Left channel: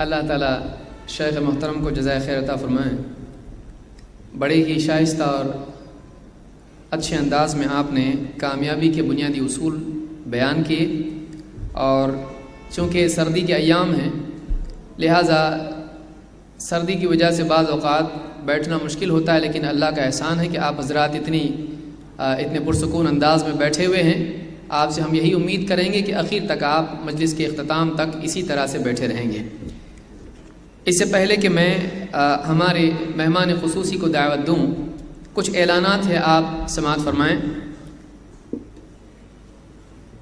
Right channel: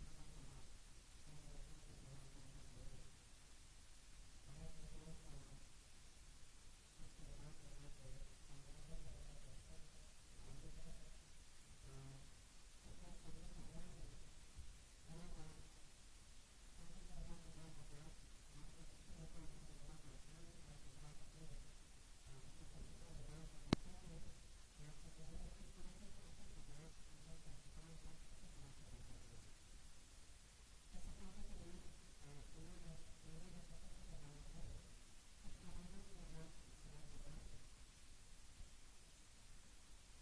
اللہ تعالیٰ شیخ محترم کو جزائے خیر عطا فرمائیں۔ بڑے ہی شائستہ اور اچھے انداز میں آپ نے کامیابی کے بنیادی اصول بیان کیے، اور چونکہ سردی کے ایام ہیں لہٰذا سردی کی وجہ سے بعض اوقات بیٹھنا مشکل ہوتا ہے، لیکن اللہ کا احسان ہے کہ آپ حضرات اتنے پرسکون انداز میں بیٹھے ہوئے ہیں۔ آپ سے ہم یہی امید کریں گے کہ آخر تک آپ مجلس کے اختتام تک اسی طرح سے بیٹھے رہیں گے۔ اس سے پہلے کہ میں ہمارے مہمان خصوصی کو دعوت دوں، کچھ اعلانات ہیں، آپ سماعت فرمائیں۔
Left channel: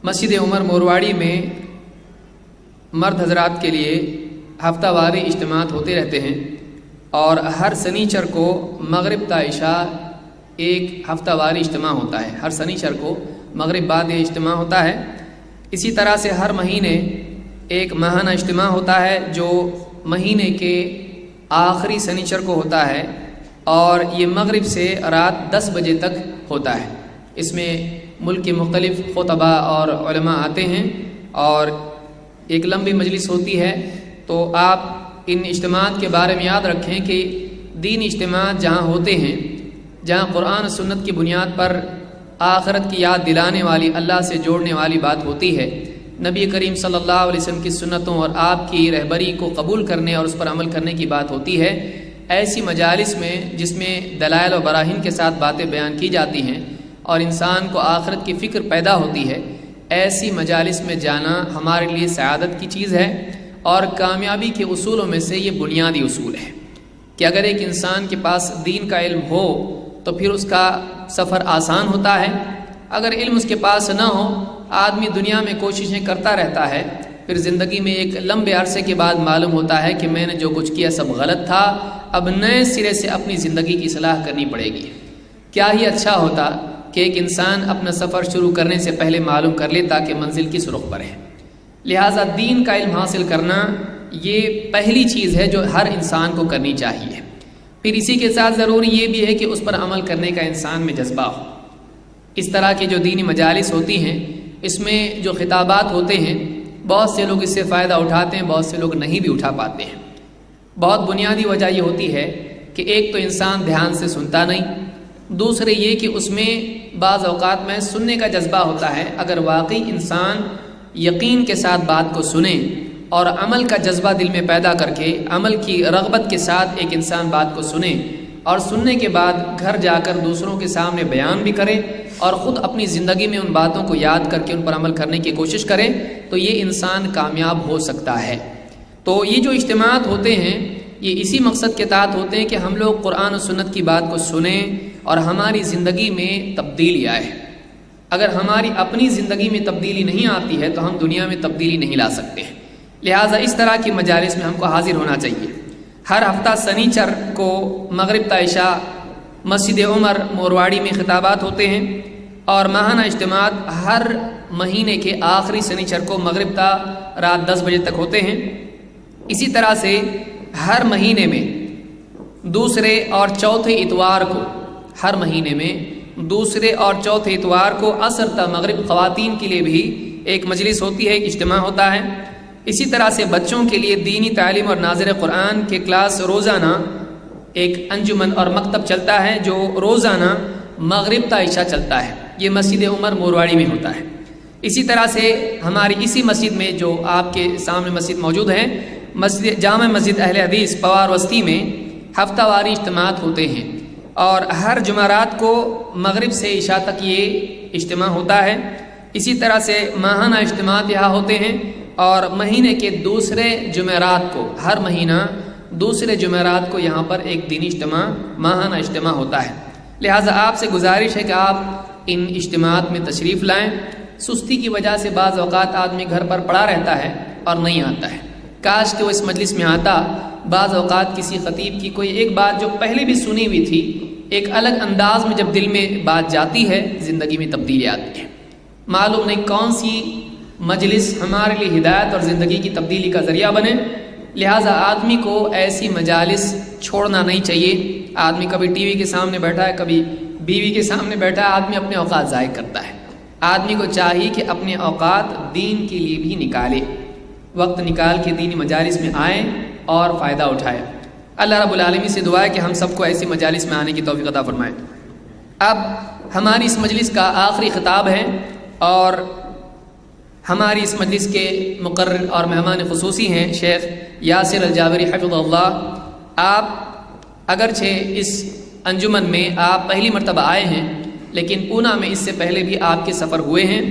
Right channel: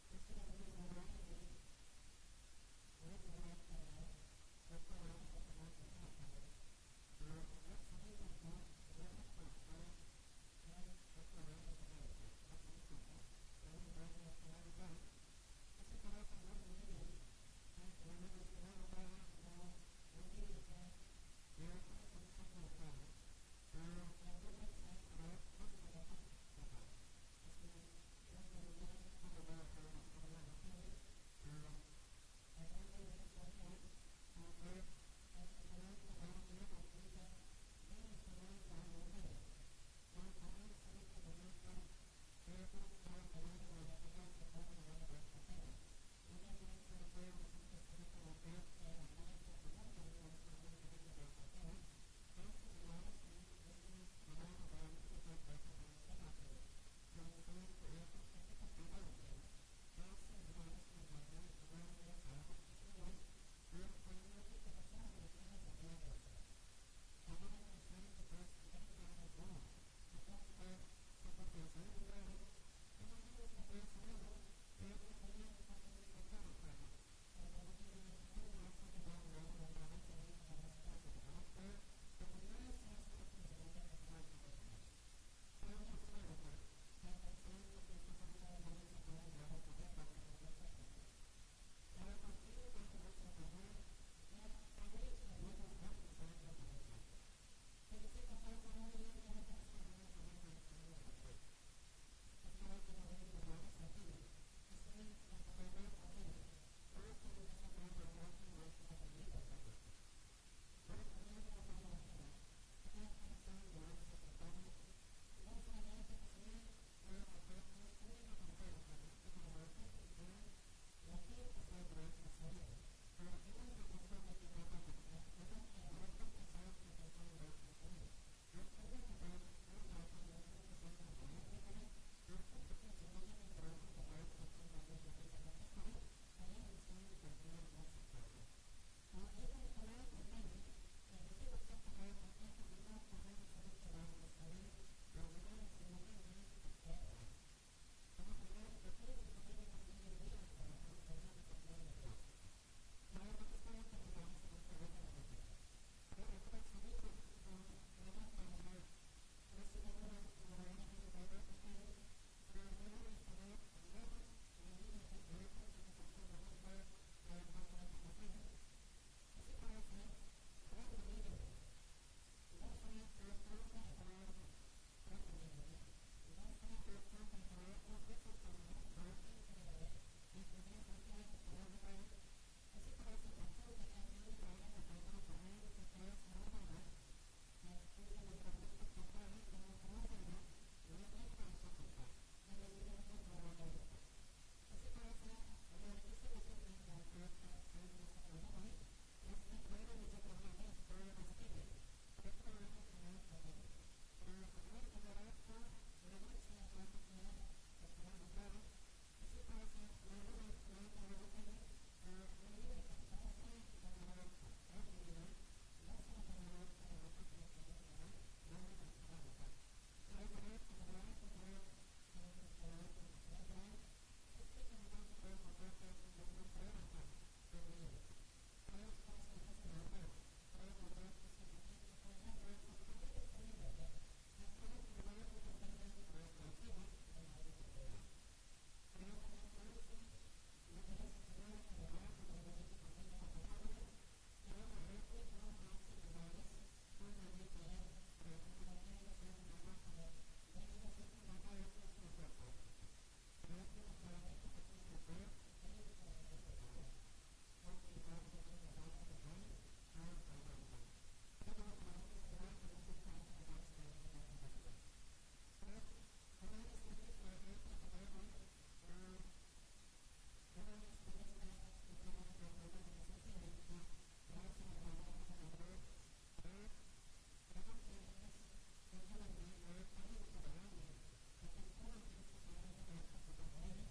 مسجد عمر مورواڑی میں مرد حضرات کے لیے ہفتہ واری اجتماعات ہوتے رہتے ہیں، اور ہر سنیچر کو مغرب تا عشاء ایک ہفتہ واری اجتماع ہوتا ہے۔ ہر سنیچر کو مغرب بعد یہ اجتماع ہوتا ہے۔ اسی طرح سے ہر مہینے ایک ماہانہ اجتماع ہوتا ہے جو مہینے کے آخری سنیچر کو ہوتا ہے، اور یہ مغرب سے رات 10 بجے تک ہوتا ہے۔ اس میں ملک کے مختلف خطباء اور علماء آتے ہیں، اور ایک لمبی مجلس ہوتی ہے۔ تو آپ ان اجتماعات کے بارے میں یاد رکھیں کہ دینی اجتماعات جہاں ہوتے ہیں، جہاں قرآن و سنت کی بنیاد پر آخرت کی یاد دلانے والی، اللہ سے جوڑنے والی بات ہوتی ہے، نبی کریم صلی اللہ علیہ وسلم کی سنتوں اور آپ کی رہبری کو قبول کرنے اور اس پر عمل کرنے کی بات ہوتی ہے، ایسی مجالس میں جس میں دلائل و براہین کے ساتھ باتیں بیان کی جاتی ہیں اور انسان کو آخرت کی فکر پیدا ہوتی ہے، ایسی مجالس میں جانا ہمارے لیے سعادت کی چیز ہے۔ اور کامیابی کے اصولوں میں سے یہ بنیادی اصول ہے کہ اگر ایک انسان کے پاس دین کا علم ہو تو پھر اس کا سفر آسان ہوتا ہے۔ اگر علم اس کے پاس نہ ہو، آدمی دنیا میں کوششیں کرتا رہتا ہے، پھر زندگی میں ایک لمبے عرصے کے بعد معلوم ہوتا ہے کہ میں نے جو کچھ کیا سب غلط تھا، اب نئے سرے سے اپنی زندگی کی اصلاح کرنی پڑے گی۔ کیا ہی اچھا ہوتا کہ ایک انسان اپنا سفر شروع کرنے سے پہلے معلوم کر لیتا کہ منزل کس رخ پر ہے۔ لہٰذا دین کا علم حاصل کرنا یہ پہلی چیز ہے جو ہر انسان کو کرنی چاہیے۔ پھر اسی کے ساتھ ضروری یہ بھی ہے کہ اس پر عمل کرنے کا انسان میں جذبہ ہو۔ اس طرح کی جو دینی مجالس ہوتی ہیں، اس میں جو خطابات ہوتے ہیں، بہت سے لوگ اس سے فائدہ اٹھاتے ہیں، بہت سے لوگ نہیں بھی اٹھا پاتے ہیں۔ بہت بنیادی وجہ یہ ہوتی ہے کہ ایک تو انسان دھیان سے سنتا نہیں، دوسرے یہ کہ اس میں بعض اوقات میں سننے کا جذبہ ہوتا ہے۔ اگر واقعی انسان یقین کے ساتھ بات کو سنے اور عمل کا جذبہ دل میں پیدا کر کے عمل کی رغبت کے ساتھ ایک انسان بات کو سنے، اور سننے کے بعد گھر جا کر دوسروں کے سامنے بیان بھی کرے اور خود اپنی زندگی میں ان باتوں کو یاد کر کے ان پر عمل کرنے کی کوشش کرے، تو یہ انسان کامیاب ہو سکتا ہے۔ تو یہ جو اجتماعات ہوتے ہیں یہ اسی مقصد کے تحت ہوتے ہیں کہ ہم لوگ قرآن و سنت کی بات کو سنیں اور ہماری زندگی میں تبدیلی آئے۔ اگر ہماری اپنی زندگی میں تبدیلی نہیں آتی ہے تو ہم دنیا میں تبدیلی نہیں لا سکتے ہیں۔ لہٰذا اس طرح کی مجالس میں ہم کو حاضر ہونا چاہیے۔ ہر ہفتہ سنیچر کو مغرب تا عشاء مسجد عمر مورواڑی میں خطابات ہوتے ہیں، اور ماہانہ اجتماعات ہر مہینے کے آخری سنیچر کو مغرب تا رات 10 بجے تک ہوتے ہیں۔ اسی طرح سے ہر مہینے میں دوسرے اور چوتھے اتوار کو، ہر مہینے میں دوسرے اور چوتھے اتوار کو عصر تا مغرب خواتین کے لیے بھی ایک مجلس ہوتی ہے، ایک اجتماع ہوتا ہے۔ اسی طرح سے بچوں کے لیے دینی تعلیم اور ناظر قرآن کے کلاس روزانہ ایک انجمن اور مکتب چلتا ہے جو روزانہ مغرب تا عشاء چلتا ہے۔ یہ مسجد عمر مورواڑی میں ہوتا ہے۔ اسی طرح سے ہماری اسی مسجد میں جو آپ کے سامنے مسجد موجود ہے، مسجد جامع مسجد اہل حدیث پوار وسطی میں ہفتہ واری اجتماعات ہوتے ہیں، اور ہر جمعرات کو مغرب سے عشاء تک یہ اجتماع ہوتا ہے۔ اسی طرح سے ماہانہ اجتماعات یہاں ہوتے ہیں، اور مہینے کے دوسرے جمعرات کو، ہر مہینہ دوسرے جمعرات کو یہاں پر ایک دینی اجتماع، ماہانہ اجتماع ہوتا ہے۔ لہٰذا آپ سے گزارش ہے کہ آپ ان اجتماعات میں تشریف لائیں۔ سستی کی وجہ سے بعض اوقات آدمی گھر پر پڑا رہتا ہے اور نہیں آتا ہے، کاش کہ وہ اس مجلس میں آتا۔ بعض اوقات کسی خطیب کی کوئی ایک بات جو پہلے بھی سنی ہوئی تھی، ایک الگ انداز میں جب دل میں بات جاتی ہے، زندگی میں تبدیلی آتی ہے۔ معلوم نہیں کون سی مجلس ہمارے لیے ہدایت اور زندگی کی تبدیلی کا ذریعہ بنے۔ لہٰذا آدمی کو ایسی مجالس چھوڑنا نہیں چاہیے۔ آدمی کبھی ٹی وی کے سامنے بیٹھا ہے، کبھی بیوی کے سامنے بیٹھا ہے، آدمی اپنے اوقات ضائع کرتا ہے۔ آدمی کو چاہیے کہ اپنے اوقات دین کے لیے بھی نکالے۔ وقت نکال کے دینی مجالس میں آئیں اور فائدہ اٹھائیں۔ اللہ رب العالمین سے دعا ہے کہ ہم سب کو ایسی مجالس میں آنے کی توفیق عطا فرمائے۔ اب ہماری اس مجلس کا آخری خطاب ہے اور ہماری اس مجلس کے مقرر اور مہمان خصوصی ہیں شیخ یاسر الجابری حفظہ اللہ۔ آپ اگرچہ اس انجمن میں آپ پہلی مرتبہ آئے ہیں، لیکن پونا میں اس سے پہلے بھی آپ کے سفر ہوئے ہیں،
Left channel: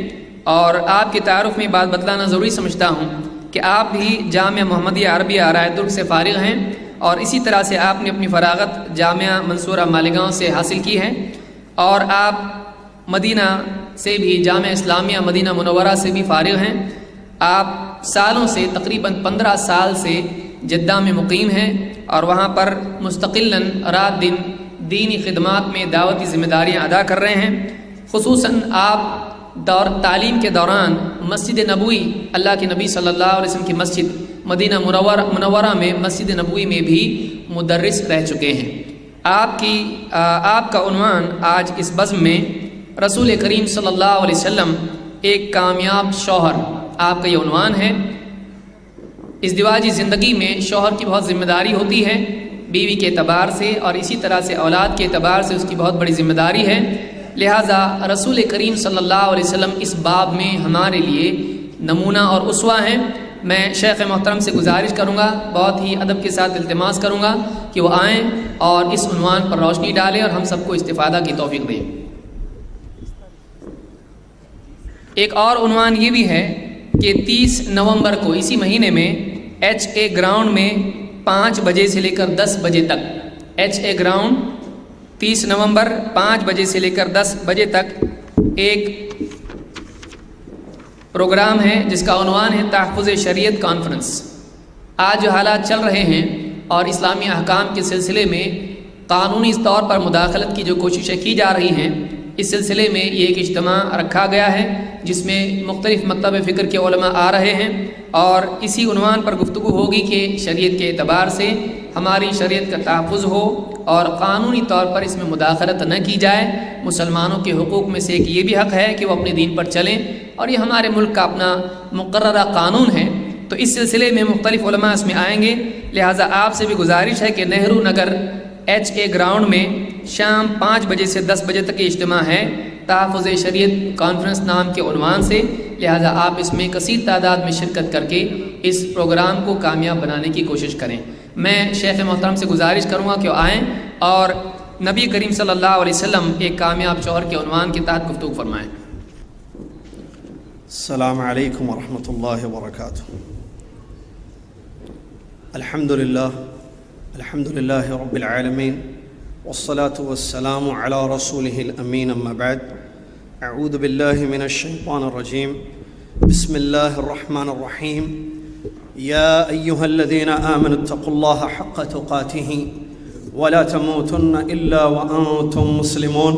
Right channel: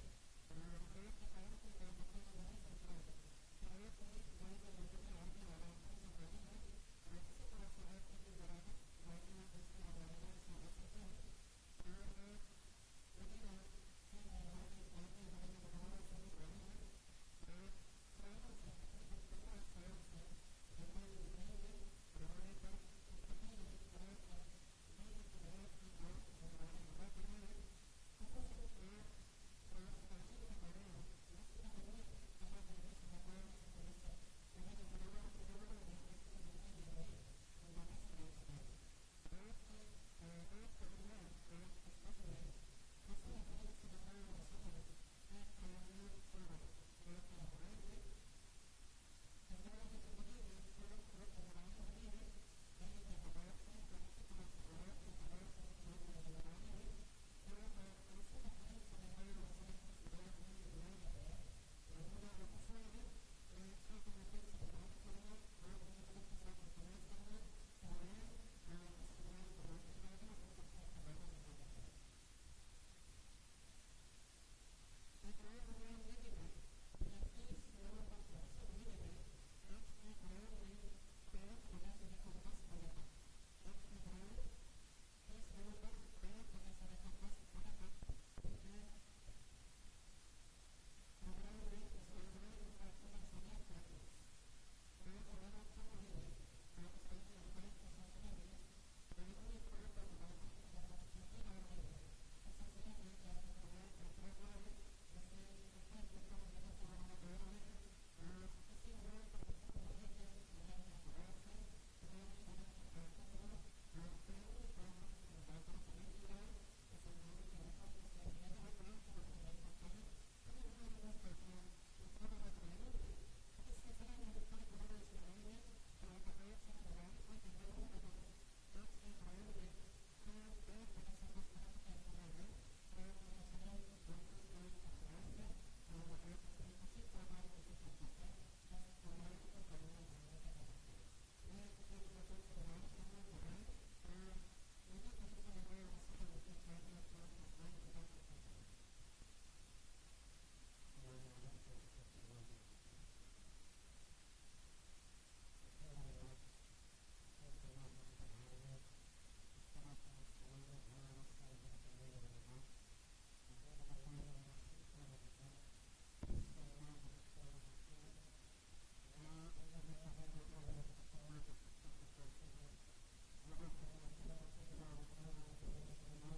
اور آپ کے تعارف میں بات بتلانا ضروری سمجھتا ہوں کہ آپ بھی جامعہ محمدیہ عربیہ آرائے درگ سے فارغ ہیں، اور اسی طرح سے آپ نے اپنی فراغت جامعہ منصورہ مالیگاؤں سے حاصل کی ہے، اور آپ مدینہ سے بھی جامعہ اسلامیہ مدینہ منورہ سے بھی فارغ ہیں۔ آپ سالوں سے تقریباً 15 سال سے جدہ میں مقیم ہیں اور وہاں پر مستقلاً رات دن دینی خدمات میں دعوتی ذمہ داریاں ادا کر رہے ہیں۔ خصوصاً آپ تعلیم کے دوران مسجد نبوی، اللہ کے نبی صلی اللہ علیہ وسلم کی مسجد مدینہ منورہ میں مسجد نبوی میں بھی مدرس رہ چکے ہیں۔ آپ کا عنوان آج اس بزم میں رسول کریم صلی اللہ علیہ وسلم ایک کامیاب شوہر، آپ کا یہ عنوان ہے۔ ازدواجی زندگی میں شوہر کی بہت ذمہ داری ہوتی ہے، بیوی کے اعتبار سے اور اسی طرح سے اولاد کے اعتبار سے اس کی بہت بڑی ذمہ داری ہے، لہٰذا رسول کریم صلی اللہ علیہ وسلم اس باب میں ہمارے لیے نمونہ اور اسوہ ہیں۔ میں شیخ محترم سے گزارش کروں گا، بہت ہی ادب کے ساتھ التماس کروں گا کہ وہ آئیں اور اس عنوان پر روشنی ڈالیں اور ہم سب کو استفادہ کی توفیق دیں۔ ایک اور عنوان یہ بھی ہے کہ 30 نومبر کو اسی مہینے میں HA گراؤنڈ میں 5 بجے سے لے کر 10 بجے تک، HA گراؤنڈ 30 نومبر 5 بجے سے لے کر 10 بجے تک ایک پروگرام ہے جس کا عنوان ہے تحفظ شریعت کانفرنس۔ آج جو حالات چل رہے ہیں اور اسلامی احکام کے سلسلے میں قانونی طور پر مداخلت کی جو کوششیں کی جا رہی ہیں، اس سلسلے میں یہ ایک اجتماع رکھا گیا ہے جس میں مختلف مکتب فکر کے علماء آ رہے ہیں، اور اسی عنوان پر گفتگو ہوگی کہ شریعت کے اعتبار سے ہماری شریعت کا تحفظ ہو اور قانونی طور پر اس میں مداخلت نہ کی جائے۔ مسلمانوں کے حقوق میں سے ایک یہ بھی حق ہے کہ وہ اپنے دین پر چلیں، اور یہ ہمارے ملک کا اپنا مقررہ قانون ہے، تو اس سلسلے میں مختلف علماء اس میں آئیں گے۔ لہٰذا آپ سے بھی گزارش ہے کہ نہرو نگر HA گراؤنڈ میں شام 5 بجے سے 10 بجے تک یہ اجتماع ہے تحفظ شریعت کانفرنس نام کے عنوان سے، لہٰذا آپ اس میں کثیر تعداد میں شرکت کر کے اس پروگرام کو کامیاب بنانے کی کوشش کریں۔ میں شیخ محترم سے گزارش کروں گا کہ وہ آئیں اور نبی کریم صلی اللہ علیہ وسلم ایک کامیاب شوہر کے عنوان کے تحت گفتگو فرمائیں۔ السلام علیکم ورحمۃ اللہ وبرکاتہ۔ الحمد للہ رب العالمین والصلاة والسلام علی رسولہ الامین، اما بعد، اعوذ باللہ من الشیطان الرجیم، بسم اللہ الرحمن الرحیم۔ یا ایہا الذین آمنوا اتقوا اللہ حق تقاتہ ولا تموتن الا وانتم مسلمون۔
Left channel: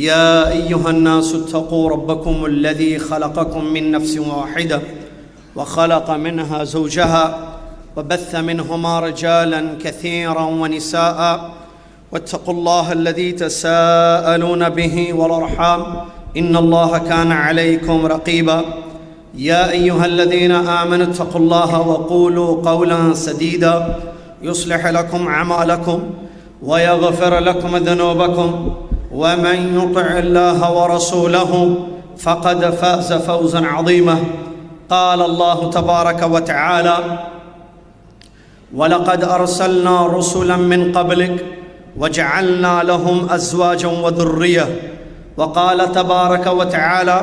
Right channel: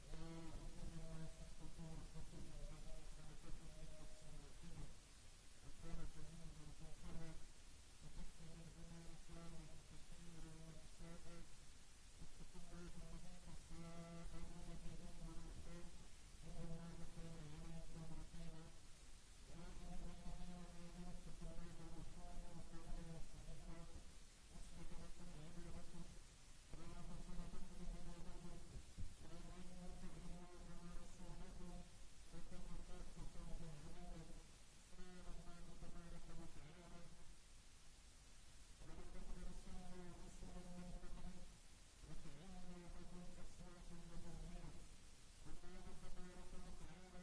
یا ایہا الناس اتقوا ربکم الذی خلقکم من نفس واحدہ وخلق منها زوجها وبث منهما رجالا كثيرا ونساء واتقوا الله الذي تساءلون به والأرحام إن الله كان عليكم رقيبا۔ يا أيها الذين آمنوا اتقوا الله وقولوا قولا سديدا يصلح لكم أعمالكم ويغفر لكم ذنوبكم ومن يطع الله ورسوله فقد فاز فوزا عظيما۔ قال الله تبارك وتعالى: وَلَقَدْ أَرْسَلْنَا رُسُلًا مِّن قَبْلِكَ وَجَعَلْنَا لَهُمْ أَزْوَاجًا وَذُرِّيَّةً۔ وقال تبارك وتعالى:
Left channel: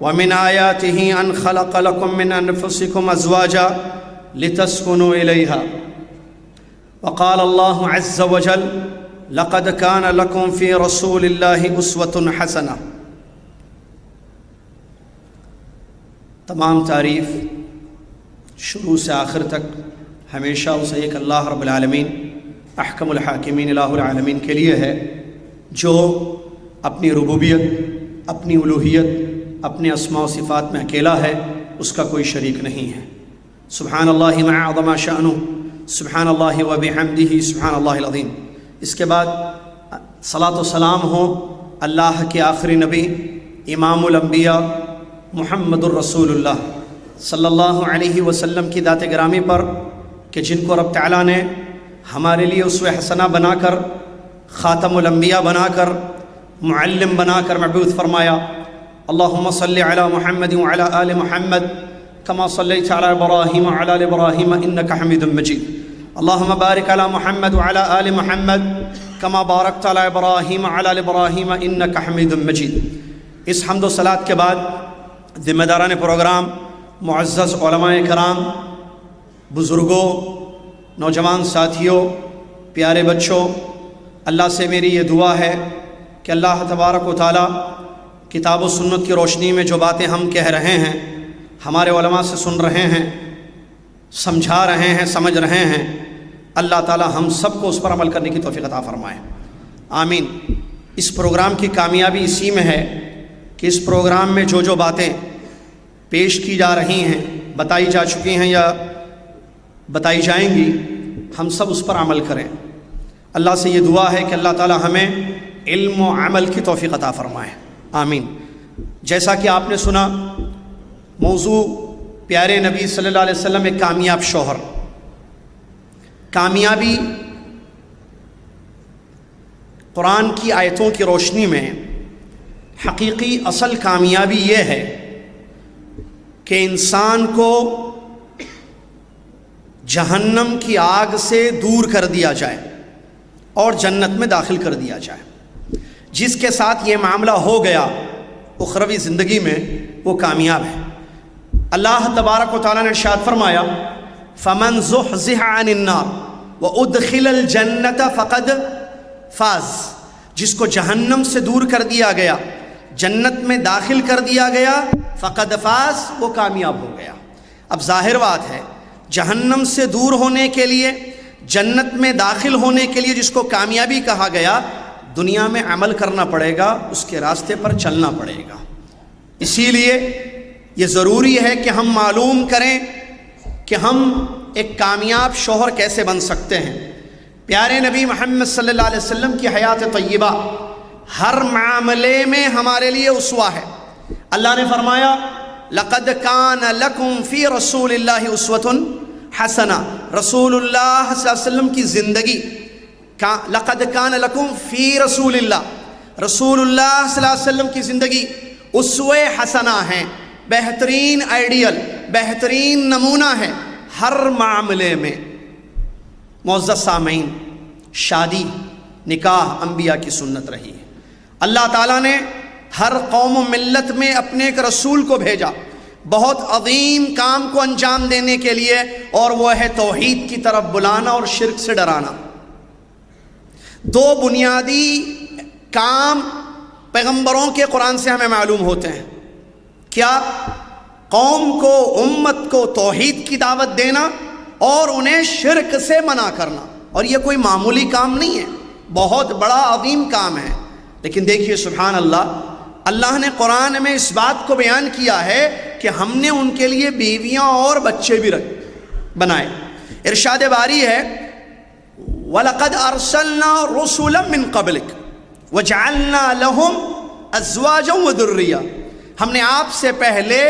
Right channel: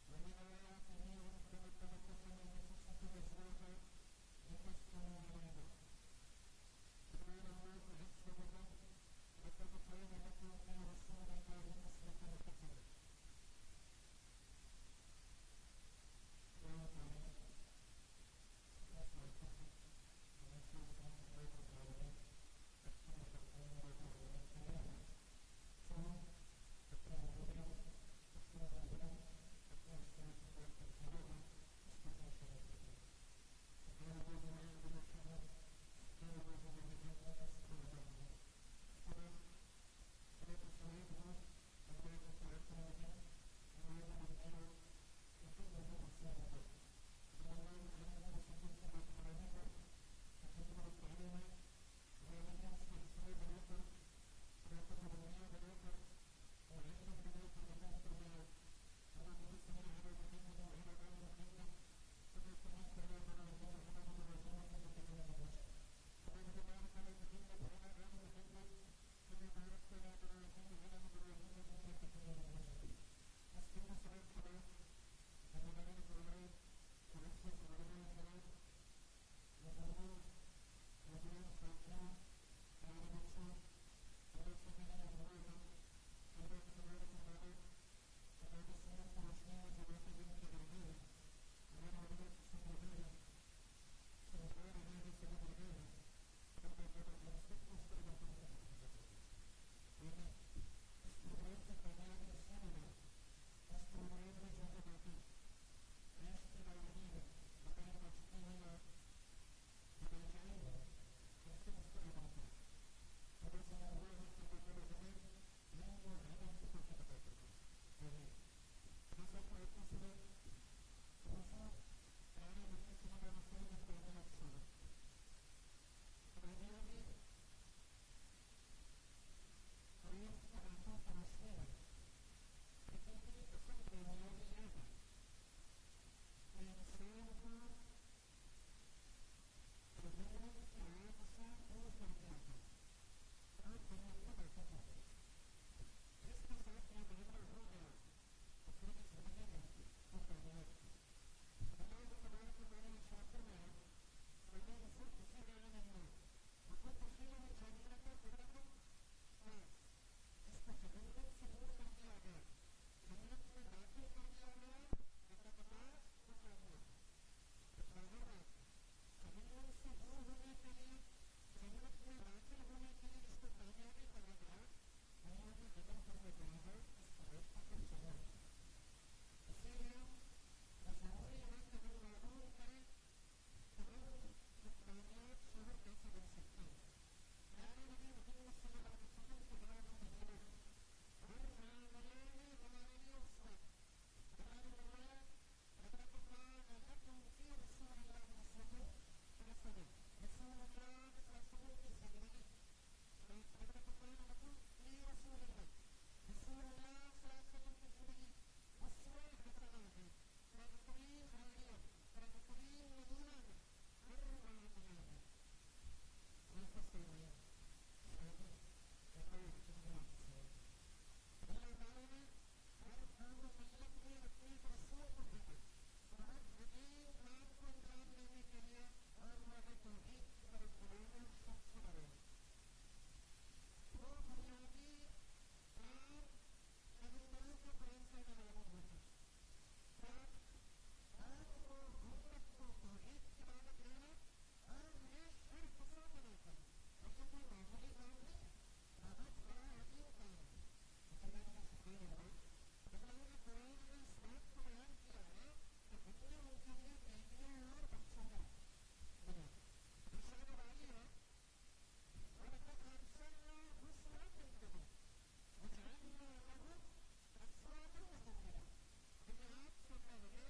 ومن آياته أن خلق لكم من أنفسكم أزواجا لتسكنوا إليها۔ وقال الله عز وجل: لقد كان لكم في رسول الله أسوة حسنة۔ تمام تعریف شروع سے آخر تک ہمیشہ اسے ایک اللہ رب العالمین احکم الحاکمین الہ العالمین کے لیے ہے، جو اپنی ربوبیت، اپنی الوہیت، اپنے اسماء و صفات میں اکیلا ہے، اس کا کوئی شریک نہیں ہے۔ سبحان اللہ ما عظم شأنہ، سبحان اللہ و بحمدہ، سبحان اللہ العظیم۔ اس کے بعد صلاۃ و سلام ہو اللہ کے آخری نبی امام الانبیاء محمد الرسول اللہ صلی اللہ علیہ وسلم کی ذات گرامی پر کہ جن کو رب تعالیٰ نے ہمارے لیے اسوہ حسنہ بنا کر، خاتم الانبیاء بنا کر، معلم بنا کر مبعوث فرمایا۔ اللہم صلی علی محمد وعلی آل محمد کما صلیت علی ابراہیم وعلی آل ابراہیم انک حمید مجید۔ اللہم بارک علی محمد وعلی آل محمد کما بارکت علی ابراہیم وعلی آل ابراہیم انک حمید مجید۔ اس حمد و صلاۃ کے بعد ذمہ داران پروگرام، معزز علماء کرام، بزرگوں، نوجوان ساتھیوں، پیارے بچوں، اللہ سے میری یہ دعا ہے کہ اللہ تبارک و تعالیٰ کتاب و سنت کی روشنی میں جو باتیں ہم کہہ رہے ہیں، ہمارے علماء سے سن رہے ہیں، سمجھا رہے ہیں، سمجھ رہے ہیں، اللہ تعالیٰ ہم سب کو اس پر عمل کرنے کی توفیق عطا فرمائے، آمین۔ اس پروگرام کی کامیابی اسی میں ہے کہ اس پروگرام میں جو باتیں پیش کی جا رہی ہیں، بتائی جا چکی ہیں یا بتائی جائیں گی، ہم سب اس پر عمل کریں۔ اللہ سے یہ دعا ہے کہ اللہ تعالیٰ ہمیں علم و عمل کی توفیق عطا فرمائے، آمین۔ جیسا کہ آپ نے سنا، موضوع پیارے نبی صلی اللہ علیہ وسلم ایک کامیاب شوہر۔ کامیابی قرآن کی آیتوں کی روشنی میں حقیقی اصل کامیابی یہ ہے کہ انسان کو جہنم کی آگ سے دور کر دیا جائے اور جنت میں داخل کر دیا جائے۔ جس کے ساتھ یہ معاملہ ہو گیا اخروی زندگی میں، وہ کامیاب ہے۔ اللہ تبارک و تعالیٰ نے ارشاد فرمایا، فَمَنْ زُحْزِحَ عَنِ النَّارِ وَأُدْخِلَ الْجَنَّةَ فَقَدْ فَازَ۔ جس کو جہنم سے دور کر دیا گیا، جنت میں داخل کر دیا گیا، فقد فاز، وہ کامیاب ہو گیا۔ اب ظاہر بات ہے، جہنم سے دور ہونے کے لیے، جنت میں داخل ہونے کے لیے جس کو کامیابی کہا گیا، دنیا میں عمل کرنا پڑے گا، اس کے راستے پر چلنا پڑے گا۔ اسی لیے یہ ضروری ہے کہ ہم معلوم کریں کہ ہم ایک کامیاب شوہر کیسے بن سکتے ہیں۔ پیارے نبی محمد صلی اللہ علیہ وسلم کی حیات طیبہ ہر معاملے میں ہمارے لیے اسوہ ہے۔ اللہ نے فرمایا، لَقَدْ كَانَ لَكُمْ فِي رَسُولِ اللَّهِ أُسْوَةٌ حَسَنَةٌ۔ رسول اللہ صلی اللہ علیہ وسلم کی زندگی، لَقَدْ كَانَ لَكُمْ فِي رَسُولِ اللَّهِ، رسول اللہ صلی اللہ علیہ وسلم کی زندگی اسوہ حسنہ ہیں، بہترین آئیڈیل، بہترین نمونہ ہے ہر معاملے میں۔ معزز سامعین، شادی، نکاح انبیاء کی سنت رہی ہے۔ اللہ تعالیٰ نے ہر قوم و ملت میں اپنے ایک رسول کو بھیجا بہت عظیم کام کو انجام دینے کے لیے، اور وہ ہے توحید کی طرف بلانا اور شرک سے ڈرانا۔ دو بنیادی کام پیغمبروں کے قرآن سے ہمیں معلوم ہوتے ہیں۔ کیا؟ قوم کو، امت کو توحید کی دعوت دینا اور انہیں شرک سے منع کرنا۔ اور یہ کوئی معمولی کام نہیں ہے، بہت بڑا عظیم کام ہے۔ لیکن دیکھیے سبحان اللہ، اللہ نے قرآن میں اس بات کو بیان کیا ہے کہ ہم نے ان کے لیے بیویاں اور بچے بھی بنائے۔ ارشاد باری ہے، وَلَقَدْ أَرْسَلْنَا رُسُلًا مِّن قَبْلِكَ وَجَعَلْنَا لَهُمْ أَزْوَاجًا وَذُرِّيَّةً۔ ہم نے آپ سے پہلے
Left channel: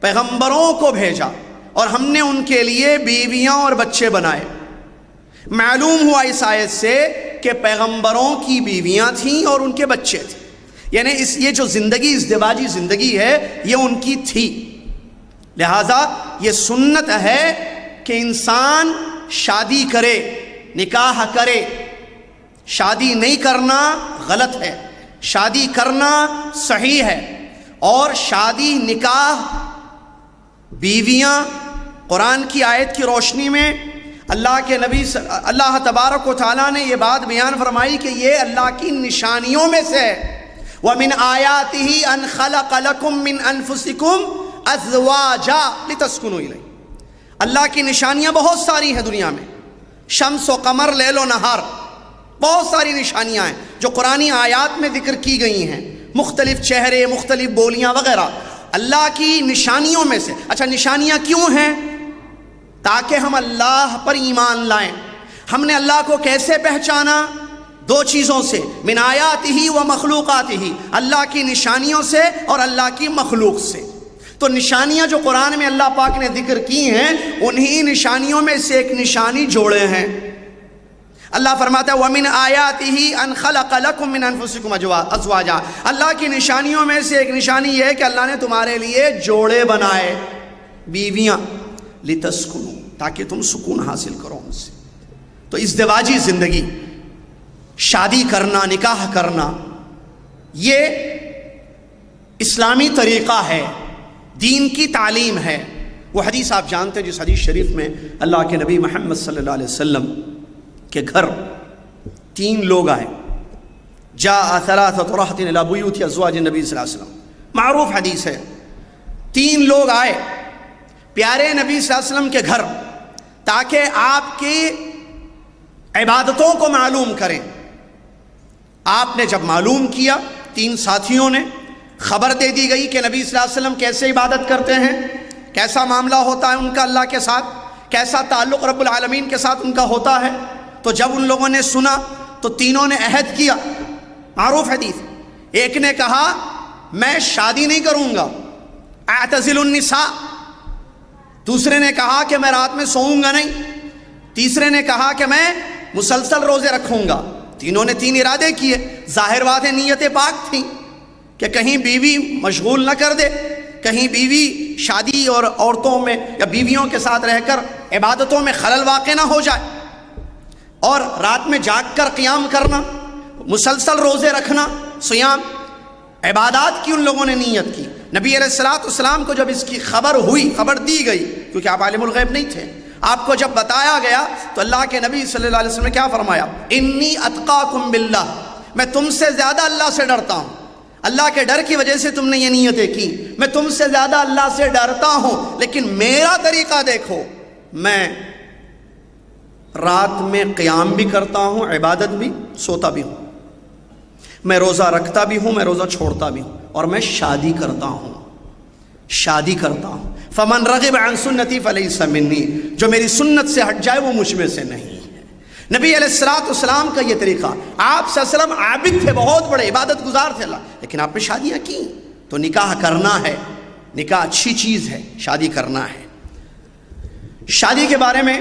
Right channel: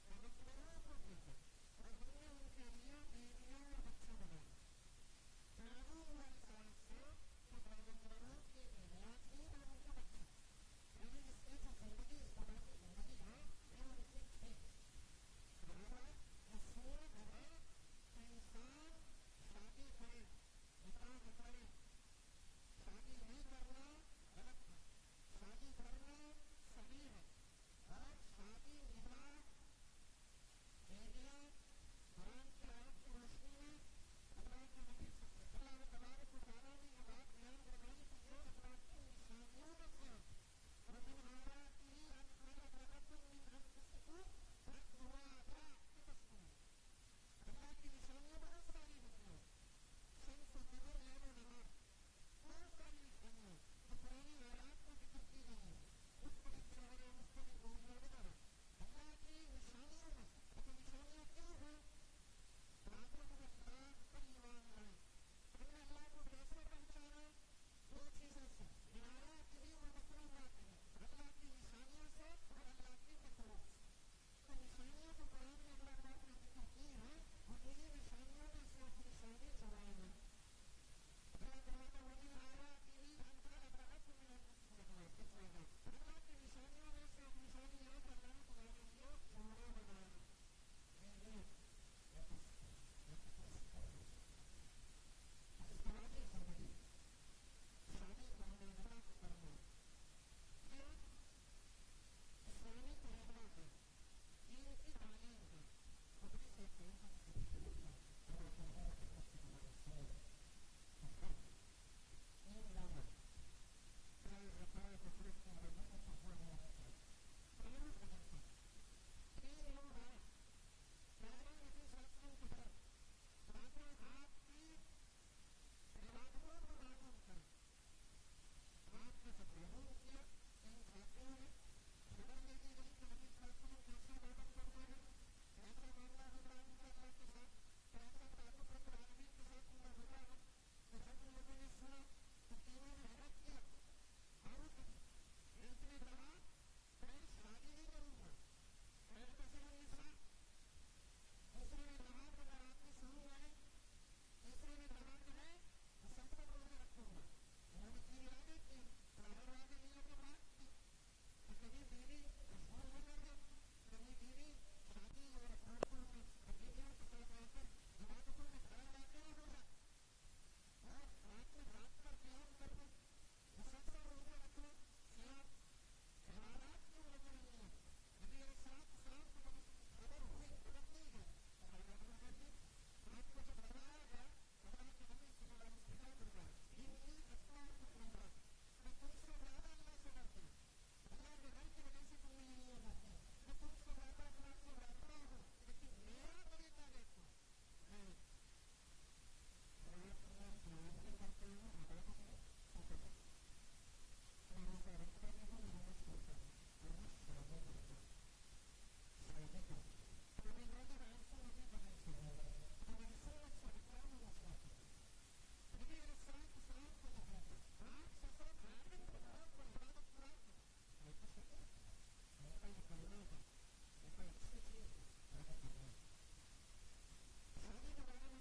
پیغمبروں کو بھیجا اور ہم نے ان کے لیے بیویاں اور بچے بنائے۔ معلوم ہوا اس آیت سے کہ پیغمبروں کی بیویاں تھیں اور ان کے بچے تھے، یعنی یہ جو زندگی، ازدواجی زندگی ہے، یہ ان کی تھی۔ لہٰذا یہ سنت ہے کہ انسان شادی کرے، نکاح کرے۔ شادی نہیں کرنا غلط ہے، شادی کرنا صحیح ہے۔ اور شادی، نکاح، بیویاں، قرآن کی آیت کی روشنی میں اللہ کے نبی اللہ تبارک و تعالیٰ نے یہ بات بیان فرمائی کہ یہ اللہ کی نشانیوں میں سے ہے۔ وَمِنْ آيَاتِهِ أَنْ خَلَقَ لَكُم مِّنْ أَنفُسِكُمْ أَزْوَاجًا لِتَسْكُنُوا إِلَيْهِ۔ اللہ کی نشانیاں بہت ساری ہیں دنیا میں، شمس و قمر، لیل و نہار، بہت ساری نشانیاں ہیں جو قرآنی آیات میں ذکر کی گئی ہیں، مختلف چہرے، مختلف بولیاں وغیرہ، اللہ کی نشانیوں میں سے۔ اچھا، نشانیاں کیوں ہیں؟ تاکہ ہم اللہ پر ایمان لائیں۔ ہم نے اللہ کو کیسے پہچانا؟ دو چیزوں سے، من آیاتہ و مخلوقاتہ، اللہ کی نشانیوں سے اور اللہ کی مخلوق سے۔ تو نشانیاں جو قرآن میں اللہ پاک نے ذکر کی ہیں انہی نشانیوں میں سے ایک نشانی جوڑے ہیں۔ اللہ فرماتا ہے وَمِنْ آيَاتِهِ أَنْ خَلَقَ لَكُم مِّنْ أَنفُسِكُمْ أَزْوَاجًا، اللہ کی نشانیوں میں سے ایک نشانی یہ ہے کہ اللہ نے تمہارے لیے جوڑے بنائے، بیویاں، لِتَسْكُنُوا، تاکہ تم سکون حاصل کرو ان سے۔ تو ازدواجی زندگی، شادی کرنا، نکاح کرنا، یہ اسلامی طریقہ ہے، دین کی تعلیم ہے۔ وہ حدیث آپ جانتے ہیں جس حدیث شریف میں اللہ کے نبی محمد صلی اللہ علیہ وسلم کے گھر 3 لوگ آئے، جاء 3 رہط الی بیوت ازواج النبی صلی اللہ علیہ وسلم، معروف حدیث ہے۔ 3 لوگ آئے پیارے نبی صلی اللہ علیہ وسلم کے گھر تاکہ آپ کی عبادتوں کو معلوم کریں۔ آپ نے جب معلوم کیا، 3 ساتھیوں نے خبر دے دی گئی کہ نبی صلی اللہ علیہ وسلم کیسے عبادت کرتے ہیں، کیسا معاملہ ہوتا ہے ان کا اللہ کے ساتھ، کیسا تعلق رب العالمین کے ساتھ ان کا ہوتا ہے۔ تو جب ان لوگوں نے سنا تو تینوں نے عہد کیا، معروف حدیث۔ ایک نے کہا میں شادی نہیں کروں گا، اعتزل النساء۔ دوسرے نے کہا کہ میں رات میں سوؤں گا نہیں۔ تیسرے نے کہا کہ میں مسلسل روزے رکھوں گا۔ تینوں نے 3 ارادے کیے۔ ظاہر بات ہے نیت پاک تھی کہ کہیں بیوی مشغول نہ کر دے، کہیں بیوی شادی اور عورتوں میں یا بیویوں کے ساتھ رہ کر عبادتوں میں خلل واقع نہ ہو جائے، اور رات میں جاگ کر قیام کرنا، مسلسل روزے رکھنا، صیام، عبادات کی ان لوگوں نے نیت کی۔ نبی علیہ السلام کو جب اس کی خبر ہوئی، خبر دی گئی، کیونکہ آپ عالم الغیب نہیں تھے، آپ کو جب بتایا گیا تو اللہ کے نبی صلی اللہ علیہ وسلم نے کیا فرمایا؟ انی اتقاکم باللہ، میں تم سے زیادہ اللہ سے ڈرتا ہوں۔ اللہ کے ڈر کی وجہ سے تم نے یہ نیتیں کی۔ میں تم سے زیادہ اللہ سے ڈرتا ہوں، لیکن میرا طریقہ دیکھو، میں رات میں قیام بھی کرتا ہوں، عبادت بھی، سوتا بھی ہوں، میں روزہ رکھتا بھی ہوں، میں روزہ چھوڑتا بھی ہوں، اور میں شادی کرتا ہوں، شادی کرتا ہوں۔ فمن رغب عن سنتی فلیس منی، جو میری سنت سے ہٹ جائے وہ مجھ میں سے نہیں ہے۔ نبی علیہ السلام کا یہ طریقہ، آپ صلی اللہ علیہ وسلم عابد تھے، بہت بڑے عبادت گزار تھے اللہ، لیکن آپ نے شادیاں کی۔ تو نکاح کرنا ہے، نکاح اچھی چیز ہے، شادی کرنا ہے۔ شادی کے بارے میں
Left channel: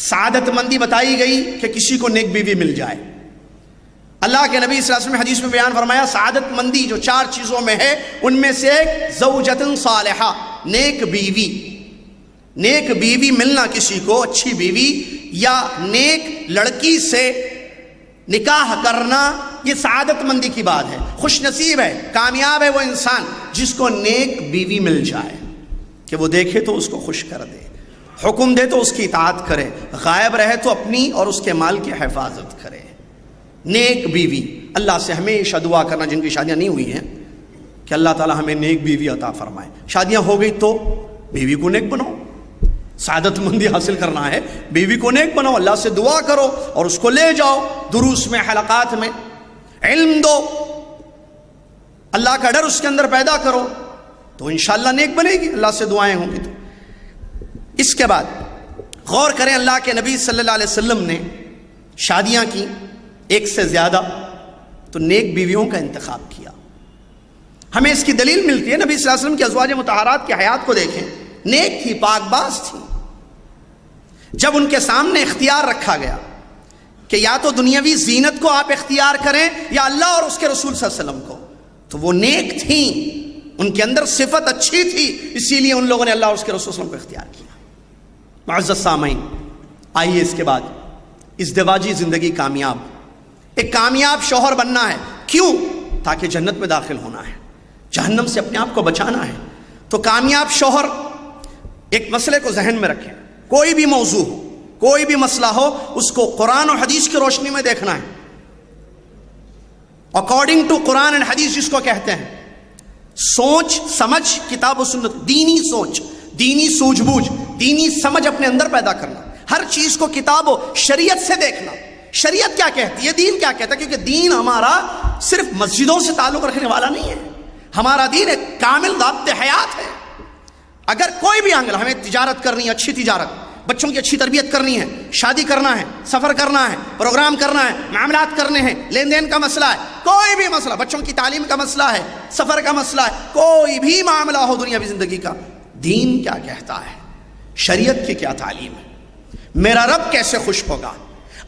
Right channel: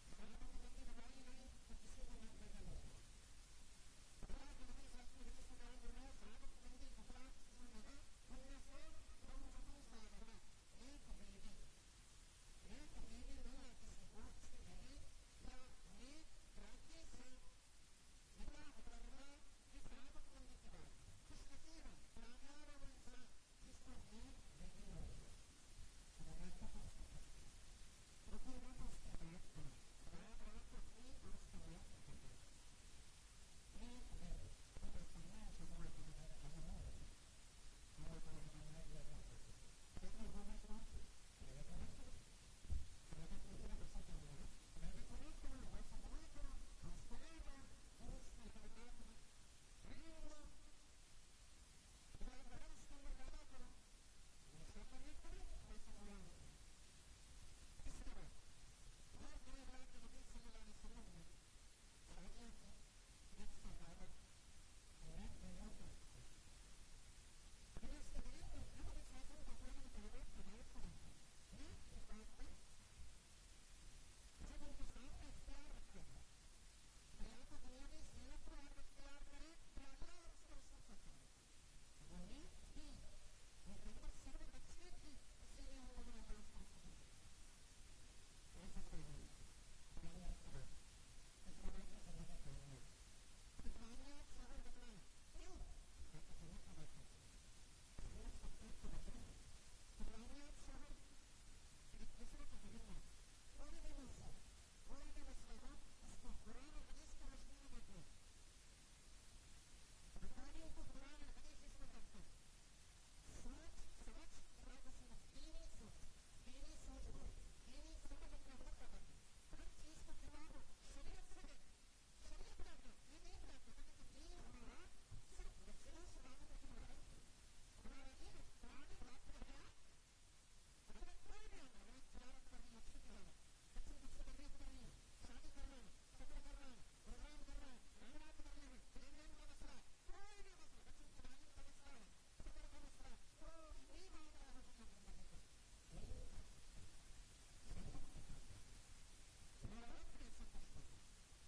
سعادت مندی بتائی گئی کہ کسی کو نیک بیوی مل جائے۔ اللہ کے نبی صلی اللہ علیہ وسلم نے حدیث میں بیان فرمایا سعادت مندی جو 4 چیزوں میں ہے ان میں سے ایک زوجۃ صالحہ، نیک بیوی۔ نیک بیوی ملنا کسی کو، اچھی بیوی یا نیک لڑکی سے نکاح کرنا، یہ سعادت مندی کی بات ہے۔ خوش نصیب ہے، کامیاب ہے وہ انسان جس کو نیک بیوی مل جائے کہ وہ دیکھے تو اس کو خوش کر دے، حکم دے تو اس کی اطاعت کرے، غائب رہے تو اپنی اور اس کے مال کی حفاظت کرے۔ نیک بیوی، اللہ سے ہمیشہ دعا کرنا جن کی شادیاں نہیں ہوئی ہیں کہ اللہ تعالی ہمیں نیک بیوی عطا فرمائے۔ شادیاں ہو گئی تو بیوی کو نیک بناؤ، سعادت مندی حاصل کرنا ہے، بیوی کو نیک بناؤ، اللہ سے دعا کرو اور اس کو لے جاؤ دروس میں، حلقات میں، علم دو، اللہ کا ڈر اس کے اندر پیدا کرو تو انشاءاللہ نیک بنے گی، اللہ سے دعائیں ہوں گی۔ تو اس کے بعد غور کریں، اللہ کے نبی صلی اللہ علیہ وسلم نے شادیاں کی 1 سے زیادہ، تو نیک بیویوں کا انتخاب کیا۔ ہمیں اس کی دلیل ملتی ہے، نبی صلی اللہ علیہ وسلم کی ازواج مطہرات کی حیات کو دیکھیں، نیک تھی، پاک باز تھی۔ جب ان کے سامنے اختیار رکھا گیا کہ یا تو دنیاوی زینت کو آپ اختیار کریں یا اللہ اور اس کے رسول صلی اللہ علیہ وسلم کو، تو وہ نیک تھیں، ان کے اندر صفت اچھی تھی، اسی لیے ان لوگوں نے اللہ اور اس کے رسول صلی اللہ علیہ وسلم کو اختیار کیا۔ معزز سامعین، آئیے اس کے بعد ازدواجی زندگی کامیاب، ایک کامیاب شوہر بننا ہے۔ کیوں؟ تاکہ جنت میں داخل ہونا ہے، جہنم سے اپنے آپ کو بچانا ہے۔ تو کامیاب شوہر، ایک مسئلے کو ذہن میں رکھیں، کوئی بھی موضوع ہو، کوئی بھی مسئلہ ہو، اس کو قرآن اور حدیث کی روشنی میں دیکھنا ہے، اکارڈنگ ٹو قرآن اینڈ حدیث جس کو کہتے ہیں۔ سوچ سمجھ، کتاب و سنت، دینی سوچ، دینی سوجھ بوجھ، دینی سمجھ اپنے اندر پیدا کرنا، ہر چیز کو کتاب و شریعت سے دیکھنا، شریعت کیا کہتی ہے، دین کیا کہتا ہے، کیونکہ دین ہمارا صرف مسجدوں سے تعلق رکھنے والا نہیں ہے، ہمارا دین ایک کامل ضابط حیات ہے۔ اگر کوئی بھی اینگل، ہمیں تجارت کرنی ہے، اچھی تجارت، بچوں کی اچھی تربیت کرنی ہے، شادی کرنا ہے، سفر کرنا ہے، پروگرام کرنا ہے، معاملات کرنے ہیں، لین دین کا مسئلہ ہے، کوئی بھی مسئلہ، بچوں کی تعلیم کا مسئلہ ہے، سفر کا مسئلہ ہے، کوئی بھی معاملہ ہو دنیاوی زندگی کا، دین کیا کہتا ہے، شریعت کی کیا تعلیم ہے، میرا رب کیسے خوش ہوگا،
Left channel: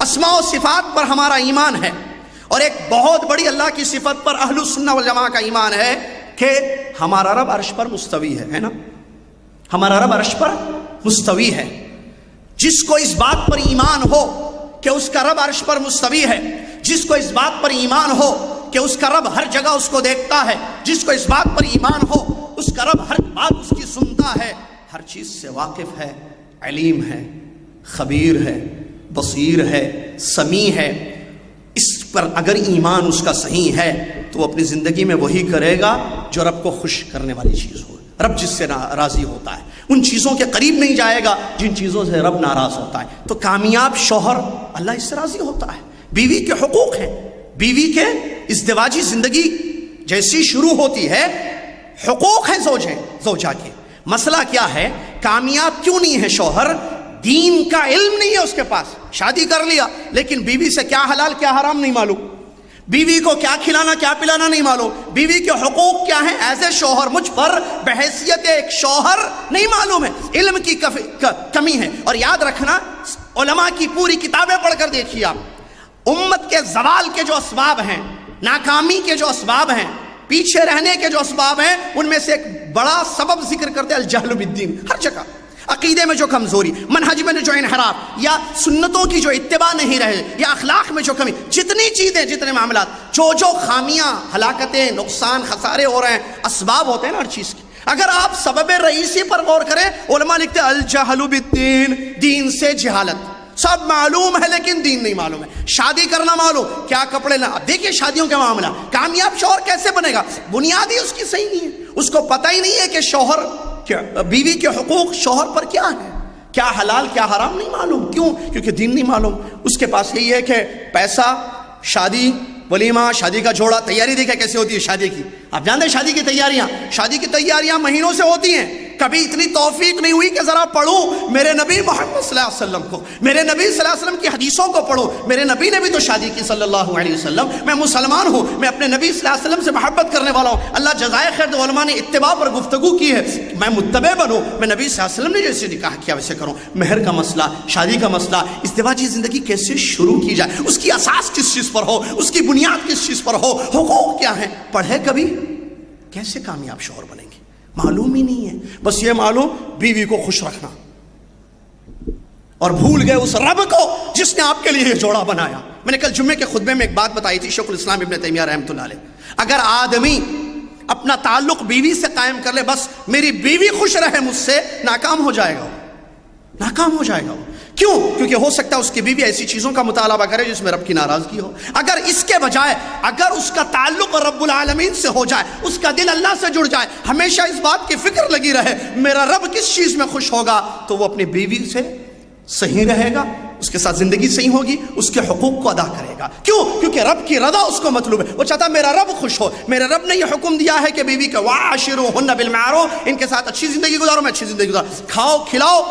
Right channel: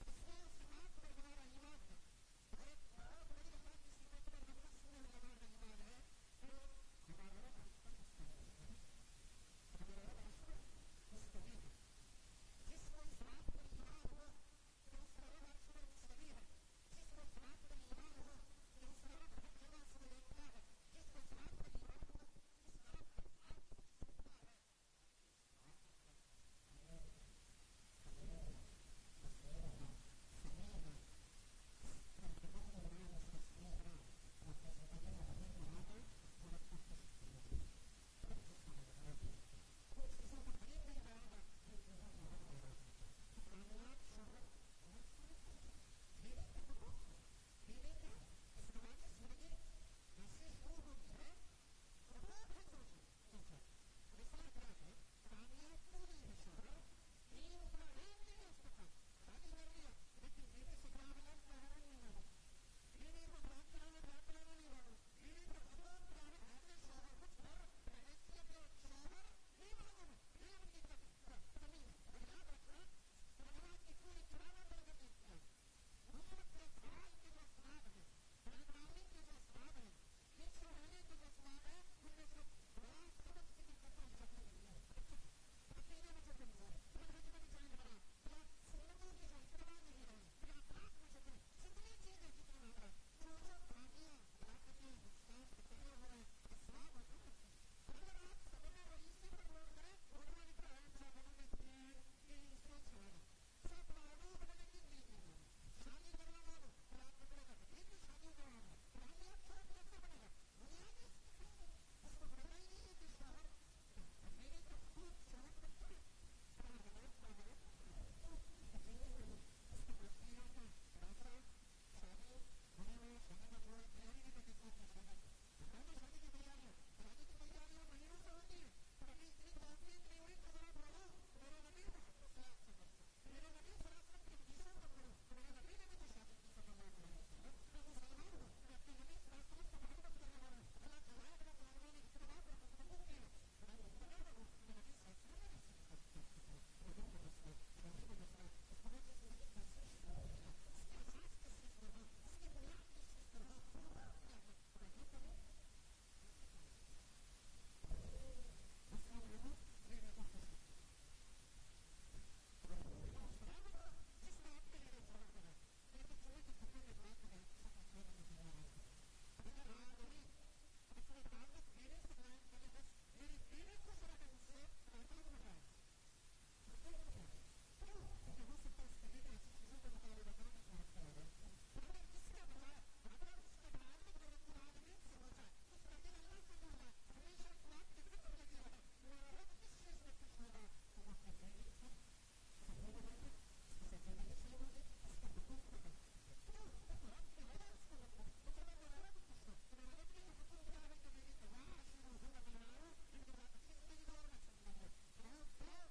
اسماء و صفات پر ہمارا ایمان ہے، اور ایک بہت بڑی اللہ کی صفت پر اہل السنہ والجماعہ کا ایمان ہے کہ ہمارا رب عرش پر مستوی ہے نا، ہمارا رب عرش پر مستوی ہے۔ جس کو اس بات پر ایمان ہو کہ اس کا رب عرش پر مستوی ہے، جس کو اس بات پر ایمان ہو کہ اس کا رب ہر جگہ اس کو دیکھتا ہے، جس کو اس بات پر ایمان ہو اس کا رب ہر بات اس کی سنتا ہے، ہر چیز سے واقف ہے، علیم ہے، خبیر ہے، بصیر ہے، سمیع ہے، اس پر اگر ایمان اس کا صحیح ہے تو وہ اپنی زندگی میں وہی کرے گا جو رب کو خوش کرنے والی چیز ہو، رب جس سے راضی ہوتا ہے، ان چیزوں کے قریب نہیں جائے گا جن چیزوں سے رب ناراض ہوتا ہے۔ تو کامیاب شوہر اللہ اس سے راضی ہوتا ہے۔ بیوی کے حقوق ہیں، بیوی کے ازدواجی زندگی جیسی شروع ہوتی ہے حقوق ہیں زوجہ کے۔ مسئلہ کیا ہے، کامیاب کیوں نہیں ہے شوہر؟ دین کا علم نہیں ہے اس کے پاس، شادی کر لیا لیکن بیوی سے کیا حلال کیا حرام نہیں معلوم، بیوی کو کیا کھلانا کیا پلانا نہیں معلوم، بیوی کے حقوق کیا ہیں ایز اے شوہر مجھ پر بحیثیت ایک شوہر نہیں معلوم ہے، علم کی کمی ہے۔ اور یاد رکھنا، علماء کی پوری کتابیں پڑھ کر دیکھیے آپ، امت کے زوال کے جو اسباب ہیں، ناکامی کے جو اسباب ہیں، پیچھے رہنے کے جو اسباب ہیں، ان میں سے ایک بڑا سبب ذکر کرتے ہیں الجہل بالدین۔ ہر جگہ عقیدے میں جو کمزوری، منہج میں جو انحراف، یا سنتوں کی جو اتباع نہیں رہے، یا اخلاق میں جو کمی، جتنی چیزیں، جتنے معاملات، جو خامیاں، ہلاکتیں، نقصان، خسارے ہو رہے ہیں، اسباب ہوتے ہیں نا ہر چیز کے، اگر آپ سبب رئیسی پر غور کریں، علماء لکھتے ہیں الجہل بالدین، دین سے جہالت، سب معلوم ہے لیکن دین نہیں معلوم ہے، شادی کرنا معلوم، کیا کپڑے لا، دیکھیں شادیوں کا معاملہ، کامیاب شوہر کیسے بنے گا، بنیادی اس کی صحیح نہیں ہے، اس کو پتہ ہی نہیں ہے کہ شوہر بیوی کے حقوق شوہر پر کیا ہے، کیا حلال کیا حرام نہیں معلوم، کیوں؟ کیونکہ دین نہیں معلوم، اس کے پاس یہی ہے کہ پیسہ، شادی، ولیمہ، شادی کا جوڑا، تیاری دیکھیں کیسے ہوتی ہے شادی کی، آپ جانتے ہیں شادی کی تیاریاں مہینوں سے ہوتی ہیں، کبھی اتنی توفیق نہیں ہوئی کہ ذرا پڑھوں میرے نبی محمد صلی اللہ علیہ وسلم کو، میرے نبی صلی اللہ علیہ وسلم کی حدیثوں کو پڑھوں، میرے نبی نے بھی تو شادی کی صلی اللہ علیہ وسلم، میں مسلمان ہوں، میں اپنے نبی صلی اللہ علیہ وسلم سے محبت کرنے والا ہوں، اللہ جزائے خیر دے، علماء نے اتباع پر گفتگو کی ہے، میں متبع بنوں، میں نبی صلی اللہ علیہ وسلم نے جیسے نکاح کیا ویسے کروں، مہر کا مسئلہ، شادی کا مسئلہ، ازدواجی زندگی کیسے شروع کی جائے، اس کی اساس کس چیز پر ہو، اس کی بنیاد کس چیز پر ہو، حقوق کیا ہیں، پڑھے کبھی؟ کیسے کامیاب شوہر بنے گے؟ معلوم ہی نہیں ہے، بس یہ معلوم بیوی کو خوش رکھنا، اور بھول گئے اس رب کو جس نے آپ کے لیے یہ جوڑا بنایا۔ میں نے کل جمعے کے خطبے میں ایک بات بتائی تھی، شیخ الاسلام ابن تیمیہ رحمۃ اللہ علیہ، اگر آدمی اپنا تعلق بیوی سے قائم کر لے، بس میری بیوی خوش رہے مجھ سے، ناکام ہو جائے گا، ناکام ہو جائے گا۔ کیوں؟ کیونکہ ہو سکتا ہے اس کی بیوی ایسی چیزوں کا مطالبہ کرے جس میں رب کی ناراضگی ہو، اگر اس کے بجائے اگر اس کا تعلق رب العالمین سے ہو جائے، اس کا دل اللہ سے جڑ جائے، ہمیشہ اس بات کی فکر لگی رہے میرا رب کس چیز میں خوش ہوگا، تو وہ اپنی بیوی سے صحیح رہے گا، اس کے ساتھ زندگی صحیح ہوگی، اس کے حقوق کو ادا کرے گا۔ کیوں؟ کیونکہ رب کی رضا اس کو مطلوب ہے، وہ چاہتا ہے میرا رب خوش ہو، میرے رب نے یہ حکم دیا ہے کہ بیوی کے وَعَاشِرُوهُنَّ بِالْمَعْرُوفِ، ان کے ساتھ اچھی زندگی گزارو، میں اچھی زندگی گزارو، کھاؤ کھلاؤ،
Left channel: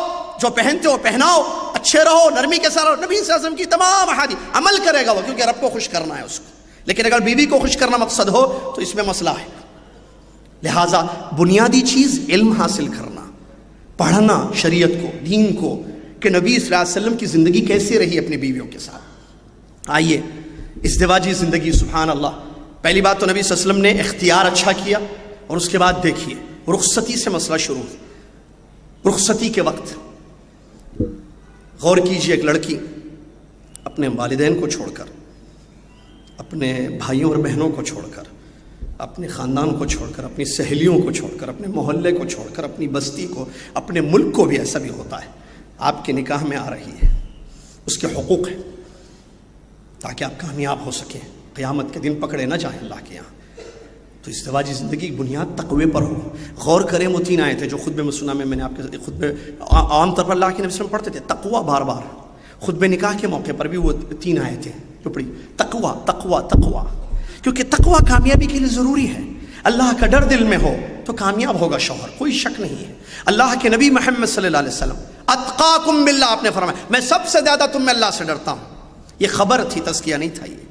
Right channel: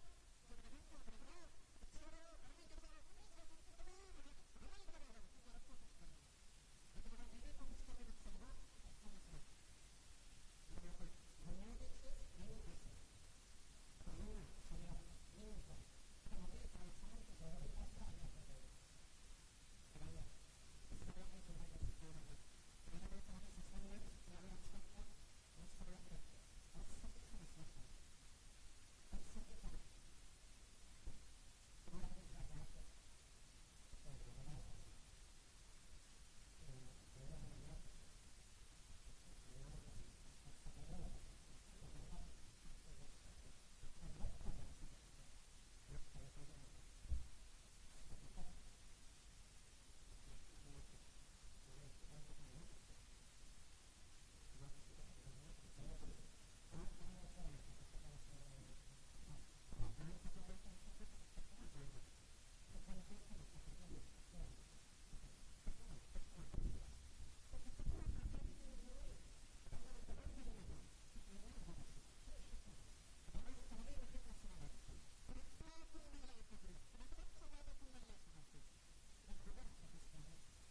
جو پہنتے ہو پہناؤ، اچھے رہو، نرمی کے ساتھ رہو، نبی صلی اللہ علیہ وسلم کی تمام احادیث عمل کرے گا وہ، کیونکہ رب کو خوش کرنا ہے اس کو۔ لیکن اگر بیوی کو خوش کرنا مقصد ہو تو اس میں مسئلہ ہے، لہٰذا بنیادی چیز علم حاصل کرنا، پڑھنا شریعت کو، دین کو، کہ نبی صلی اللہ علیہ وسلم کی زندگی کیسے رہی اپنی بیویوں کے ساتھ۔ آئیے ازدواجی زندگی، سبحان اللہ، پہلی بات تو نبی صلی اللہ علیہ وسلم نے اختیار اچھا کیا، اور اس کے بعد دیکھیے رخصتی سے مسئلہ شروع، رخصتی کے وقت غور کیجئے، ایک لڑکی اپنے والدین کو چھوڑ کر، اپنے بھائیوں اور بہنوں کو چھوڑ کر، اپنے خاندان کو چھوڑ کر، اپنی سہیلیوں کو چھوڑ کر، اپنے محلے کو چھوڑ کر، اپنی بستی کو، اپنے ملک کو بھی، ایسا بھی ہوتا ہے، آپ کے نکاح میں آ رہی ہے، اس کے حقوق ہیں تاکہ آپ کامیاب ہو سکیں، قیامت کے دن پکڑے نہ جائیں اللہ کے یہاں۔ تو ازدواجی زندگی کی بنیاد تقوی پر ہو۔ غور کریں، وہ 3 آیتیں جو خطبے میں سنا، میں نے آپ کے خطبے عام طور پر اللہ کے نبی صلی اللہ علیہ وسلم پڑھتے تھے، تقوی بار بار، خطبے نکاح کے موقع پر بھی وہ 3 آیتیں جو پڑھی، تقوی تقوی تقوی، کیونکہ تقوی کامیابی کے لیے ضروری ہے۔ اللہ کا ڈر دل میں ہو تو کامیاب ہوگا شوہر، کوئی شک نہیں ہے۔ اللہ کے نبی محمد صلی اللہ علیہ وسلم اتقاکم باللہ آپ نے فرمایا میں سب سے زیادہ تم میں اللہ سے ڈرتا ہوں. یہ خبر تھی، تزکیہ نہیں تھا. یہ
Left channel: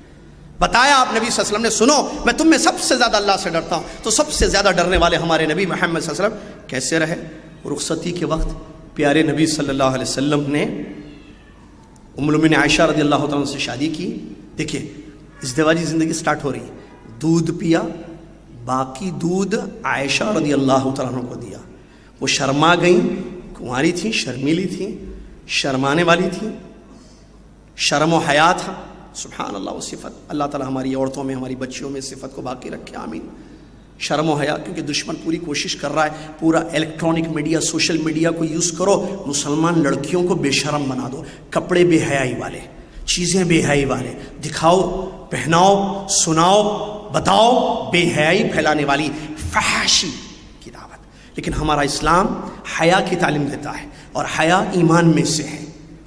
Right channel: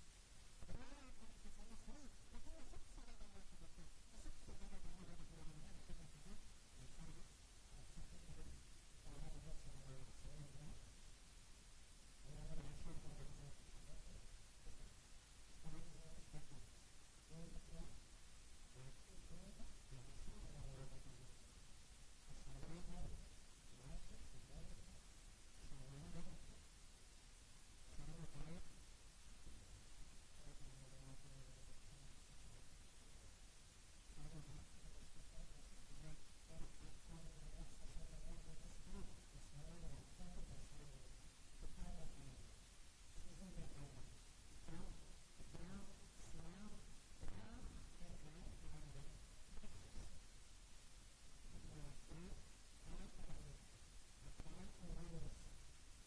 بتایا آپ نبی صلی اللہ علیہ وسلم نے، سنو میں تم میں سب سے زیادہ اللہ سے ڈرتا ہوں. تو سب سے زیادہ ڈرنے والے ہمارے نبی محمد صلی اللہ علیہ وسلم کیسے رہے؟ رخصتی کے وقت پیارے نبی صلی اللہ علیہ وسلم نے ام المؤمنین عائشہ رضی اللہ تعالیٰ عنہ سے شادی کی. دیکھیے ازدواجی زندگی سٹارٹ ہو رہی ہے. دودھ پیا، باقی دودھ عائشہ رضی اللہ تعالیٰ عنہ کو دیا. وہ شرما گئیں، کنواری تھیں، شرمیلی تھیں، شرمانے والی تھیں، شرم و حیا تھا. سبحان اللہ. وہ صفت اللہ تعالیٰ ہماری عورتوں میں، ہماری بچیوں میں صفت کو باقی رکھے، آمین. شرم و حیا، کیونکہ دشمن پوری کوشش کر رہا ہے، پورا الیکٹرانک میڈیا، سوشل میڈیا کو یوز کرو، مسلمان لڑکیوں کو بے شرم بنا دو. کپڑے بے حیائی والے، چیزیں بے حیائی والے، دکھاؤ، پہناؤ، سناؤ، بتاؤ، بے حیائی پھیلانے والی فحاشی کی دعوت. لیکن ہمارا اسلام حیا کی تعلیم دیتا ہے، اور حیا ایمان میں سے ہے.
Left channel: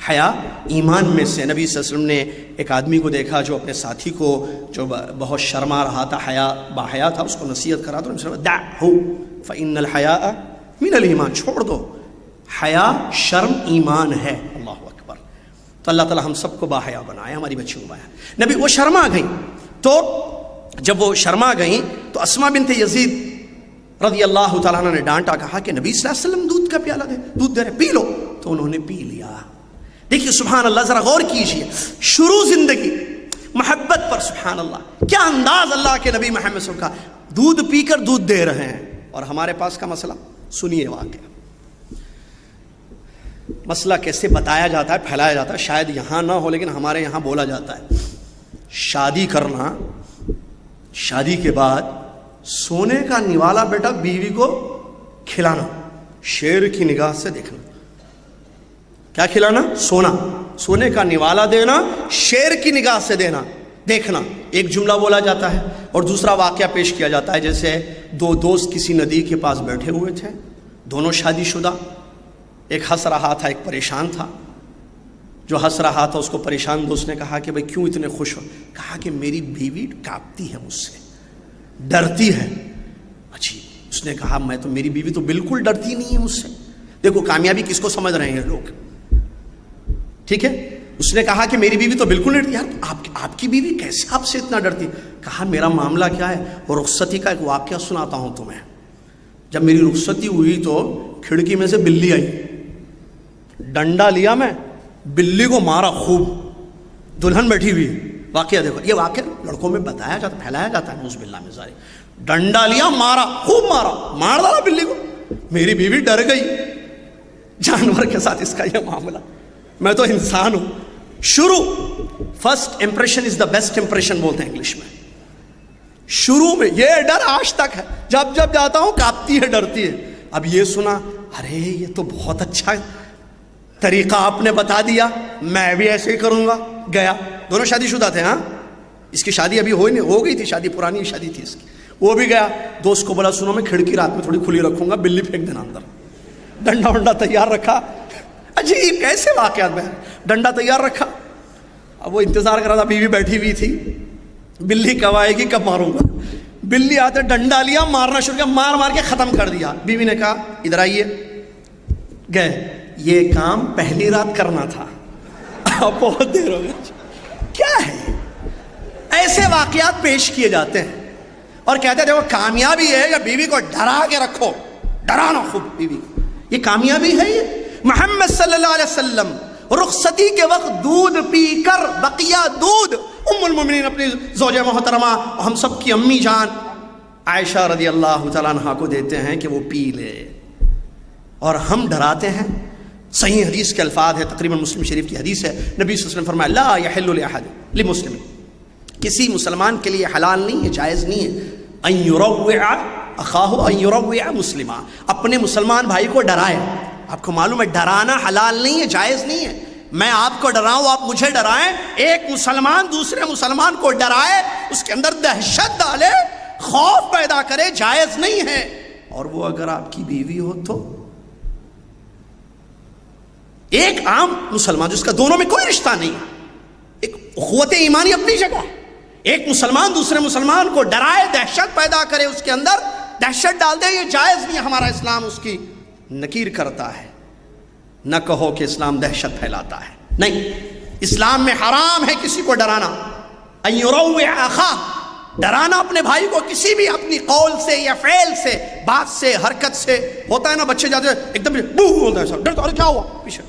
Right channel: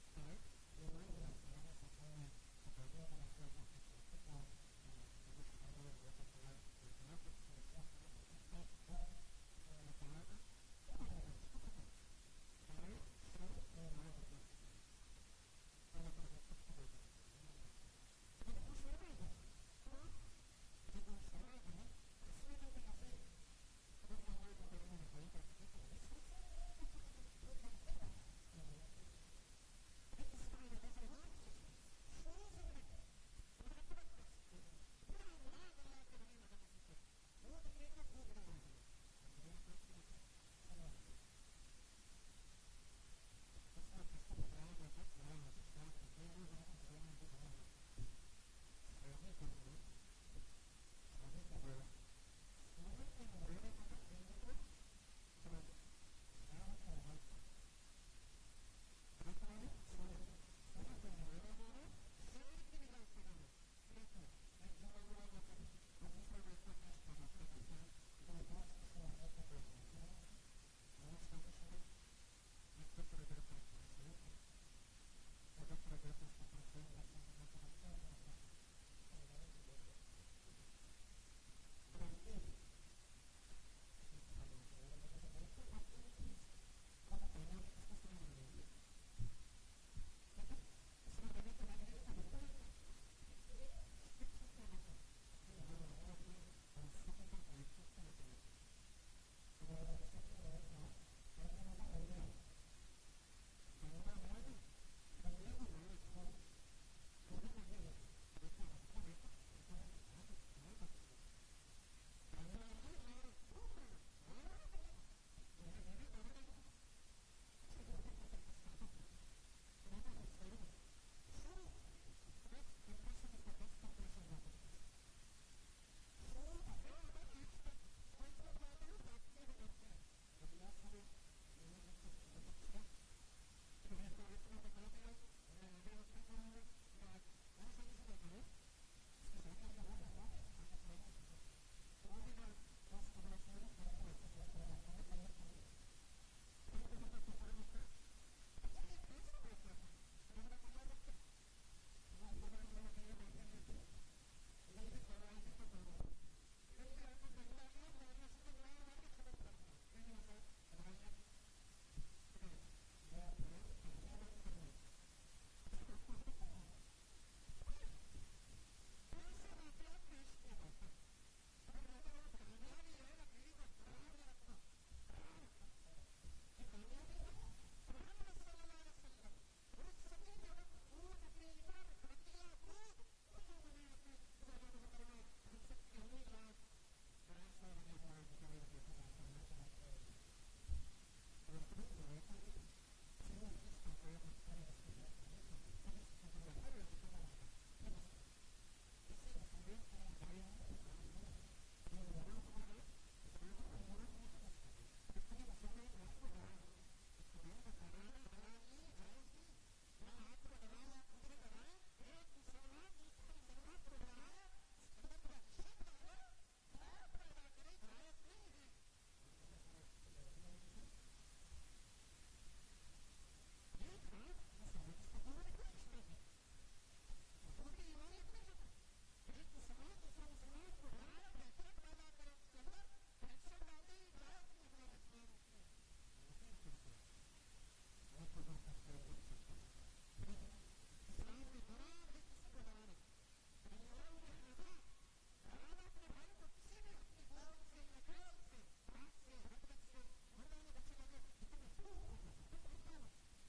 حیا ایمان میں سے. نبی صلی اللہ علیہ وسلم نے ایک آدمی کو دیکھا جو اپنے ساتھی کو جو بہت شرما رہا تھا، حیا باحیا تھا، اس کو نصیحت کرا تو دعہ فإن الحیاء من الایمان، چھوڑ دو، حیا شرم ایمان ہے. اللہ اکبر. تو اللہ تعالی ہم سب کو باحیا بنائے، ہماری بچیوں کو باحیا. نبی وہ شرما گئیں، تو جب وہ شرما گئیں تو اسماء بنت یزید رضی اللہ تعالیٰ عنہ نے ڈانٹا، کہا کہ نبی صلی اللہ علیہ وسلم دودھ کا پیالہ دے، دودھ دے رہے، پی لو. تو انہوں نے پی لیا. دیکھیے سبحان اللہ، ذرا غور کیجئے، شروع زندگی محبت پر. سبحان اللہ، کیا انداز اللہ کے نبی محمد صلی اللہ علیہ وسلم کا. دودھ پی کر دودھ دے رہے ہیں. اور ہمارے پاس کا مسئلہ سنیے. واقعہ مسئلہ کیسے بتایا جاتا ہے، پھیلایا جاتا ہے. شاید یہاں نہ ہو لیکن ہمارے یہاں بولا جاتا ہے. شادی کرنا، شادی کے بعد سونے کا نوالا بیٹا بیوی کو کھلانا، شیر کی نگاہ سے دیکھنا. کیا کھلانا؟ سونا. سونے کا نوالا دینا، شیر کی نگاہ سے دینا، دیکھنا. ایک جملہ بولا جاتا ہے اور دوسرا واقعہ پیش کیا جاتا ہے. جیسے دو دوست کسی ندی کے پاس بیٹھے ہوئے تھے، دونوں شادی شدہ. ایک ہنس رہا تھا، ایک پریشان تھا. جو ہنس رہا تھا اس کو پریشان دوست نے کہا کہ بھئی کیوں اتنے خوش ہو؟ کہا کہ میری بیوی کانپتی ہے مجھ سے، ڈرتی ہے. اچھی. اس نے کہا میں تو، میری بیوی تو بالکل ڈرتی نہیں ہے مجھ سے. دیکھو کامیابی کس کو سمجھ رہے ہیں لوگ، ٹھیک ہے. اس نے کہا کہ میری بیوی تو بالکل نہیں ڈرتی. یار آپ کی بیوی کیسے آپ سے اتنا ڈرتی؟ کہا میرا معاملہ کیا ہے، اور رخصتی کا ایک واقعہ سناتا ہوں تمہیں. جب میری رخصتی ہوئی تو کھڑکی میں سے بلی آئی، ڈنڈا لیا میں، بلی کو مارا خوب. دلہن بیٹھی ہوئی. واقعہ دیکھو، یہ واقعہ لڑکوں میں بتایا جاتا، پھیلایا جاتا ہے. نعوذ باللہ من ذالک. ڈنڈا لیا، مارا، خوب مارا، مار ڈالا بلی کو. میری بیوی ڈر گئی. جانور کے ساتھ اس کا یہ معاملہ، میں تو انسان ہوں. شروع، first impression is the best impression بولتے ہیں انگلش میں. شروع میں یہ ڈر آج تک ہے. جب جب جاتا ہوں کانپتی ہے، ڈرتی ہے. اب یہ سنا، ارے یہ تو بہت اچھا طریقہ آپ نے بتا دیا، میں بھی ایسے ہی کروں گا. گیا. دونوں شادی شدہ تھے. ہاں، اس کی شادی ابھی ہو گئی تھی، شادی پرانی شادی تھی اس کی. وہ بھی گیا. دوست کو بولا سنو میں کھڑکی رات میں تھوڑی کھلی رکھوں گا، بلی پھینک دینا اندر. ڈنڈا ونڈا تیار رکھا. عجیب کیسے واقعات میں. ڈنڈا تیار رکھا. اب وہ انتظار کر رہا تھا، بیوی بیٹھی ہوئی تھی. بلی کب آئے گی، کب ماروں گا. بلی آتے ڈنڈا لیا، مارنا شروع کیا، مار مار کے ختم کر دیا. بیوی نے کہا ادھر آئیے. گئے. یہ کام پہلی رات کرنا تھا، اب بہت دیر ہو گئی. کیا ہے؟ ایسے واقعات پیش کیے جاتے ہیں اور کہتے ہیں دیکھو کامیابی ہے یا بیوی کو ڈرا کے رکھو، ڈرانا خوب بیوی کو. یہ کامیابی ہے. یہ محمد صلی اللہ علیہ وسلم رخصتی کے وقت دودھ پی کر، بقیہ دودھ ام المؤمنین اپنی زوجہ محترمہ، ہم سب کی امی جان عائشہ رضی اللہ تعالیٰ عنہا کو دیتے ہیں کہ وہ پی لے، اور ہم ڈراتے ہیں. صحیح حدیث کے الفاظ ہے، تقریباً مسلم شریف کی حدیث ہے. نبی صلی اللہ علیہ وسلم فرمایا لا یحل لاحد لمسلم، کسی مسلمان کے لیے حلال نہیں ہے، جائز نہیں ہے، ان یروع اخاہ، ان یروع مسلما، اپنے مسلمان بھائی کو ڈرائے. آپ کو معلوم ہے ڈرانا حلال نہیں ہے، جائز نہیں ہے. میں آپ کو ڈراؤں، آپ مجھے ڈرائیں. ایک مسلمان دوسرے مسلمان کو ڈرائے، اس کے اندر دہشت ڈالے، خوف پیدا کرے، جائز نہیں ہے. اور وہ اگر آپ کی بیوی ہو تو ایک عام مسلمان جس کا دونوں میں کوئی رشتہ نہیں، ایک اخوت ایمانی اپنی جگہ، ایک مسلمان دوسرے مسلمان کو ڈرائے، دہشت پیدا کرے، اس کے اندر دہشت ڈال دے، یہ جائز نہیں. ہمارا اسلام اس کی نکیر کرتا ہے. نہ کہو کہ اسلام دہشت پھیلاتا ہے، نہیں، اسلام میں حرام ہے کسی کو ڈرانا، ان یروع اخاہ، ڈرانا اپنے بھائی کو کسی بھی اپنی قول سے یا فعل سے، بات سے، حرکت سے۔ ہوتا ہے نا بچے جاتے ہیں ایک دم بو ہوتا ہے، سب ڈرتا، ارے کیا ہوا، پیچھے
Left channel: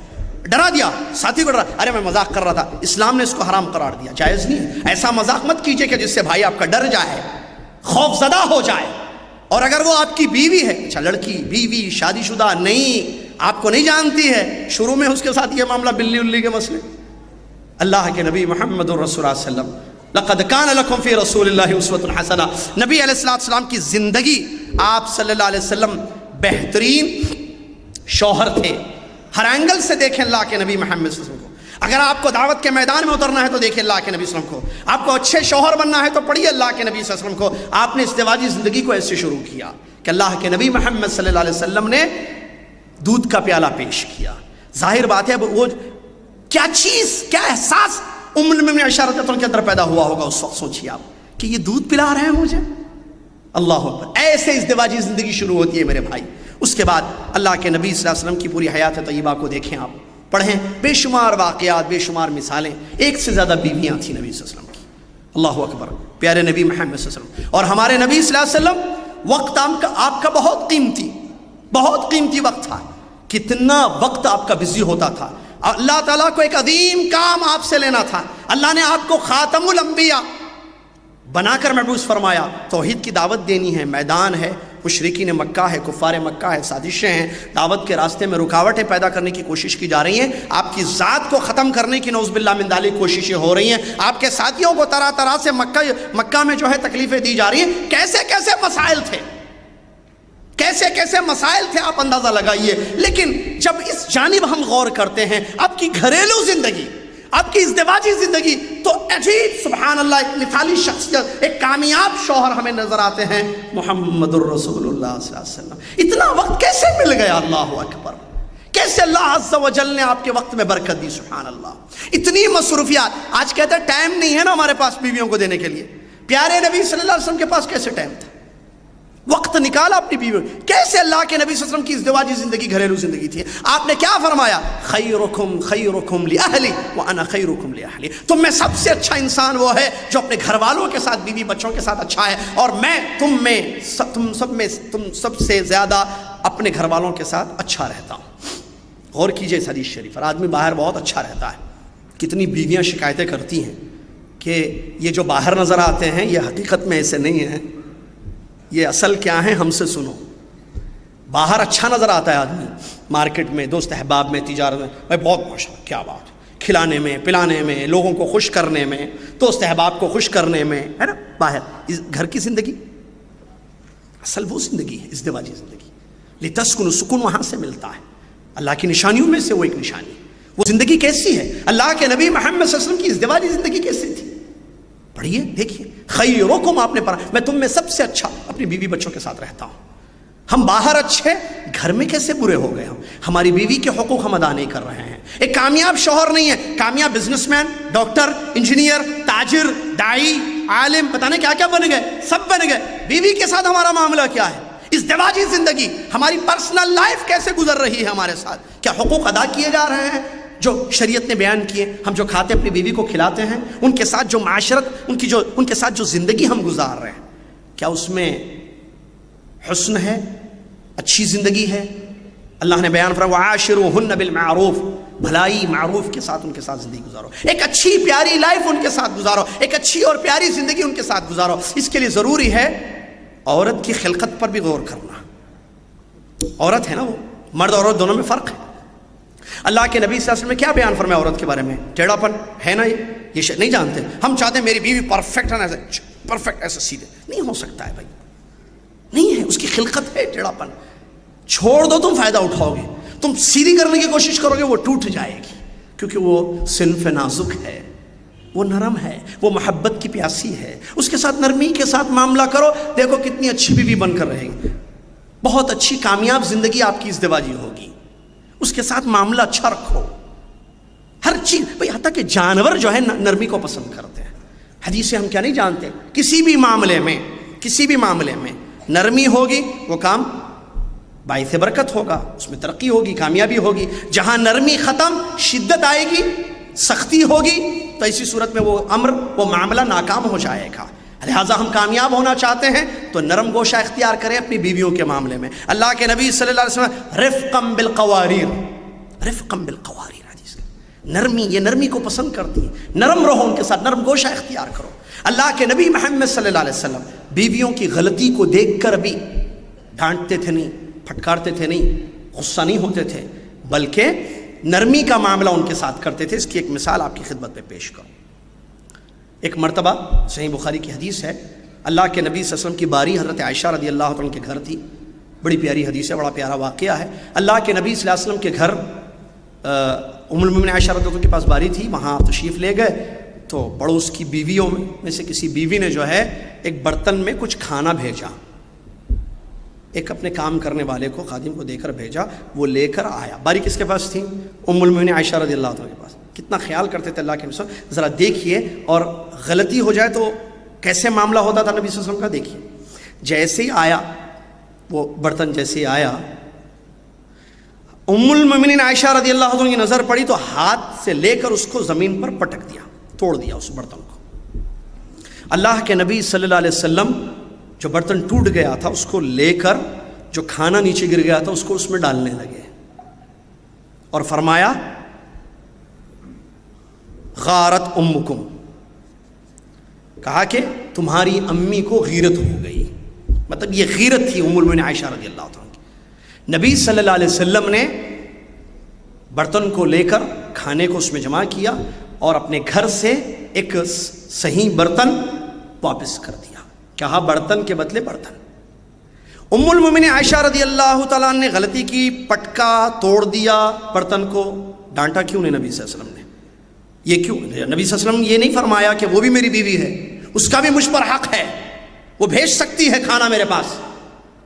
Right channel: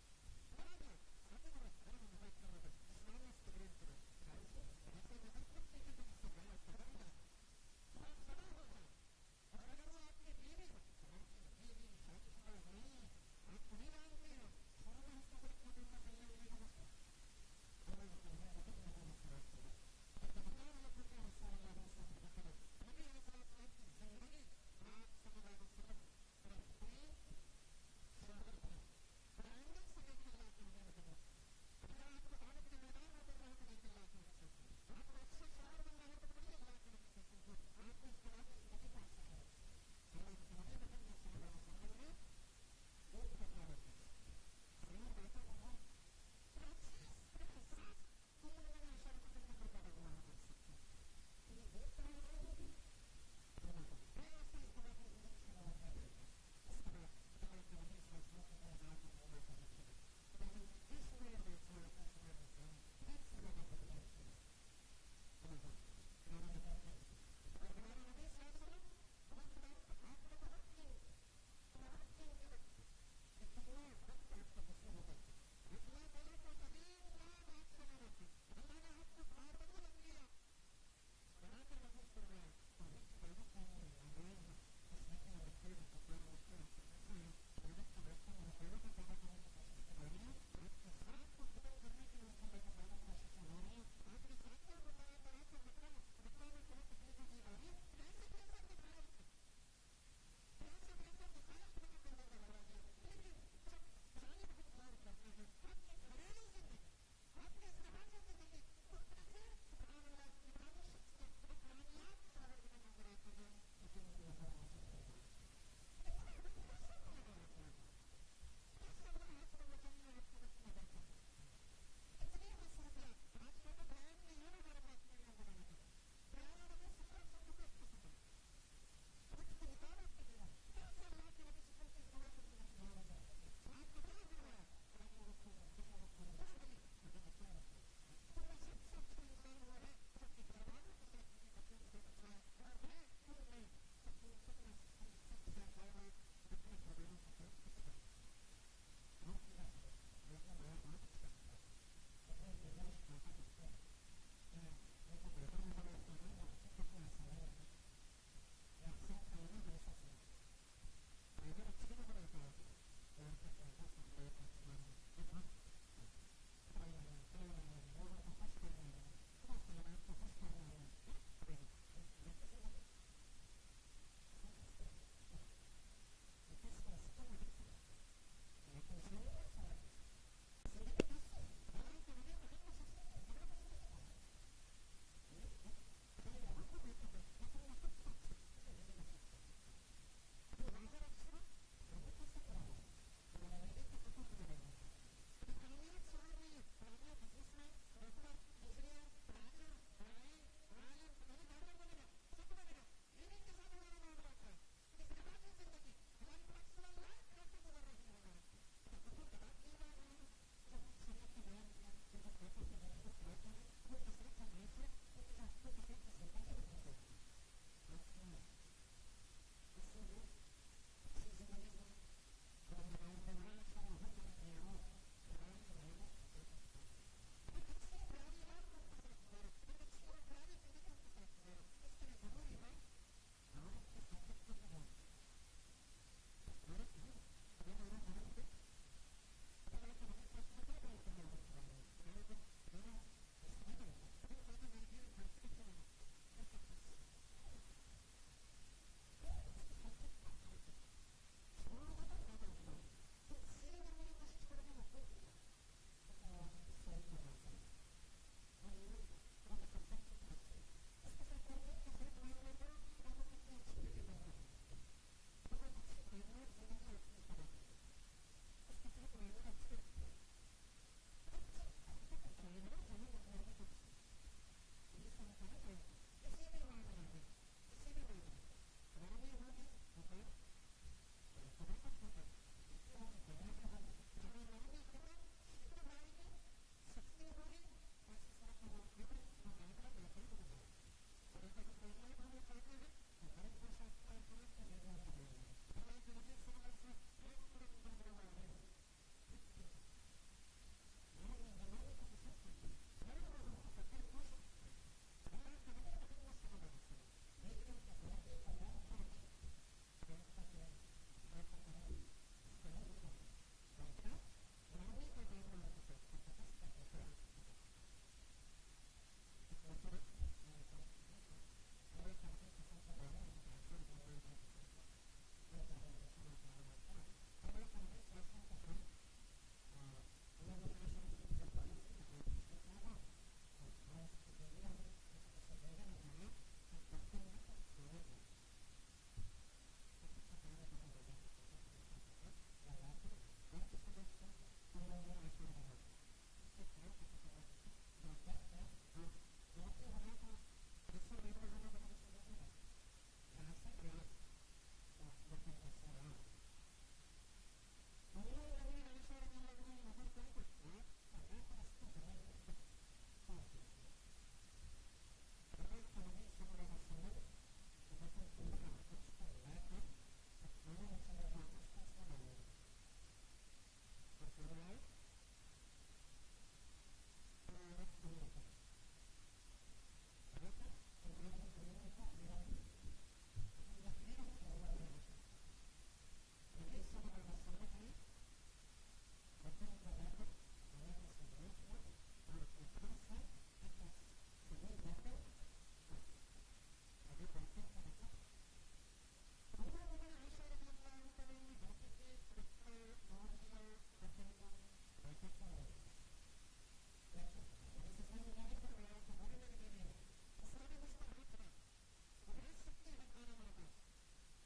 ڈرا دیا، ساتھی کو ڈرا، ارے میں مذاق کر رہا تھا، اسلام نے اس کو حرام قرار دیا، جائز نہیں ہے۔ ایسا مذاق مت کیجئے کہ جس سے بھائی آپ کا ڈر جائے، خوف زدہ ہو جائے۔ اور اگر وہ آپ کی بیوی ہے، اچھا لڑکی، بیوی، شادی شدہ نہیں، آپ کو نہیں جانتی ہے، شروع میں اس کے ساتھ یہ معاملہ بلی الی کے مسئلے، اللہ کے نبی محمد رسول اللہ صلی اللہ علیہ وسلم، لقد کان لکم فی رسول اللہ اسوۃ حسنہ، نبی علیہ السلام کی زندگی، آپ صلی اللہ علیہ وسلم بہترین شوہر تھے۔ ہر اینگل سے دیکھیں اللہ کے نبی محمد صلی اللہ علیہ وسلم کو۔ اگر آپ کو دعوت کے میدان میں اترنا ہے تو دیکھیں اللہ کے نبی صلی اللہ علیہ وسلم کو، آپ کو اچھے شوہر بننا ہے تو پڑھیے اللہ کے نبی صلی اللہ علیہ وسلم کو۔ آپ نے ازدواجی زندگی کو ایسے شروع کیا کہ اللہ کے نبی محمد صلی اللہ علیہ وسلم نے دودھ کا پیالہ پیش کیا۔ ظاہر بات ہے وہ کیا چیز، کیا احساس ام المؤمنین عائشہ رضی اللہ عنہا کے اندر پیدا ہوا ہوگا اس وقت، سوچیے آپ کہ یہ دودھ پلا رہے ہیں مجھے، اللہ اکبر۔ ایسے ازدواجی زندگی شروع ہوتی ہے میرے بھائی۔ اس کے بعد اللہ کے نبی صلی اللہ علیہ وسلم کی پوری حیات طیبہ کو دیکھیں آپ، پڑھیں، بے شمار واقعات، بے شمار مثالیں، ایک سے زیادہ بیویاں تھیں نبی صلی اللہ علیہ وسلم کی، اللہ اکبر، پیارے نبی محمد صلی اللہ علیہ وسلم۔ اور ہمارے نبی صلی اللہ علیہ وسلم وقت آپ کا بہت قیمتی وقت تھا، کتنا وقت آپ کا بزی ہوتا تھا۔ اللہ تعالیٰ کو ایک عظیم کام آپ سے لینا تھا، اللہ نے آپ کو خاتم الانبیاء بنا کر مبعوث فرمایا، توحید کی دعوت دینی ہے، میدان ہے، مشرکین مکہ ہے، کفار مکہ ہے، سازشیں ہیں، دعوت کے راستے میں رکاوٹیں پیدا کرنے کی کوشش کی جا رہی ہیں، آپ کی ذات کو ختم کرنے کی نعوذ باللہ من ذالک کوششیں ہو رہی ہیں، آپ کے ساتھیوں کو طرح طرح سے مکہ میں جو ہے تکلیفیں دی جا رہی ہیں۔ کیسے کیسے مسائل تھے، کیسے کیسے مسائل تھے، آپ اندازہ لگائیے۔ لیکن جب اس جانب ہم غور کرتے ہیں، آپ کی گھریلو زندگی، آپ کی ازدواجی زندگی، تو عجیب سبحان اللہ ایک مثالی شخصیت، ایک کامیاب شوہر ہمیں نظر آتے ہیں، محمد الرسول اللہ صلی اللہ علیہ وسلم۔ اتنا وقت کیسے مل گیا، اللہ اکبر، کیسے اللہ عز و جل نے آپ کے وقت میں برکت دی، سبحان اللہ۔ اتنی مصروفیات، آج کہتے ہیں ٹائم نہیں ہے نا ہمارے پاس بیویوں کو دینے کے لیے، پیارے نبی صلی اللہ علیہ وسلم کے پاس کیسے ٹائم تھا، وقت نکالا اپنی بیوی، کیسے اللہ کے نبی صلی اللہ علیہ وسلم کی ازدواجی زندگی، گھریلو زندگی تھی۔ آپ نے کیا فرمایا، خیرکم خیرکم لأہلی وانا خیرکم لأہلی، تم میں سب سے اچھا انسان وہ ہے جو اپنے گھر والوں کے ساتھ، بیوی بچوں کے ساتھ اچھا ہے، اور میں تم سب سے زیادہ اپنے گھر والوں کے ساتھ اچھا رہتا ہوں۔ غور کیجئے اس حدیث شریف پر، آدمی باہر بہت اچھا رہتا ہے، کتنی بیویاں شکایتیں کرتی ہیں کہ یہ جو باہر نظر آتے ہیں یہ حقیقت میں ایسے نہیں ہیں، یہ اصل کیا ہے ہم سے سنو۔ باہر اچھا نظر آتا ہے آدمی، مارکیٹ میں، دوست احباب میں، تجارت میں، بھائی بہت ماشاءاللہ کیا بات ہے، کھلانے میں، پلانے میں، لوگوں کو خوش کرنے میں، دوست احباب کو خوش کرنے میں، ہے نا۔ باہر گھر کی زندگی اصل وہ زندگی ہے، ازدواجی زندگی، لتسکنوا، سکون وہاں سے ملتا ہے، اللہ کی نشانیوں میں سے وہ ایک نشانی۔ وہ زندگی کیسی ہے، اللہ کے نبی محمد صلی اللہ علیہ وسلم کی ازدواجی زندگی کیسی تھی، پڑھیے دیکھیے، خیرکم، آپ نے پڑھا، میں تم میں سب سے اچھا اپنی بیوی بچوں کے ساتھ رہتا ہوں۔ ہم باہر اچھے، گھر میں کیسے برے ہو گئے ہم، ہماری بیوی کے حقوق ہم ادا نہیں کر رہے ہیں۔ ایک کامیاب شوہر نہیں ہے، کامیاب بزنس مین، ڈاکٹر، انجینئر، تاجر، داعی، عالم، پتہ نہیں کیا کیا بن گئے، سب بن گئے، بیوی کے ساتھ ہمارا معاملہ کیا ہے، ازدواجی زندگی، ہماری پرسنل لائف کیسے گزر رہی ہے ہمارے ساتھ، کیا حقوق ادا کیے جا رہے ہیں جو شریعت نے بیان کیے، ہم جو کھاتے اپنی بیوی کو کھلاتے ہیں، ان کے ساتھ جو معاشرت، ان کے ساتھ جو زندگی ہم گزار رہے ہیں، کیا اس میں حسن ہے، اچھی زندگی ہے؟ اللہ نے بیان فرمایا وعاشروہن بالمعروف، بھلائی معروف کے ساتھ ان کے ساتھ زندگی گزارو، ایک اچھی پیاری لائف ان کے ساتھ گزارو، ایک اچھی اور پیاری زندگی ان کے ساتھ گزارو۔ اس کے لیے ضروری ہے عورت کی خلقت پر بھی غور کرنا، عورت ہے نا وہ، مرد اور عورت دونوں میں فرق ہے۔ اللہ کے نبی صلی اللہ علیہ وسلم نے کیا بیان فرمایا عورت کے بارے میں، ٹیڑھا پن ہے نا، یہ نہیں جانتے ہم، چاہتے ہیں میری بیوی پرفیکٹ ہے نا، پرفیکٹ ایسا سیدھے نہیں ہو سکتا ہے بھائی، نہیں ہے، اس کی خلقت ہے ٹیڑھا پن، چھوڑ دو تم فائدہ اٹھاؤ گے، تم سیدھی کرنے کی کوشش کرو گے وہ ٹوٹ جائے گی، کیونکہ وہ صنف نازک ہے، وہ نرم ہے، وہ محبت کی پیاسی ہے، اس کے ساتھ نرمی کے ساتھ معاملہ کرو، دیکھو کتنی اچھی بیوی بن کر رہے گی، بہت اچھی کامیاب زندگی آپ کی ازدواجی ہوگی، اس کے ساتھ معاملہ اچھا رکھو، ہر چیز بھئی، حتیٰ کہ جانور جو ہے نرمی کو پسند کرتے ہیں، حدیث سے ہم کیا نہیں جانتے، کسی بھی معاملے میں نرمی ہوگی وہ کام باعث برکت ہوگا، اس میں ترقی ہوگی، کامیابی ہوگی۔ جہاں نرمی ختم، شدت آئے گی، سختی ہوگی، تو ایسی صورت میں وہ امر، وہ معاملہ ناکام ہو جائے گا۔ لہٰذا ہم کامیاب ہونا چاہتے ہیں تو نرم گوشہ اختیار کریں اپنی بیویوں کے معاملے میں۔ اللہ کے نبی صلی اللہ علیہ وسلم رفقم بالقواریر، رفقم بالقواریر، حدیث نرمی، یہ نرمی کو پسند کرتی ہیں، نرم رہو ان کے ساتھ، نرم گوشہ اختیار کرو۔ اللہ کے نبی محمد صلی اللہ علیہ وسلم بیویوں کی غلطی کو دیکھ کر بھی ڈانٹتے تھے نہیں، پھٹکارتے تھے نہیں، غصہ نہیں ہوتے تھے، بلکہ نرمی کا معاملہ ان کے ساتھ کرتے تھے۔ اس کی ایک مثال آپ کی خدمت میں پیش کروں۔ ایک مرتبہ صحیح بخاری کی حدیث ہے، اللہ کے نبی صلی اللہ علیہ وسلم کی باری حضرت عائشہ رضی اللہ عنہ کے گھر تھی۔ بڑی پیاری حدیث ہے، بڑا پیارا واقعہ ہے۔ اللہ کے نبی صلی اللہ علیہ وسلم کے گھر ام المؤمنین عائشہ رضی اللہ عنہ کے پاس باری تھی، وہاں تشریف لے گئے تو پڑوس کی بیویوں میں سے کسی بیوی نے جو ہے ایک برتن میں کچھ کھانا بھیجا، ایک اپنے کام کرنے والے کو، خادم کو دے کر بھیجا، وہ لے کر آیا۔ باری کس کے پاس تھی؟ ام المؤمنین عائشہ رضی اللہ عنہ کے پاس۔ کتنا خیال کرتے تھے اللہ کے نبی، ذرا دیکھیے، اور غلطی ہو جائے تو کیسے معاملہ ہوتا تھا نبی صلی اللہ علیہ وسلم کا، دیکھیے۔ جیسے ہی آیا وہ برتن، جیسے ہی آیا، ام المؤمنین عائشہ رضی اللہ عنہ کی نظر پڑی تو ہاتھ سے لے کر اس کو زمین پر پٹک دیا، توڑ دیا اس برتن کو۔ اللہ کے نبی صلی اللہ علیہ وسلم جو برتن ٹوٹ گیا تھا اس کو لے کر، جو کھانا نیچے گر گیا تھا اس کو اس میں ڈالنے لگے اور فرمایا غارت امکم، کہا کہ تمہاری امی کو غیرت ہو گئی۔ مطلب یہ غیرت تھی ام المؤمنین عائشہ رضی اللہ عنہ کی۔ نبی صلی اللہ علیہ وسلم نے برتن کو لے کر کھانے کو اس میں جمع کیا اور اپنے گھر سے ایک صحیح برتن واپس کر دیا۔ کہا برتن کے بدلے برتن۔ ام المؤمنین عائشہ رضی اللہ تعالیٰ عنہ نے غلطی کی، پٹکا، توڑ دیا برتن کو، ڈانٹا کیوں نہیں نبی صلی اللہ علیہ وسلم نے؟ یہ کیوں؟ نبی صلی اللہ علیہ وسلم یہ نہیں فرمایا کہ وہ بھی میری بیوی ہے، اس کا بھی مجھ پر حق ہے، وہ بھیج سکتی ہے کھانا میرے پاس،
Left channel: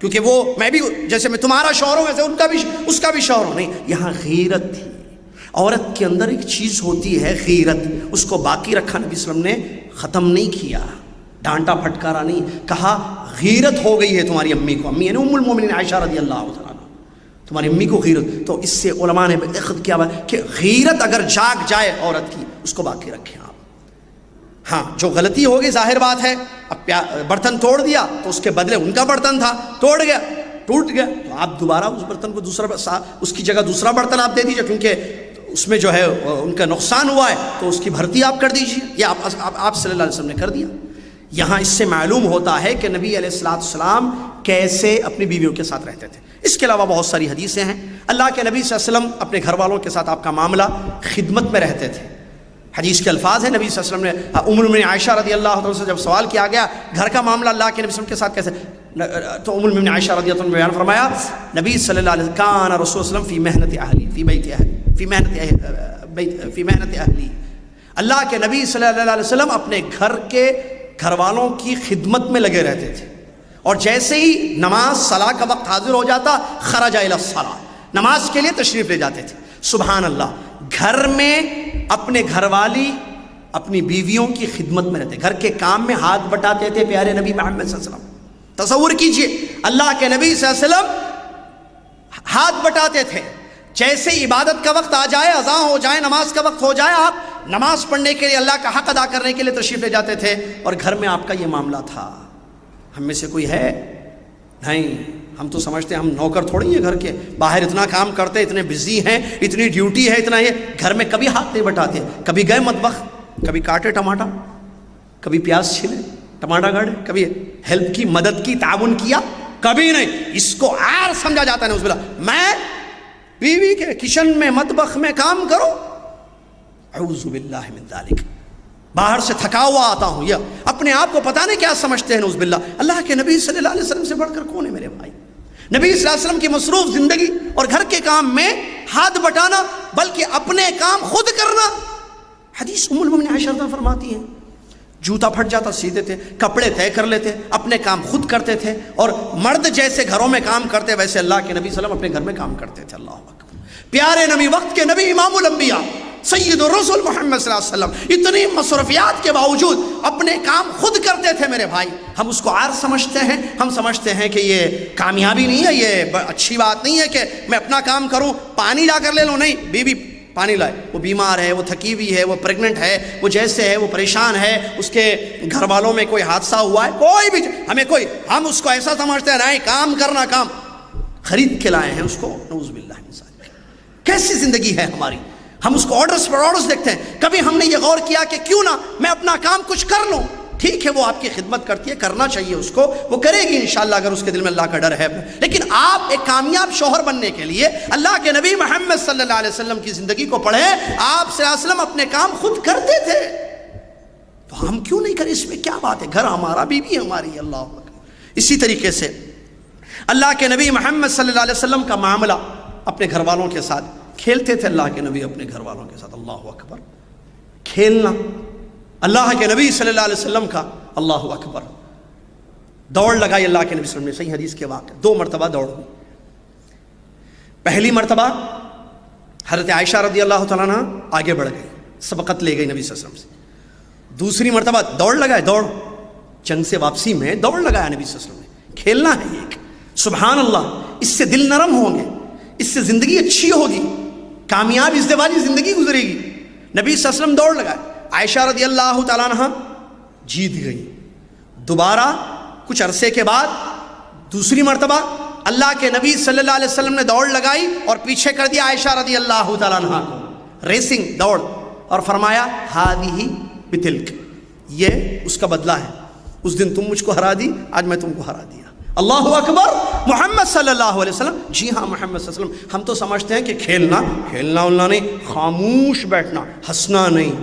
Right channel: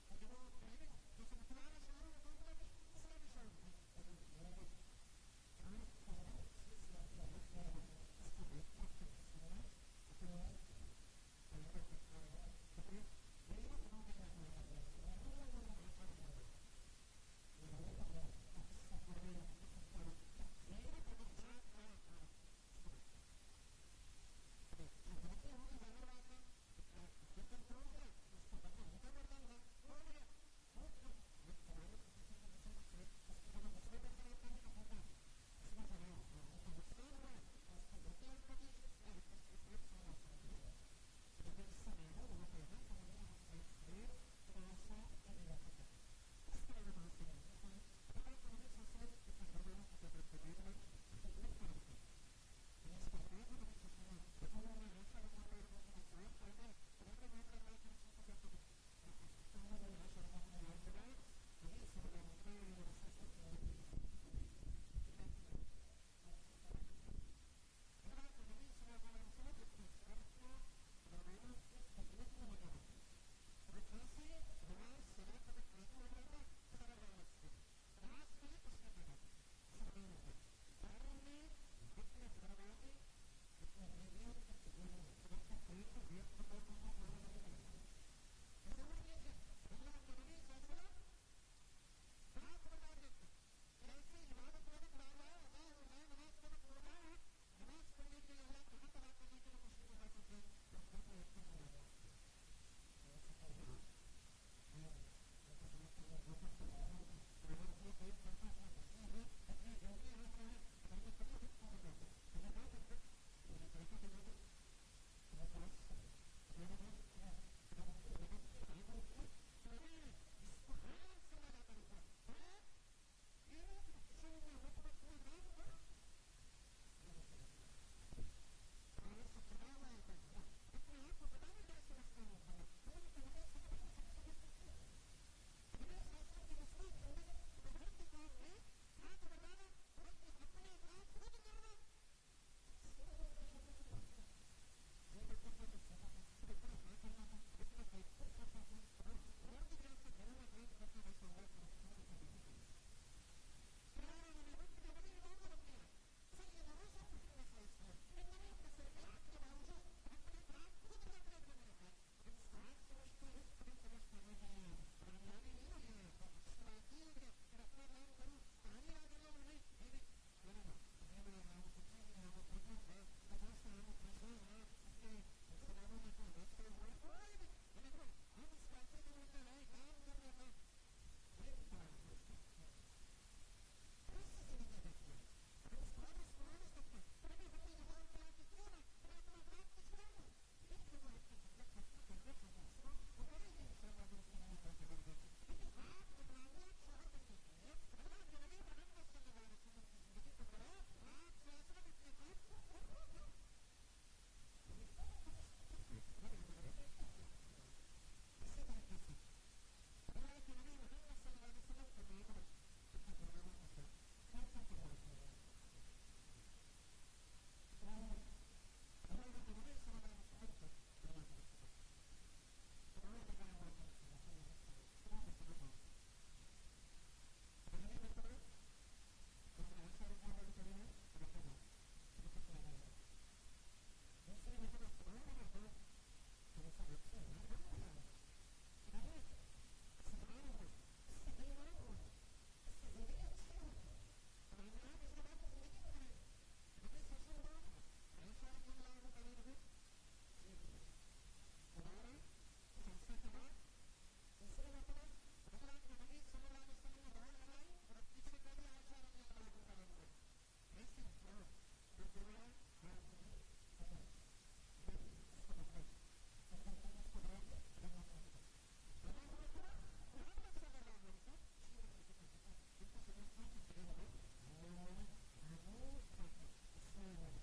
کیونکہ وہ میں بھی، جیسے میں تمہارا شوہر ہوں ویسے ان کا بھی، اس کا بھی شوہر ہوں۔ نہیں، یہاں غیرت تھی۔ عورت کے اندر ایک چیز ہوتی ہے غیرت، اس کو باقی رکھا نبی صلی اللہ علیہ وسلم نے، ختم نہیں کیا، ڈانٹا پھٹکارا نہیں، کہا غیرت ہو گئی ہے تمہاری امی کو۔ امی یعنی ام المؤمنین عائشہ رضی اللہ عنہ، تمہاری امی کو غیرت۔ تو اس سے علماء نے اخذ کیا کہ غیرت اگر جاگ جائے عورت کی، اس کو باقی رکھیں آپ۔ ہاں، جو غلطی ہوگی ظاہر بات ہے، اب برتن توڑ دیا تو اس کے بدلے ان کا برتن تھا، توڑ گیا، ٹوٹ گیا، تو آپ دوبارہ اس برتن کو دوسرا، اس کی جگہ دوسرا برتن آپ دے دیجئے، کیونکہ اس میں جو ہے ان کا نقصان ہوا ہے تو اس کی بھرتی آپ کر دیجئے۔ یہ آپ صلی اللہ علیہ وسلم نے کر دیا۔ یہاں اس سے معلوم ہوتا ہے کہ نبی علیہ السلام کیسے اپنی بیویوں کے ساتھ رہتے تھے۔ اس کے علاوہ بہت ساری حدیثیں ہیں۔ اللہ کے نبی صلی اللہ علیہ وسلم اپنے گھر والوں کے ساتھ آپ کا معاملہ خدمت میں رہتے تھے۔ حدیث کے الفاظ ہیں، نبی صلی اللہ علیہ وسلم نے ام المؤمنین عائشہ رضی اللہ عنہ سے جب سوال کیا گیا گھر کا معاملہ اللہ کے نبی صلی اللہ علیہ وسلم کے ساتھ کیسے، تو ام المؤمنین عائشہ رضی اللہ عنہ نے بیان فرمایا، نبی صلی اللہ علیہ وسلم کان رسول صلی اللہ علیہ وسلم فی محنت اہلی، فی بیت اہلی، فی محنت اہلی۔ اللہ کے نبی صلی اللہ علیہ وسلم اپنے گھر والوں کی خدمت میں لگے رہتے تھے، اور جیسے ہی نماز صلاح کا وقت حاضر ہو جاتا، خرج الی الصلاۃ، نماز کے لیے تشریف لے جاتے تھے۔ سبحان اللہ، گھر میں اپنے گھر والی اپنی بیویوں کی خدمت میں رہتے، گھر کے کام میں ہاتھ بٹاتے تھے پیارے نبی محمد صلی اللہ علیہ وسلم۔ تصور کیجئے، اللہ کے نبی صلی اللہ علیہ وسلم ہاتھ بٹاتے تھے، جیسے عبادت کا وقت آ جائے، اذان ہو جائے، نماز کا وقت ہو جائے، آپ نماز پڑھنے کے لیے، اللہ کا حق ادا کرنے کے لیے تشریف لے جاتے تھے، اور گھر میں آپ کا یہ معاملہ تھا۔ ہم میں سے کوئی ہے؟ نہیں، ہم تو سمجھتے ہیں ہم نوکر تھوڑی ہیں گھر کے، باہر اتنا کام کرتے، اتنے بزی ہیں، اتنی ڈیوٹی ہے، اتنا یہ، گھر میں کبھی ہاتھ نہیں بٹاتے۔ کبھی گئے مطبخ، کبھی کاٹے ٹماٹر، کبھی پیاز چھلے، ٹماٹر گاڑے، کبھی ہیلپ کی، مدد کی، تعاون کیا، کبھی نہیں۔ اس کو عار سمجھا جاتا ہے نعوذ باللہ، میں بیوی کے کچن میں، مطبخ میں کام کرو، اعوذ باللہ من ذالک، باہر سے تھکا ہوا آتا ہوں، یا اپنے آپ کو پتہ نہیں کیا سمجھتے ہیں نعوذ باللہ۔ اللہ کے نبی صلی اللہ علیہ وسلم سے بڑھ کر کون ہے میرے بھائی؟ نبی صلی اللہ علیہ وسلم کی مصروف زندگی اور گھر کے کام میں ہاتھ بٹانا، بلکہ اپنے کام خود کرنا۔ حدیث ام المؤمنین عائشہ فرماتی ہیں، جوتا پھٹ جاتا سیدھے تھے، کپڑے طے کر لیتے، اپنے کام خود کرتے تھے، اور مرد جیسے گھروں میں کام کرتے ویسے اللہ کے نبی صلی اللہ علیہ وسلم اپنے گھر میں کام کرتے تھے۔ اللہ اکبر، پیارے نبی، وقت کے نبی، امام الانبیاء سید الرسول محمد صلی اللہ علیہ وسلم اتنی مصروفیات کے باوجود اپنے کام خود کرتے تھے میرے بھائی. ہم اس کو عار سمجھتے ہیں, ہم سمجھتے ہیں کہ یہ کامیابی نہیں ہے, یہ اچھی بات نہیں ہے کہ میں اپنا کام کروں, پانی جا کر لے لوں. نہیں, بیوی پانی لائے, وہ بیمار ہے, وہ تھکی ہوئی ہے, وہ پریگننٹ ہے, وہ جیسے ہے, وہ پریشان ہے, اس کے گھر والوں میں کوئی حادثہ ہوا ہے, کوئی بھی ہم اس کو ایسا سمجھتے ہیں نہیں, کام کرنا, کام خرید کے لائے ہیں اس کو. نعوذ باللہ من ذالک. کیسی زندگی ہے ہماری, ہم اس کو آرڈرز پر آرڈرز دیکھتے ہیں. کبھی ہم نے یہ غور کیا کہ کیوں نہ میں اپنا کام کچھ کر لوں. ٹھیک ہے, وہ آپ کی خدمت کرتی ہے, کرنا چاہیے اس کو, وہ کرے گی انشاءاللہ اگر اس کے دل میں اللہ کا ڈر ہے. لیکن آپ ایک کامیاب شوہر بننے کے لیے اللہ کے نبی محمد صلی اللہ علیہ وسلم کی زندگی کو پڑھیں. آپ صلی اللہ علیہ وسلم اپنے کام خود کرتے تھے, تو ہم کیوں نہیں کریں؟ اس میں کیا بات ہے؟ گھر ہمارا, بیوی ہماری. اللہ اکبر. اسی طریقے سے اللہ کے نبی محمد صلی اللہ علیہ وسلم کا معاملہ اپنے گھر والوں کے ساتھ, کھیلتے تھے اللہ کے نبی اپنے گھر والوں کے ساتھ. اللہ اکبر. کھیلنا اللہ کے نبی صلی اللہ علیہ وسلم کا. اللہ اکبر. دوڑ لگائی اللہ کے نبی صلی اللہ علیہ وسلم نے, صحیح حدیث کے واقع 2 مرتبہ دوڑ ہوئی. پہلی مرتبہ حضرت عائشہ رضی اللہ تعالیٰ عنہ آگے بڑھ گئی, سبقت لے گئی نبی صلی اللہ علیہ وسلم سے. دوسری مرتبہ دوڑ لگائے, دوڑ جنگ سے واپسی میں دوڑ لگایا نبی صلی اللہ علیہ وسلم نے. کھیلنا ہے یہ ایک. سبحان اللہ. اس سے دل نرم ہوں گے, اس سے زندگی اچھی ہوگی, کامیاب ازدواجی زندگی گزرے گی. نبی صلی اللہ علیہ وسلم دوڑ لگائے. عائشہ رضی اللہ تعالیٰ عنہ جیت گئی. دوبارہ کچھ عرصے کے بعد دوسری مرتبہ اللہ کے نبی صلی اللہ علیہ وسلم نے دوڑ لگائی اور پیچھے کر دیا عائشہ رضی اللہ تعالیٰ عنہ کو. ریسنگ, دوڑ, اور فرمایا ہذہ بتلک, یہ اس کا بدلہ ہے. اس دن تم مجھ کو ہرا دی, آج میں تم کو ہرا دیا. اللہ اکبر. محمد صلی اللہ علیہ وسلم. جی ہاں, محمد صلی اللہ علیہ وسلم. ہم تو سمجھتے ہیں کہ کھیلنا کھیلنا نہیں, خاموش بیٹھنا, ہنسنا نہیں.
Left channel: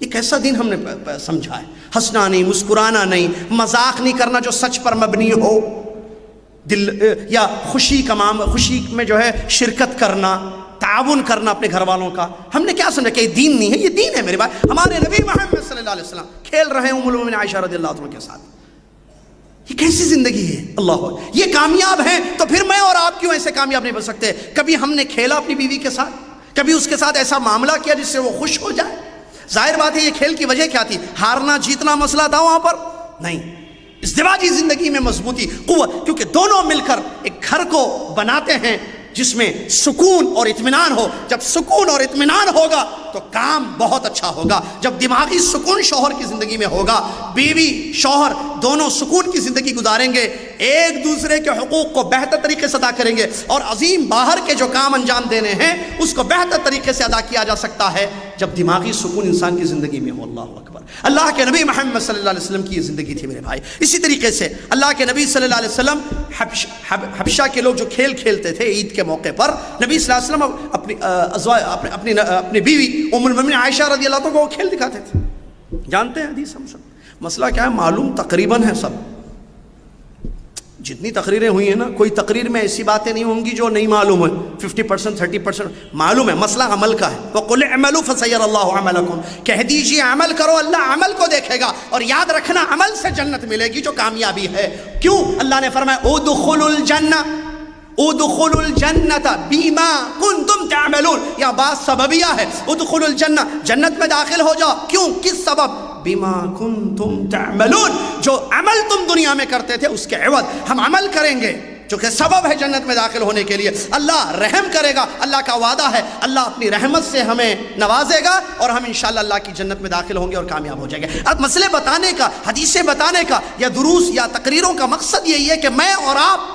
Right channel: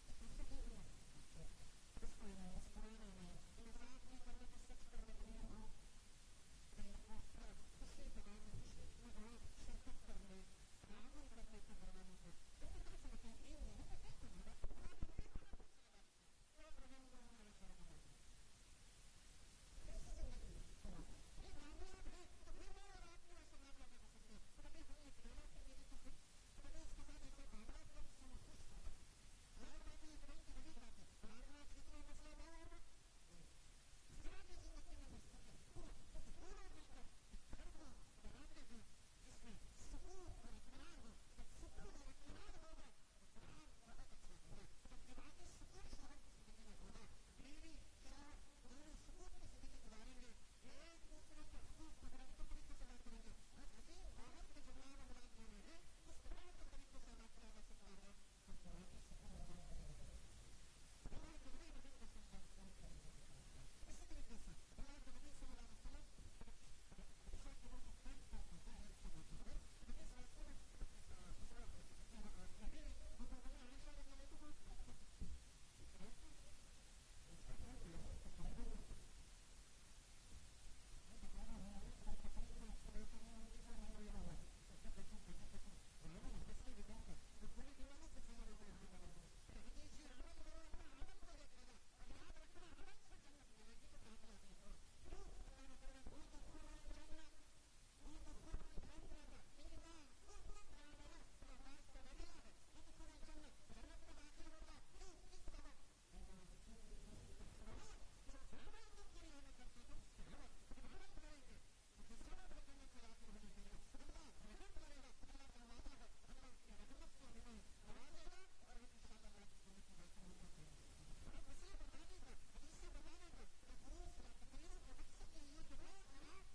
یہ کیسا دین ہم نے سمجھا ہے؟ ہنسنا نہیں, مسکرانا نہیں, مذاق نہیں کرنا جو سچ پر مبنی ہو, دل یا خوشی میں جو ہے شرکت کرنا, تعاون کرنا اپنے گھر والوں کا. ہم نے کیا سمجھا کہ یہ دین نہیں ہے؟ یہ دین ہے میرے بھائی. ہمارے نبی محمد صلی اللہ علیہ وسلم کھیل رہے ہیں ام المؤمنین عائشہ رضی اللہ عنہ کے ساتھ. یہ کیسی زندگی ہے؟ اللہ, یہ کامیاب ہیں, تو پھر میں اور آپ کیوں ایسے کامیاب نہیں بن سکتے؟ کبھی ہم نے کھیلا اپنی بیوی کے ساتھ, کبھی اس کے ساتھ ایسا معاملہ کیا جس سے وہ خوش ہو جائے؟ ظاہر بات ہے یہ کھیل کی وجہ کیا تھی؟ ہارنا جیتنا مسئلہ تھا وہاں پر؟ نہیں. ازدواجی زندگی میں مضبوطی, قوت, کیونکہ دونوں مل کر ایک گھر کو بناتے ہیں جس میں سکون اور اطمینان ہو. جب سکون اور اطمینان ہوگا تو کام بہت اچھا ہوگا. جب دماغی سکون شوہر کی زندگی میں ہوگا, بیوی شوہر دونوں سکون کی زندگی گزاریں گے, ایک دوسرے کے حقوق کو بہتر طریقے سے ادا کریں گے, اور عظیم باہر کے جو کام انجام دینے ہیں اس کو بہتر طریقے سے ادا کیا جا سکتا ہے جب دماغی سکون انسان کی زندگی میں ہو. اللہ اکبر. اللہ کے نبی محمد صلی اللہ علیہ وسلم کی یہ زندگی تھی میرے بھائی. اسی طریقے سے اللہ کے نبی صلی اللہ علیہ وسلم, حبشہ کے لوگ جو کھیل کھیلتے تھے عید کے موقع پر, نبی صلی اللہ علیہ وسلم اپنی بیوی ام المؤمنین عائشہ رضی اللہ عنہ کو کھیل دکھاتے تھے. جانتے ہیں حدیث ہم سب. مسئلہ کیا ہے؟ معلوم تقریباً ہے سب. جتنی تقریریں ہوئی ہیں نا, کوئی تقریر میں ایسی باتیں نہیں ہوں گی جو نہیں معلوم ہے. 50% 30% معلوم ہے. مسئلہ عمل کا ہے. وَقُلْ اعْمَلُوا فَسَيَرَ اللَّهُ عَمَلَكُمْ. کہہ دیجئے عمل کرو, اللہ عمل کو دیکھے گا. اور یاد رکھنا, عمل سے جنت ملے گی جو کامیابی ہے. کیوں؟ اللہ نے فرمایا اُدْخُلُوا الْجَنَّةَ ادخلوا الجنت بما کنتم تعملون. یا بات سببیہ ہے. ادخلوا الجنہ, جنت میں داخل ہو جاؤ. کیوں؟ کس سبب؟ بما کنتم تعملون, جو عمل تم دنیا میں کرتے تھے اس کے عوض ہم عمل کریں گے جو کہ سبب ہے جنت میں داخل ہونے کے لیے. اللہ رحم کرے گا, اللہ کا وعدہ ہے. اللہ اپنی رحمت سے ہمیں نوازے گا اور ہم انشاءاللہ اللہ کی جنت میں داخل ہوں گے اور کامیاب ہو جائیں گے. اب مسئلے بتانے کا, حدیثیں بتانے کا یا دروس یا تقریروں کا مقصد یہی ہے کہ میں اور آپ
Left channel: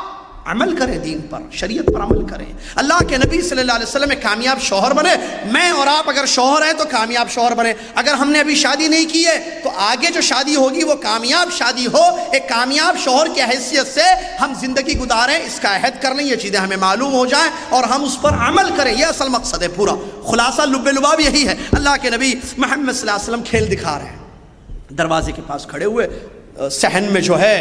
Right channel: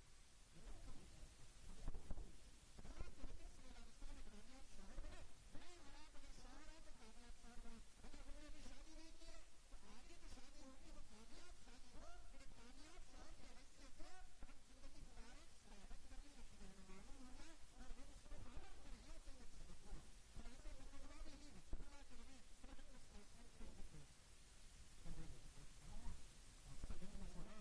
عمل کریں, دین پر, شریعت پر عمل کریں. اللہ کے نبی صلی اللہ علیہ وسلم ایک کامیاب شوہر بنے. میں اور آپ اگر شوہر ہیں تو کامیاب شوہر بنے. اگر ہم نے ابھی شادی نہیں کی ہے تو آگے جو شادی ہوگی وہ کامیاب شادی ہو. ایک کامیاب شوہر کی حیثیت سے ہم زندگی گزاریں, اس کا عہد کر لیں, یہ چیزیں ہمیں معلوم ہو جائیں اور ہم اس پر عمل کریں. یہ اصل مقصد ہے. پورا خلاصہ لب لباب یہی ہے. اللہ کے نبی محمد صلی اللہ علیہ وسلم کھیل دکھا رہے ہیں. دروازے کے پاس کھڑے ہوئے صحن میں جو ہے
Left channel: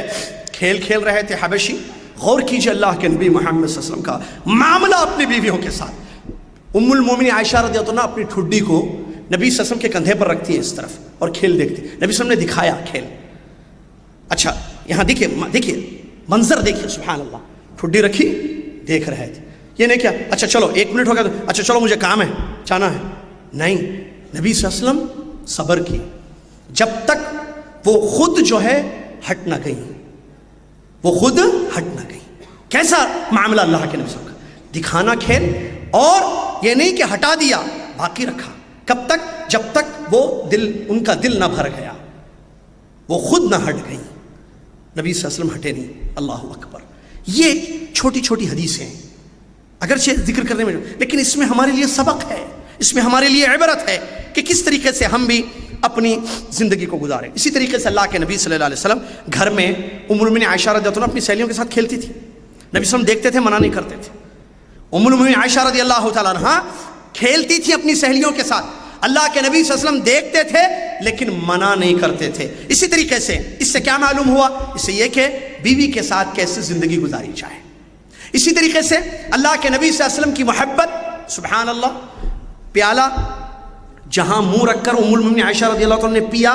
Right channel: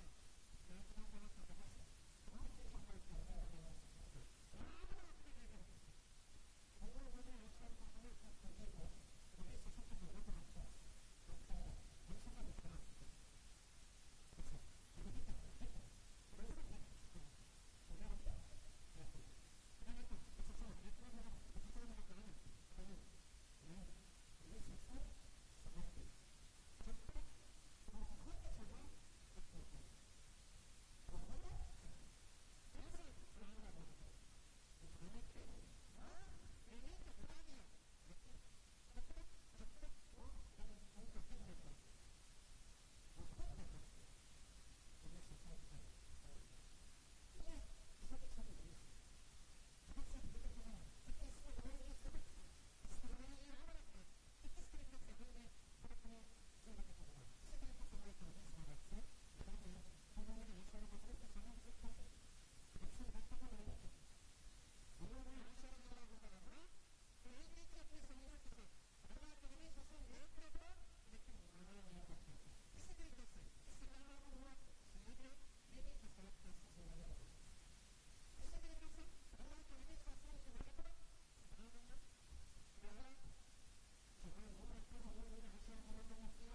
کھیل کھیل رہے تھے حبشی. غور کیجئے اللہ کے نبی محمد صلی اللہ علیہ وسلم کا معاملہ اپنی بیویوں کے ساتھ. ام المومنین عائشہ رضی اللہ عنہا اپنی ٹھڈی کو نبی صلی اللہ علیہ وسلم کے کندھے پر رکھتی ہے اس طرف اور کھیل دیکھتی. نبی صلی اللہ علیہ وسلم نے دکھایا کھیل. اچھا یہاں دیکھیے منظر دیکھیے, سبحان اللہ. ٹھڈی رکھی, دیکھ رہے تھے. یہ نہیں کیا اچھا چلو 1 منٹ ہو گیا تو اچھا چلو مجھے کام ہے, جانا ہے. نہیں، نبی صلی اللہ علیہ وسلم صبر کی جب تک وہ خود جو ہے ہٹ نہ گئی، وہ خود ہٹ نہ گئی۔ کیسا معاملہ اللہ کے نبی صلی اللہ علیہ وسلم کا، دکھانا کھیل، اور یہ نہیں کہ ہٹا دیا، باقی رکھا۔ کب تک؟ جب تک وہ ان کا دل نہ بھر گیا، وہ خود نہ ہٹ گئی، نبی صلی اللہ علیہ وسلم ہٹے نہیں۔ اللہ اکبر۔ یہ چھوٹی چھوٹی حدیثیں ہیں اگرچہ ذکر کرنے میں، لیکن اس میں ہمارے لیے سبق ہے، اس میں ہمارے لیے عبرت ہے کہ کس طریقے سے ہم بھی اپنی زندگی کو گزاریں۔ اسی طریقے سے اللہ کے نبی صلی اللہ علیہ وسلم گھر میں ام المؤمنین عائشہ رضی اللہ عنہا اپنی سہیلیوں کے ساتھ کھیلتی تھی، نبی صلی اللہ علیہ وسلم دیکھتے تھے، منع نہیں کرتے تھے۔ ام المؤمنین عائشہ رضی اللہ تعالیٰ عنہا کھیلتی تھی اپنی سہیلیوں کے ساتھ، اللہ کے نبی صلی اللہ علیہ وسلم دیکھتے تھے لیکن منع نہیں کرتے تھے۔ اسی طریقے سے اس سے کیا معلوم ہوا؟ اس سے یہ کہ بیوی کے ساتھ کیسے زندگی گزاری جائے۔ اسی طریقے سے اللہ کے نبی صلی اللہ علیہ وسلم کی محبت، سبحان اللہ، پیالہ جہاں منہ رکھ کر ام المؤمنین عائشہ رضی اللہ عنہا نے پیا،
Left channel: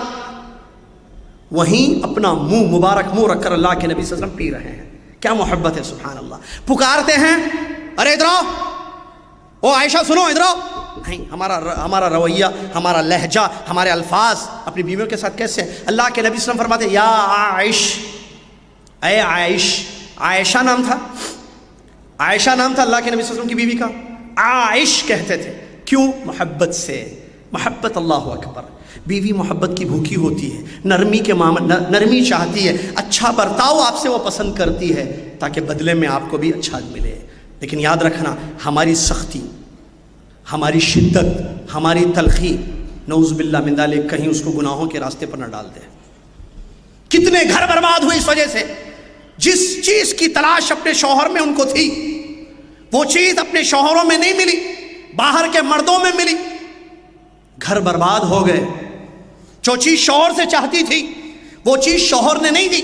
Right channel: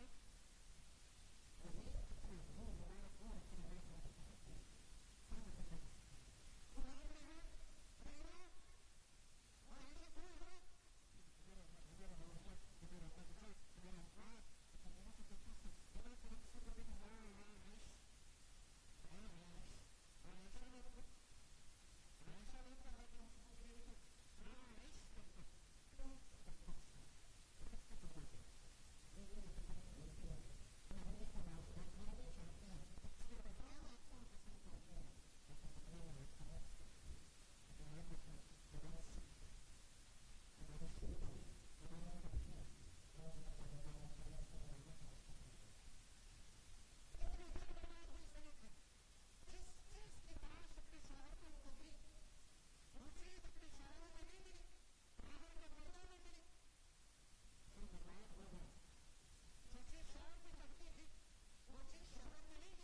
وہیں اپنا مبارک منہ رکھ کر اللہ کے نبی صلی اللہ علیہ وسلم پی رہے ہیں۔ کیا محبت ہے، سبحان اللہ۔ پکارتے ہیں، ارے ادھر آؤ، او عائشہ سنو ادھر آؤ۔ نہیں، ہمارا رویہ، ہمارا لہجہ، ہمارے الفاظ اپنی بیویوں کے ساتھ کیسے ہیں؟ اللہ کے نبی صلی اللہ علیہ وسلم فرماتے ہیں، یا عائش، اے عائش، عائشہ نام تھا، عائشہ نام تھا اللہ کے نبی صلی اللہ علیہ وسلم کی بیوی کا، عائش کہتے تھے۔ کیوں؟ محبت سے۔ محبت، اللہ اکبر۔ بیوی محبت کی بھوکی ہوتی ہے، نرمی کے نرمی چاہتی ہے، اچھا برتاؤ آپ سے وہ پسند کرتی ہے تاکہ بدلے میں آپ کو بھی اچھا ملے۔ لیکن یاد رکھنا، ہماری سختی، ہماری شدت، ہماری تلخی، نعوذ باللہ من ذالک، کہیں اس کو گناہوں کے راستے پر نہ ڈال دے۔ کتنے گھر برباد ہوئے اس وجہ سے، جس چیز کی تلاش اپنے شوہر میں ان کو تھی، وہ چیز اپنے شوہروں میں نہیں ملی، باہر کے مردوں میں ملی، گھر برباد ہو گئے۔ جو چیز شوہر سے چاہتی تھی وہ چیز شوہر نے نہیں دی،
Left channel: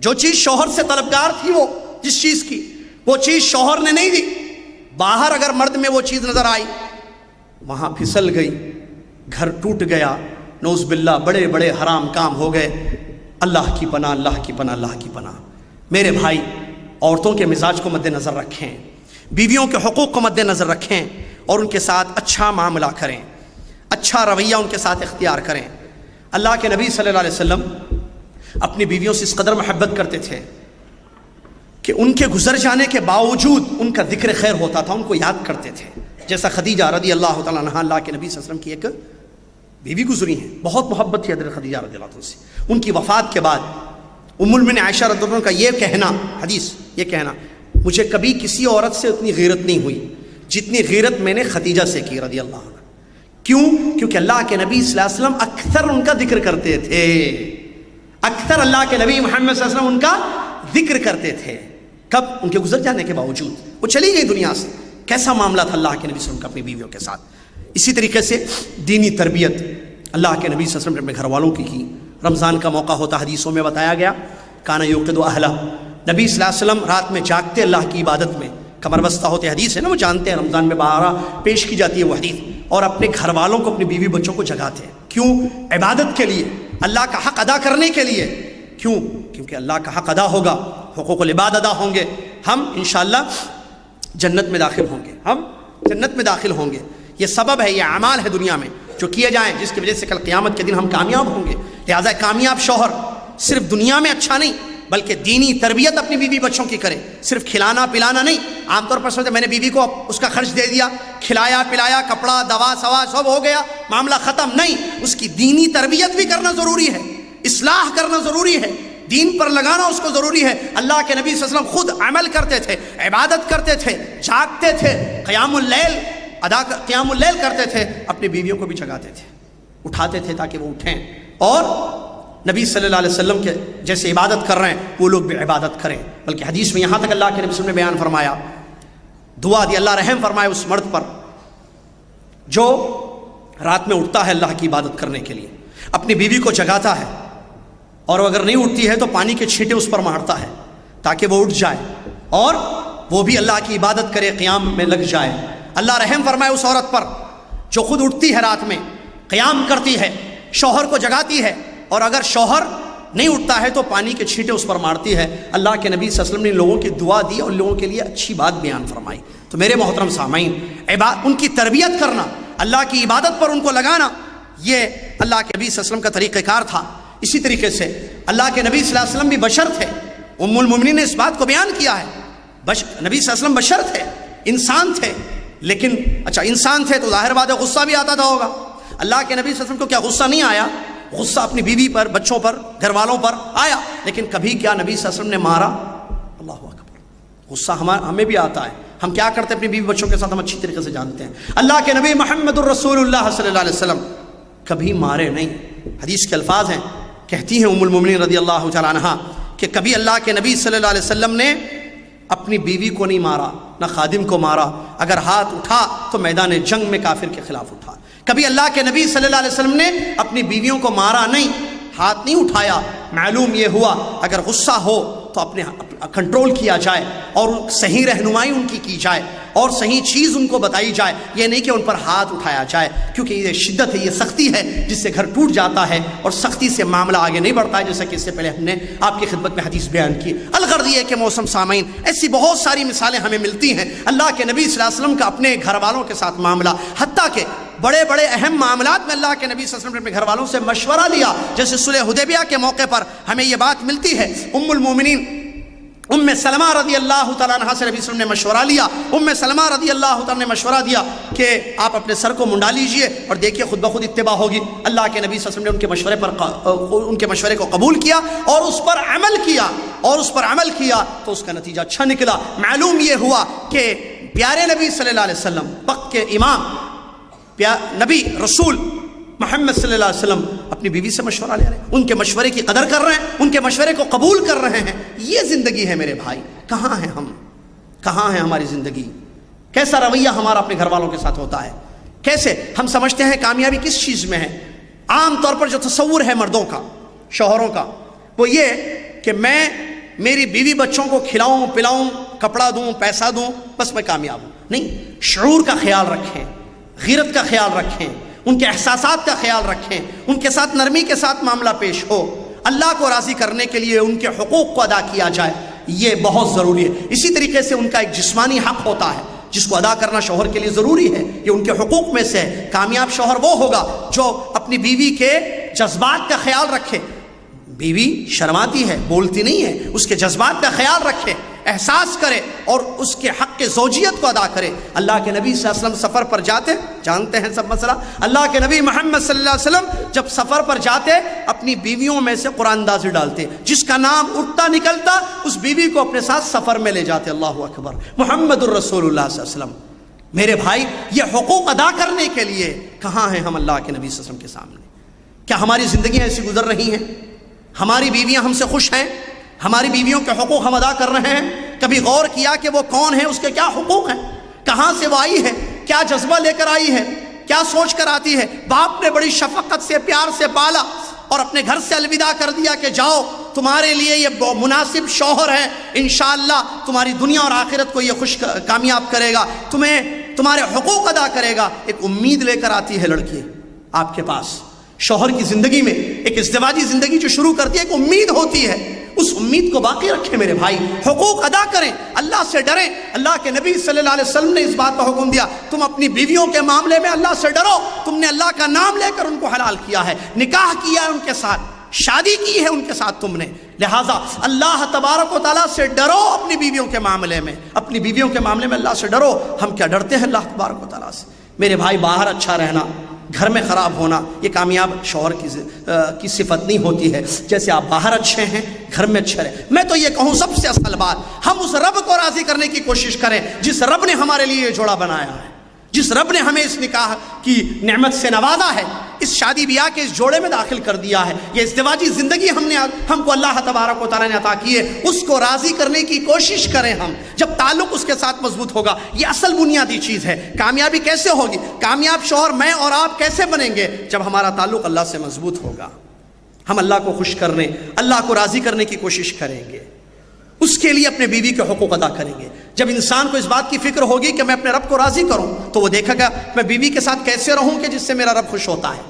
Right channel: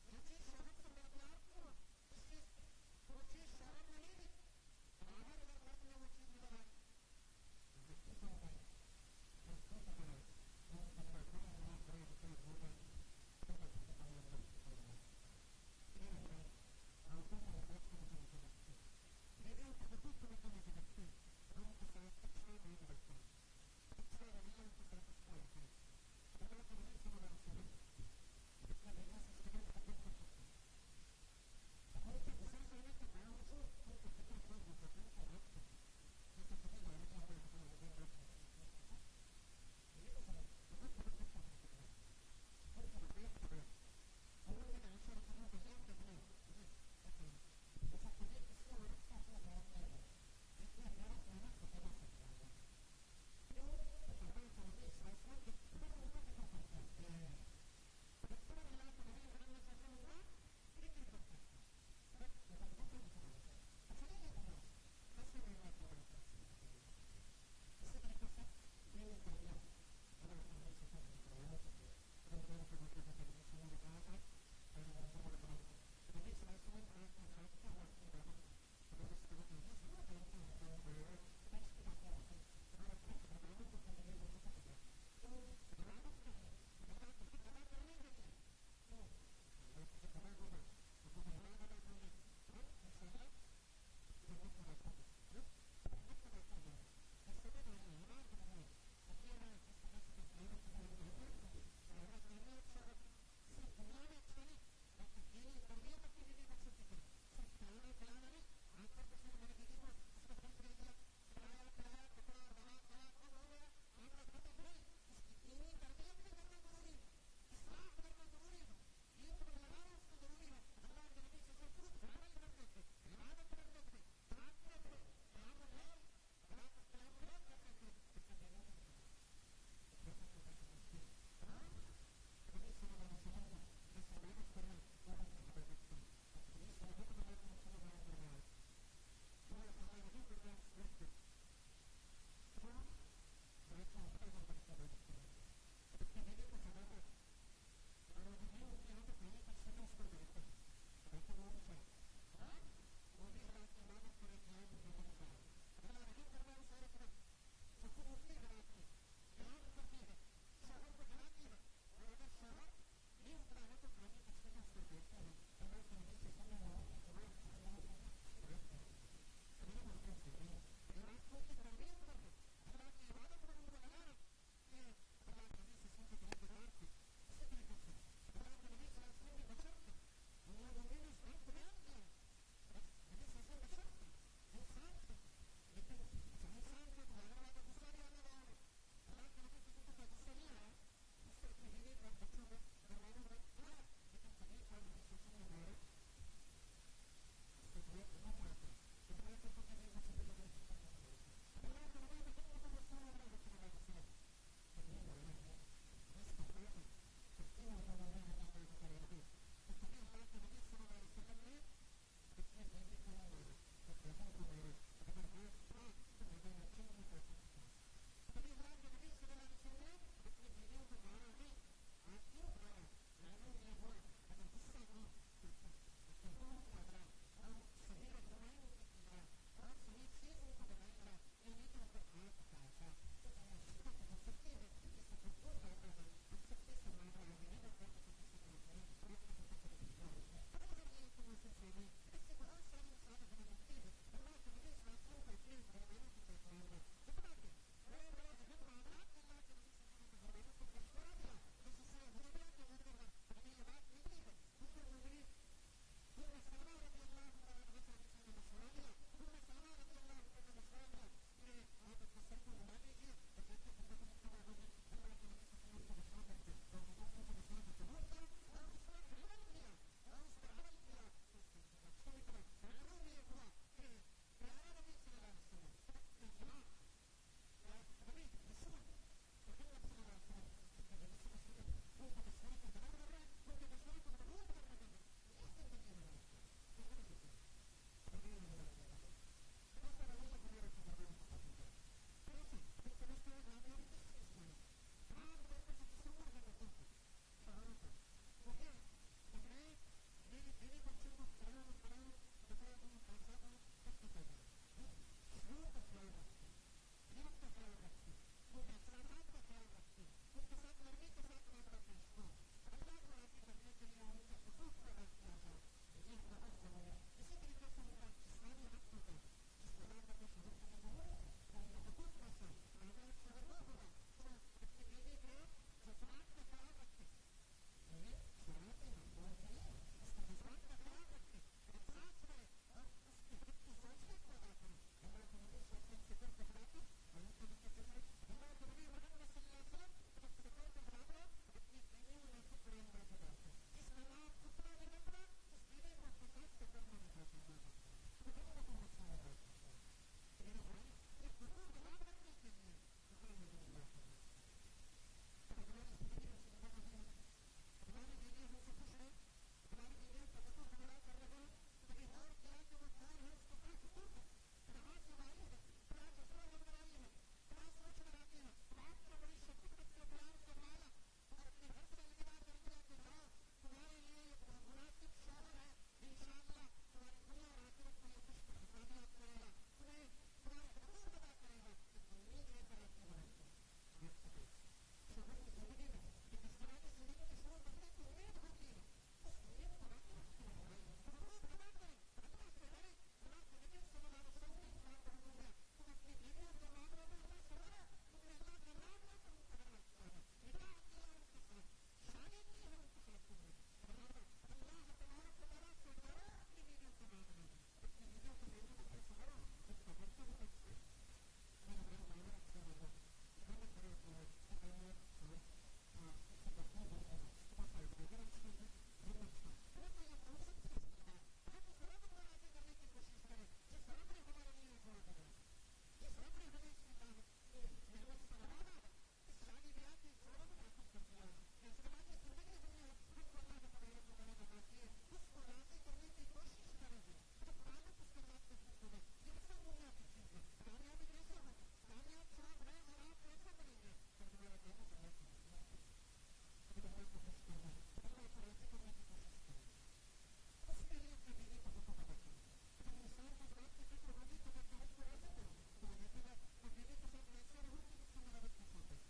جو چیز شوہر سے طلبگار تھی، وہ جس چیز کی، وہ چیز شوہر نے نہیں دی، باہر اگر مرد میں وہ چیز نظر آئی، وہاں پھسل گئی، گھر ٹوٹ گیا، نعوذ باللہ بڑے بڑے حرام کام ہو گئے۔ اللہ کی پناہ، اللہ کی پناہ، اللہ کی پناہ۔ میرے بھائی، عورتوں کے مزاج کو مد نظر رکھیں، بیویوں کے حقوق کو مد نظر رکھیں، اور ان کے ساتھ اچھا معاملہ کریں، اچھا رویہ ان کے ساتھ اختیار کریں۔ اللہ کے نبی صلی اللہ علیہ وسلم اپنی بیویوں سے اس قدر محبت کرتے تھے کہ ان کے گزر جانے کے باوجود ان کا ذکر خیر ہوتا تھا، ان کو یاد کرتے تھے۔ جیسا خدیجہ رضی اللہ تعالیٰ عنہا، اللہ کے نبی صلی اللہ علیہ وسلم کی ایک بیوی گزری ہیں، بہت محبت تھی حضرت خدیجہ رضی اللہ عنہ سے۔ ان کی وفات کے بعد ام المؤمنین عائشہ رضی اللہ عنہ کا یہ کہنا، حدیث یہ کہنا، مجھے کبھی کسی عورت سے اتنی غیرت نہیں ہوئی جتنی غیرت میں نے خدیجہ سے کی رضی اللہ عنہ۔ کیوں؟ کیونکہ اللہ کے نبی صلی اللہ علیہ وسلم اکثر ان کا ذکر کرتے تھے، اکثر اللہ کے نبی محمد صلی اللہ علیہ وسلم ان کا ذکر کرتے تھے۔ کب؟ ان کے گزر جانے کے باوجود، وہ چلی گئی دنیا سے۔ کیسا معاملہ تھا اللہ کے نبی صلی اللہ علیہ وسلم کا اپنی بیویوں کے ساتھ۔ اسی طریقے سے دینی تربیت اللہ کے نبی صلی اللہ علیہ وسلم نے اپنے گھر والوں کی رمضان کا موقع ہوتا، حدیثوں میں بتایا گیا، کانا یوقظ اہلہ، نبی صلی اللہ علیہ وسلم رات میں جاگتے اللہ کی عبادت میں، کمر بستہ ہوتے، حدیث ہے نا، وہ جانتے ہیں رمضان میں بارہ پیش کی جاتی ہے وہ حدیث، اور اپنے گھر والوں کو، اپنی بیوی بچوں کو جگاتے ہیں۔ کیوں؟ عبادت کے لیے، اللہ کا حق ادا کرنے کے لیے۔ کیوں؟ کیونکہ اللہ کا حق ادا ہوگا، حقوق العباد ادا ہوں گے، ہم انشاءاللہ جنت میں داخل ہوں گے، ہم جنت میں داخل ہوں گے۔ یہ سبب ہے، یہ اعمال ہے دنیا میں جو کیے جائیں، جس کی وجہ سے کل قیامت کے دن ہم کامیاب ہوں گے۔ لہٰذا کامیاب شوہر صرف دنیا میں اچھا نہیں بلکہ دینی تربیت اپنی بیوی بچوں کی کرے، صرف کھلانا پلانا نہیں۔ عام طور پر سمجھتے میں نے بیوی کو اس کا خرچ دے دیا، کھلایا پلایا، کپڑا دوا سوا سب ہو گیا، معاملہ ختم، نہیں، اس کی دینی تربیت بھی کرنا ضروری ہے، اصلاح کرنا ضروری ہے، دین پر لگانا اس کو ضروری ہے۔ اللہ کے نبی صلی اللہ علیہ وسلم خود عمل کرتے تھے، عبادت کرتے تھے، جاگتے تھے، قیام اللیل کرتے تھے، اپنی بیویوں کو بھی جگاتے تھے، اٹھاتے تھے تاکہ وہ اٹھیں، اور نبی صلی اللہ علیہ وسلم کے جیسے عبادت کر رہے ہیں وہ لوگ بھی عبادت کریں۔ بلکہ حدیث میں یہاں تک اللہ کے نبی صلی اللہ علیہ وسلم نے بیان فرمایا، دعا دی، اللہ رحم فرمائے اس مرد پر جو رات میں اٹھتا ہے اللہ کی عبادت کرنے کے لیے، اپنی بیوی کو جگاتا ہے، اور اگر نہیں اٹھتی ہے تو پانی کے چھینٹے اس پر مارتا ہے تاکہ وہ اٹھ جائے اور وہ بھی اللہ کی عبادت کرے، قیام میں لگ جائے۔ اللہ رحم فرمائے اس عورت پر جو خود اٹھتی ہے رات میں، قیام کرتی ہے، شوہر کو جگاتی ہے، اور اگر شوہر نہیں اٹھتا ہے تو پانی کے چھینٹے اس پر مارتی ہے۔ اللہ کے نبی صلی اللہ علیہ وسلم نے لوگوں کی دعا دی اور لوگوں کے لیے اچھی بات بیان فرمائی۔ تو میرے محترم سامعین، ان کی تربیت کرنا، اللہ کی عبادت پر ان کو لگانا، یہ اللہ کے نبی صلی اللہ علیہ وسلم کا طریقہ کار تھا۔ اسی طریقے سے اللہ کے نبی صلی اللہ علیہ وسلم بھی بشر تھے، ام المومنین نے اس بات کو بیان کیا ہے، نبی صلی اللہ علیہ وسلم بشر تھے، انسان تھے، لیکن اچھا انسان تھے تو ظاہر بات ہے غصہ بھی آتا تھا ہوگا۔ اللہ کے نبی صلی اللہ علیہ وسلم کو کیا غصہ نہیں آیا؟ غصہ اپنی بیوی پر، بچوں پر، گھر والوں پر آیا، لیکن کبھی کیا نبی صلی اللہ علیہ وسلم نے مارا؟ اللہ اکبر۔ غصہ ہمیں بھی آتا ہے، ہم کیا کرتے ہیں اپنی بیوی بچوں کے ساتھ ہم اچھی طریقے سے جانتے ہیں۔ اللہ کے نبی محمد الرسول اللہ صلی اللہ علیہ وسلم کبھی مارے نہیں۔ حدیث کے الفاظ ہیں، کہتی ہیں ام المومنین رضی اللہ تعالیٰ عنہا کہ کبھی اللہ کے نبی صلی اللہ علیہ وسلم نے اپنی بیوی کو نہیں مارا، نہ خادم کو مارا، اگر ہاتھ اٹھا تو میدان جنگ میں کافر کے خلاف اٹھا۔ کبھی اللہ کے نبی صلی اللہ علیہ وسلم نے اپنی بیویوں کو مارا نہیں، ہاتھ نہیں اٹھایا۔ معلوم یہ ہوا اگر غصہ ہو تو اپنے کنٹرول کیا جائے اور صحیح رہنمائی ان کی جائے اور صحیح چیز ان کو بتائی جائے، یہ نہیں کہ ان پر ہاتھ اٹھایا جائے، کیونکہ یہ شدت ہے، یہ سختی ہے جس سے گھر ٹوٹ جاتا ہے اور سختی سے معاملہ آگے نہیں بڑھتا ہے، جیسا کہ اس سے پہلے ہم نے آپ کی خدمت میں حدیث بیان کی۔ الغرض یہ کہ موسم سامعین ایسی بہت ساری مثالیں ہمیں ملتی ہیں اللہ کے نبی صلی اللہ علیہ وسلم کا اپنے گھر والوں کے ساتھ معاملہ، حتیٰ کہ بڑے بڑے اہم معاملات میں اللہ کے نبی صلی اللہ علیہ وسلم نے اپنے گھر والوں سے مشورہ لیا، جیسے صلح حدیبیہ کے موقع پر ہمیں یہ بات ملتی ہے۔ ام المومنین ام سلمہ رضی اللہ تعالیٰ عنہ سے نبی صلی اللہ علیہ وسلم نے مشورہ لیا۔ ام سلمہ رضی اللہ تعالیٰ نے مشورہ دیا کہ آپ اپنے سر کو منڈا لیجئے اور دیکھیے خود بخود اتباع ہوگی۔ اللہ کے نبی صلی اللہ علیہ وسلم نے ان کے مشورے کو قبول کیا اور اس پر عمل کیا تو اس کا نتیجہ اچھا نکلا۔ معلوم یہ ہوا کہ پیارے نبی صلی اللہ علیہ وسلم، وقت کے امام نبی رسول محمد صلی اللہ علیہ وسلم اپنی بیوی سے مشورہ لے رہے ہیں، ان کے مشورے کی قدر کر رہے ہیں، ان کے مشورے کو قبول کر رہے ہیں۔ یہ زندگی ہے میرے بھائی۔ کہاں ہیں ہم؟ کہاں ہے ہماری زندگی؟ کیسا رویہ ہمارا اپنے گھر والوں کے ساتھ ہوتا ہے؟ کیسے ہم سمجھتے ہیں کامیابی کس چیز میں ہے؟ عام طور پر جو تصور ہے مردوں کا، شوہروں کا، وہ یہ کہ میں میری بیوی بچوں کو کھلاؤں پلاؤں، کپڑا دوں، پیسہ دوں، بس میں کامیاب ہوں۔ نہیں، شعور کا خیال رکھیں، غیرت کا خیال رکھیں، ان کے احساسات کا خیال رکھیں، ان کے ساتھ نرمی کے ساتھ معاملہ پیش ہو، اللہ کو راضی کرنے کے لیے ان کے حقوق کو ادا کیا جائے، یہ بہت ضروری ہے۔ اسی طریقے سے ان کا ایک جسمانی حق ہوتا ہے جس کو ادا کرنا شوہر کے لیے ضروری ہے، یہ ان کے حقوق میں سے ہے۔ کامیاب شوہر وہ ہوگا جو اپنی بیوی کے جذبات کا خیال رکھے۔ بیوی شرماتی ہے، بولتی نہیں ہے، اس کے جذبات کا خیال رکھے، احساس کرے اور اس کے حق کے زوجیت کو ادا کرے۔ اللہ کے نبی صلی اللہ علیہ وسلم سفر پر جاتے، جانتے ہیں سب مسئلہ، اللہ کے نبی محمد صلی اللہ علیہ وسلم جب سفر پر جاتے اپنی بیویوں میں سے قرآن اندازی ڈالتے، جس کا نام اٹھتا نکلتا اس بیوی کو اپنے ساتھ سفر میں لے جاتے۔ اللہ اکبر، محمد الرسول اللہ صلی اللہ علیہ وسلم۔ میرے بھائی، یہ حقوق ادا کرنے کے لیے کہاں ہیں ہم اللہ کے نبی صلی اللہ علیہ وسلم کے سامنے؟ کیا ہماری زندگیاں ایسی گزر رہی ہیں؟ ہماری بیویاں ہم سے خوش ہیں؟ ہماری بیویوں کے حقوق ہم ادا کر رہے ہیں؟ کبھی غور کیا کہ وہ کون ہے، اس کے کیا حقوق ہیں، کہاں سے وہ آئی ہے، کیا جذبہ لے کر آئی ہے، کیا سوچ کر آتی ہے؟ باپ نے بڑی شفقت سے پیار سے پالا اور اپنے گھر سے الوداع کر دیا کہ جاؤ، تمہارے لیے یہ مناسب شوہر ہے، انشاءاللہ تمہاری دنیا اور آخرت کو یہ کامیاب کرے گا، تمہیں تمہارے حقوق ادا کرے گا۔ ایک امید لے کر آتی ہے لڑکی آپ کے پاس، شوہر کی زندگی میں ایک ازدواجی زندگی جو شروع کرتی ہے، ایک امید ہوتی ہے، اس امید کو باقی رکھیں میرے بھائی، حقوق ادا کریں، اللہ سے ڈریں۔ اللہ کے نبی صلی اللہ علیہ وسلم نے اس بات کا حکم دیا، تم اپنی بیویوں کے معاملے میں اللہ سے ڈرو، تم نے اللہ کا نام لے کر ان کو حلال کیا ہے، نکاح کیا ہے ان کے ساتھ، شادی کی ہے ان کے ساتھ تم نے، لہٰذا اللہ تبارک و تعالیٰ سے ڈرو اپنی بیویوں کے معاملے میں، اپنی بیویوں کے معاملے میں اللہ سے ڈرو۔ ہم کیا ڈرتے ہیں اللہ تبارک و تعالیٰ سے؟ میرے بھائی، باہر اچھا رہنا، گھر میں خراب ہونا، یہ کامیاب شوہر کی صفت نہیں ہوتی ہے۔ جیسے آپ باہر اچھے ہیں، گھر میں اچھے رہیں۔ میں تو یہ کہوں سب سے اصل بات، ہم اس رب کو راضی کرنے کی کوشش کریں جس رب نے ہمارے لیے یہ جوڑا بنایا ہے، جس رب نے ہمیں اس نکاح کی نعمت سے نوازا ہے، اس شادی بیاہ کے اس جوڑے میں داخل کر دیا ہے، یہ ازدواجی زندگی ہم کو اللہ تبارک و تعالیٰ نے عطا کی ہے، اس کو راضی کرنے کی کوشش کریں ہم۔ جب تعلق اس کے ساتھ مضبوط ہوگا، یہ اصل بنیادی چیز ہے۔ کامیابی کیسے ہوگی؟ کامیاب شوہر میں اور آپ کیسے بنیں گے؟ جب ہمارا تعلق اللہ سے مضبوط ہوگا، ہم اللہ کو خوش کرنے، اللہ کو راضی کرنے کی کوشش کریں گے، اس کے لیے اپنے بیوی کے حقوق ادا کریں گے۔ جب انسان کو اس بات کی فکر ہوگی کہ میں اپنے رب کو راضی کروں، تو وہ دیکھے گا میں بیوی کے ساتھ کیسے رہوں کہ جس سے میرا رب خوش ہوتا ہے۔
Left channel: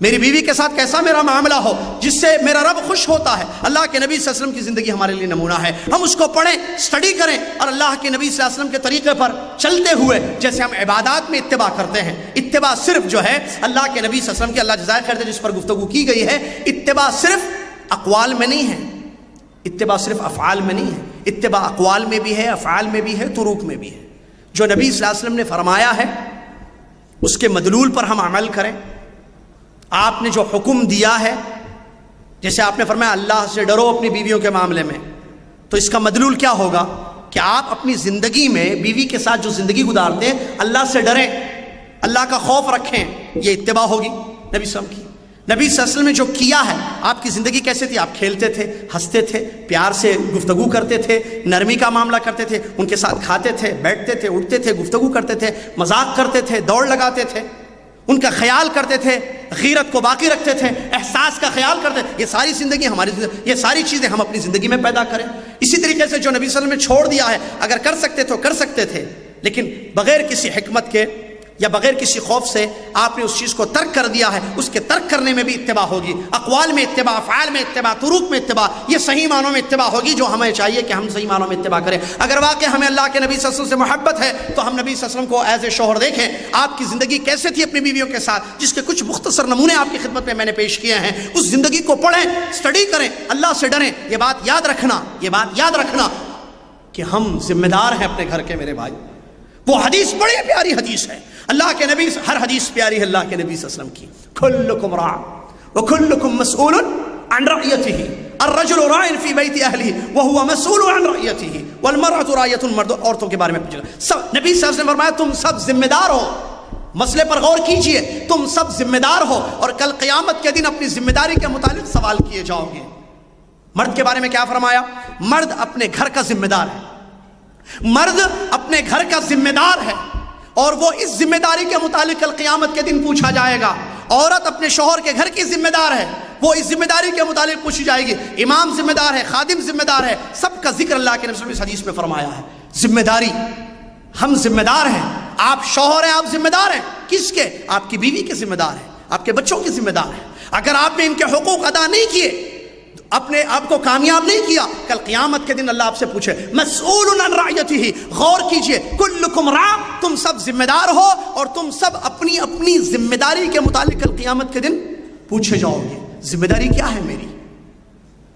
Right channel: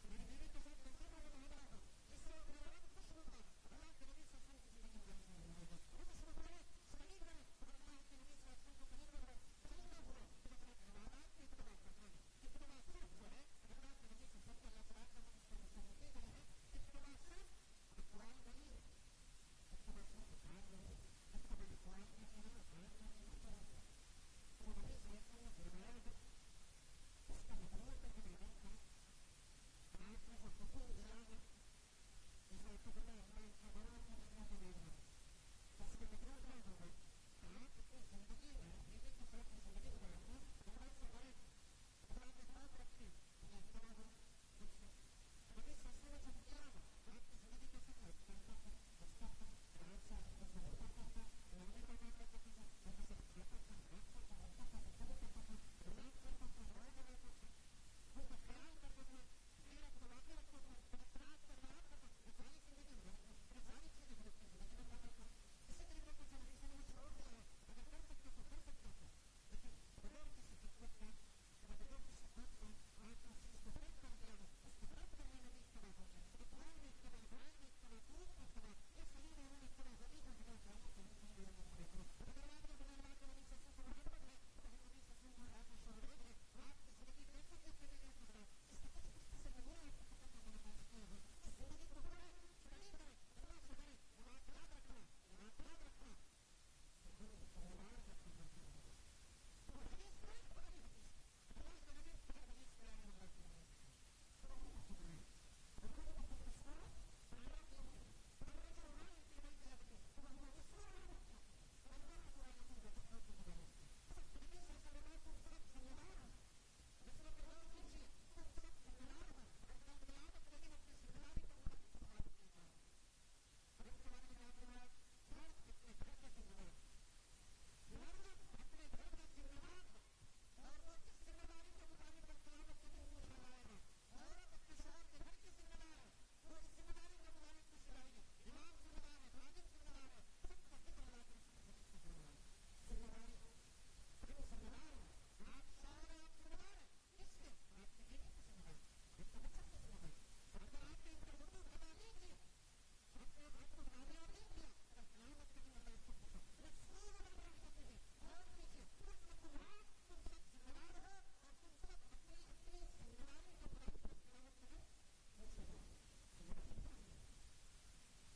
میری بیوی کے ساتھ کیسا میرا معاملہ ہو جس سے میرا رب خوش ہوتا ہے۔ اللہ کے نبی صلی اللہ علیہ وسلم کی زندگی ہمارے لیے نمونہ ہے، ہم اس کو پڑھیں، سٹڈی کریں، اور اللہ کے نبی صلی اللہ علیہ وسلم کے طریقے پر چلتے ہوئے جیسے ہم عبادات میں اتباع کرتے ہیں، اتباع صرف جو ہے اللہ کے نبی صلی اللہ علیہ وسلم کی اللہ جزائے خیر دے جس پر گفتگو کی گئی ہے، اتباع صرف اقوال میں نہیں ہے، اتباع صرف افعال میں نہیں ہے، اتباع اقوال میں بھی ہے، افعال میں بھی ہے، طرق میں بھی ہے۔ جو نبی صلی اللہ علیہ وسلم نے فرمایا ہے اس کے مدلول پر ہم عمل کریں۔ آپ نے جو حکم دیا ہے، جیسے آپ نے فرمایا اللہ سے ڈرو اپنی بیویوں کے معاملے میں، تو اس کا مدلول کیا ہوگا کہ آپ اپنی زندگی میں بیوی کے ساتھ جو زندگی گزارتے ہیں اللہ سے ڈریں، اللہ کا خوف رکھیں، یہ اتباع ہوگی نبی صلی اللہ علیہ وسلم کی۔ نبی صلی اللہ علیہ وسلم نے جو کیا ہے، آپ کی زندگی کیسے تھی؟ آپ کھیلتے تھے، ہنستے تھے، پیار سے گفتگو کرتے تھے، نرمی کا معاملہ کرتے تھے، ان کے ساتھ کھاتے تھے، بیٹھتے تھے، اٹھتے تھے، گفتگو کرتے تھے، مذاق کرتے تھے، دوڑ لگاتے تھے، ان کا خیال کرتے تھے، غیرت کو باقی رکھتے تھے، احساس کا خیال کرتے تھے۔ یہ ساری زندگی ہماری یہ ساری چیزیں ہم اپنی زندگی میں پیدا کریں۔ اسی طریقے سے جو نبی صلی اللہ علیہ وسلم نے چھوڑ دیا ہے، اگر کر سکتے تو کر سکتے تھے، لیکن بغیر کسی حکمت کے یا بغیر کسی خوف سے آپ نے اس چیز کو ترک کر دیا ہے، اس کے ترک کرنے میں بھی اتباع ہوگی، اقوال میں اتباع، افعال میں اتباع، طرق میں اتباع، یہ صحیح معنوں میں اتباع ہوگی جو ہمیں چاہیے کہ ہم صحیح معنوں میں اتباع کریں۔ اگر واقعی ہمیں اللہ کے نبی صلی اللہ علیہ وسلم سے محبت ہے تو ہم نبی صلی اللہ علیہ وسلم کو ایز اے شوہر دیکھیں، آپ کی زندگی کیسے تھی اپنی بیویوں کے ساتھ، جس کے کچھ مختصر نمونے آپ کی خدمت میں نے پیش کیے ہیں۔ اس زندگی کو پڑھیں، سٹڈی کریں، اللہ سے ڈریں۔ یہ بات یاد رکھنا کہ ہم ذمہ دار ہیں اپنے گھر کے، میرے بھائی۔ وہ حدیث بڑی پیاری حدیث ہے، اللہ کے نبی، ہر حدیث پیاری ہے اللہ کے نبی صلی اللہ علیہ وسلم کی۔ کلکم راع وکلکم مسئول عن رعیتہ، الرجل راع فی بیت اہلہ وہو مسئول عن رعیتہ والمرأة راعیۃ، مرد عورتوں کے بارے میں پوچھے گا۔ نبی صلی اللہ علیہ وسلم نے فرمایا تم سب ذمہ دار ہو، مسئلے پر غور کیجئے، تم سب ذمہ دار ہو اور کل قیامت کے دن اپنی ذمہ داری کے متعلق سوال کیے جاؤ گے۔ مرد کے بارے میں کیا فرمایا؟ مرد اپنے گھر کا ذمہ دار ہے، مرد اپنے گھر کا ذمہ دار ہے اور وہ اس ذمہ داری کے متعلق کل قیامت کے دن پوچھا جائے گا۔ عورت اپنے شوہر کے گھر کی ذمہ دار ہے، وہ اس ذمہ داری کے متعلق پوچھی جائے گی۔ امام ذمہ دار ہے، خادم ذمہ دار ہے، سب کا ذکر اللہ کے نبی صلی اللہ علیہ وسلم اس حدیث میں فرمایا ہے۔ ذمہ داری، ہم ذمہ دار ہیں، آپ شوہر ہیں، آپ ذمہ دار ہیں۔ کس کے؟ آپ کی بیوی کے ذمہ دار ہیں، آپ کے بچوں کے ذمہ دار ہیں۔ اگر آپ نے ان کے حقوق ادا نہیں کیے، اپنے آپ کو کامیاب نہیں کیا، کل قیامت کے دن اللہ آپ سے پوچھے مسئول عن رعیتہ۔ غور کیجئے، کلکم راع، تم سب ذمہ دار ہو اور تم سب اپنی اپنی ذمہ داری کے متعلق کل قیامت کے دن پوچھے جاؤ گے۔ ذمہ داری کیا ہے میری؟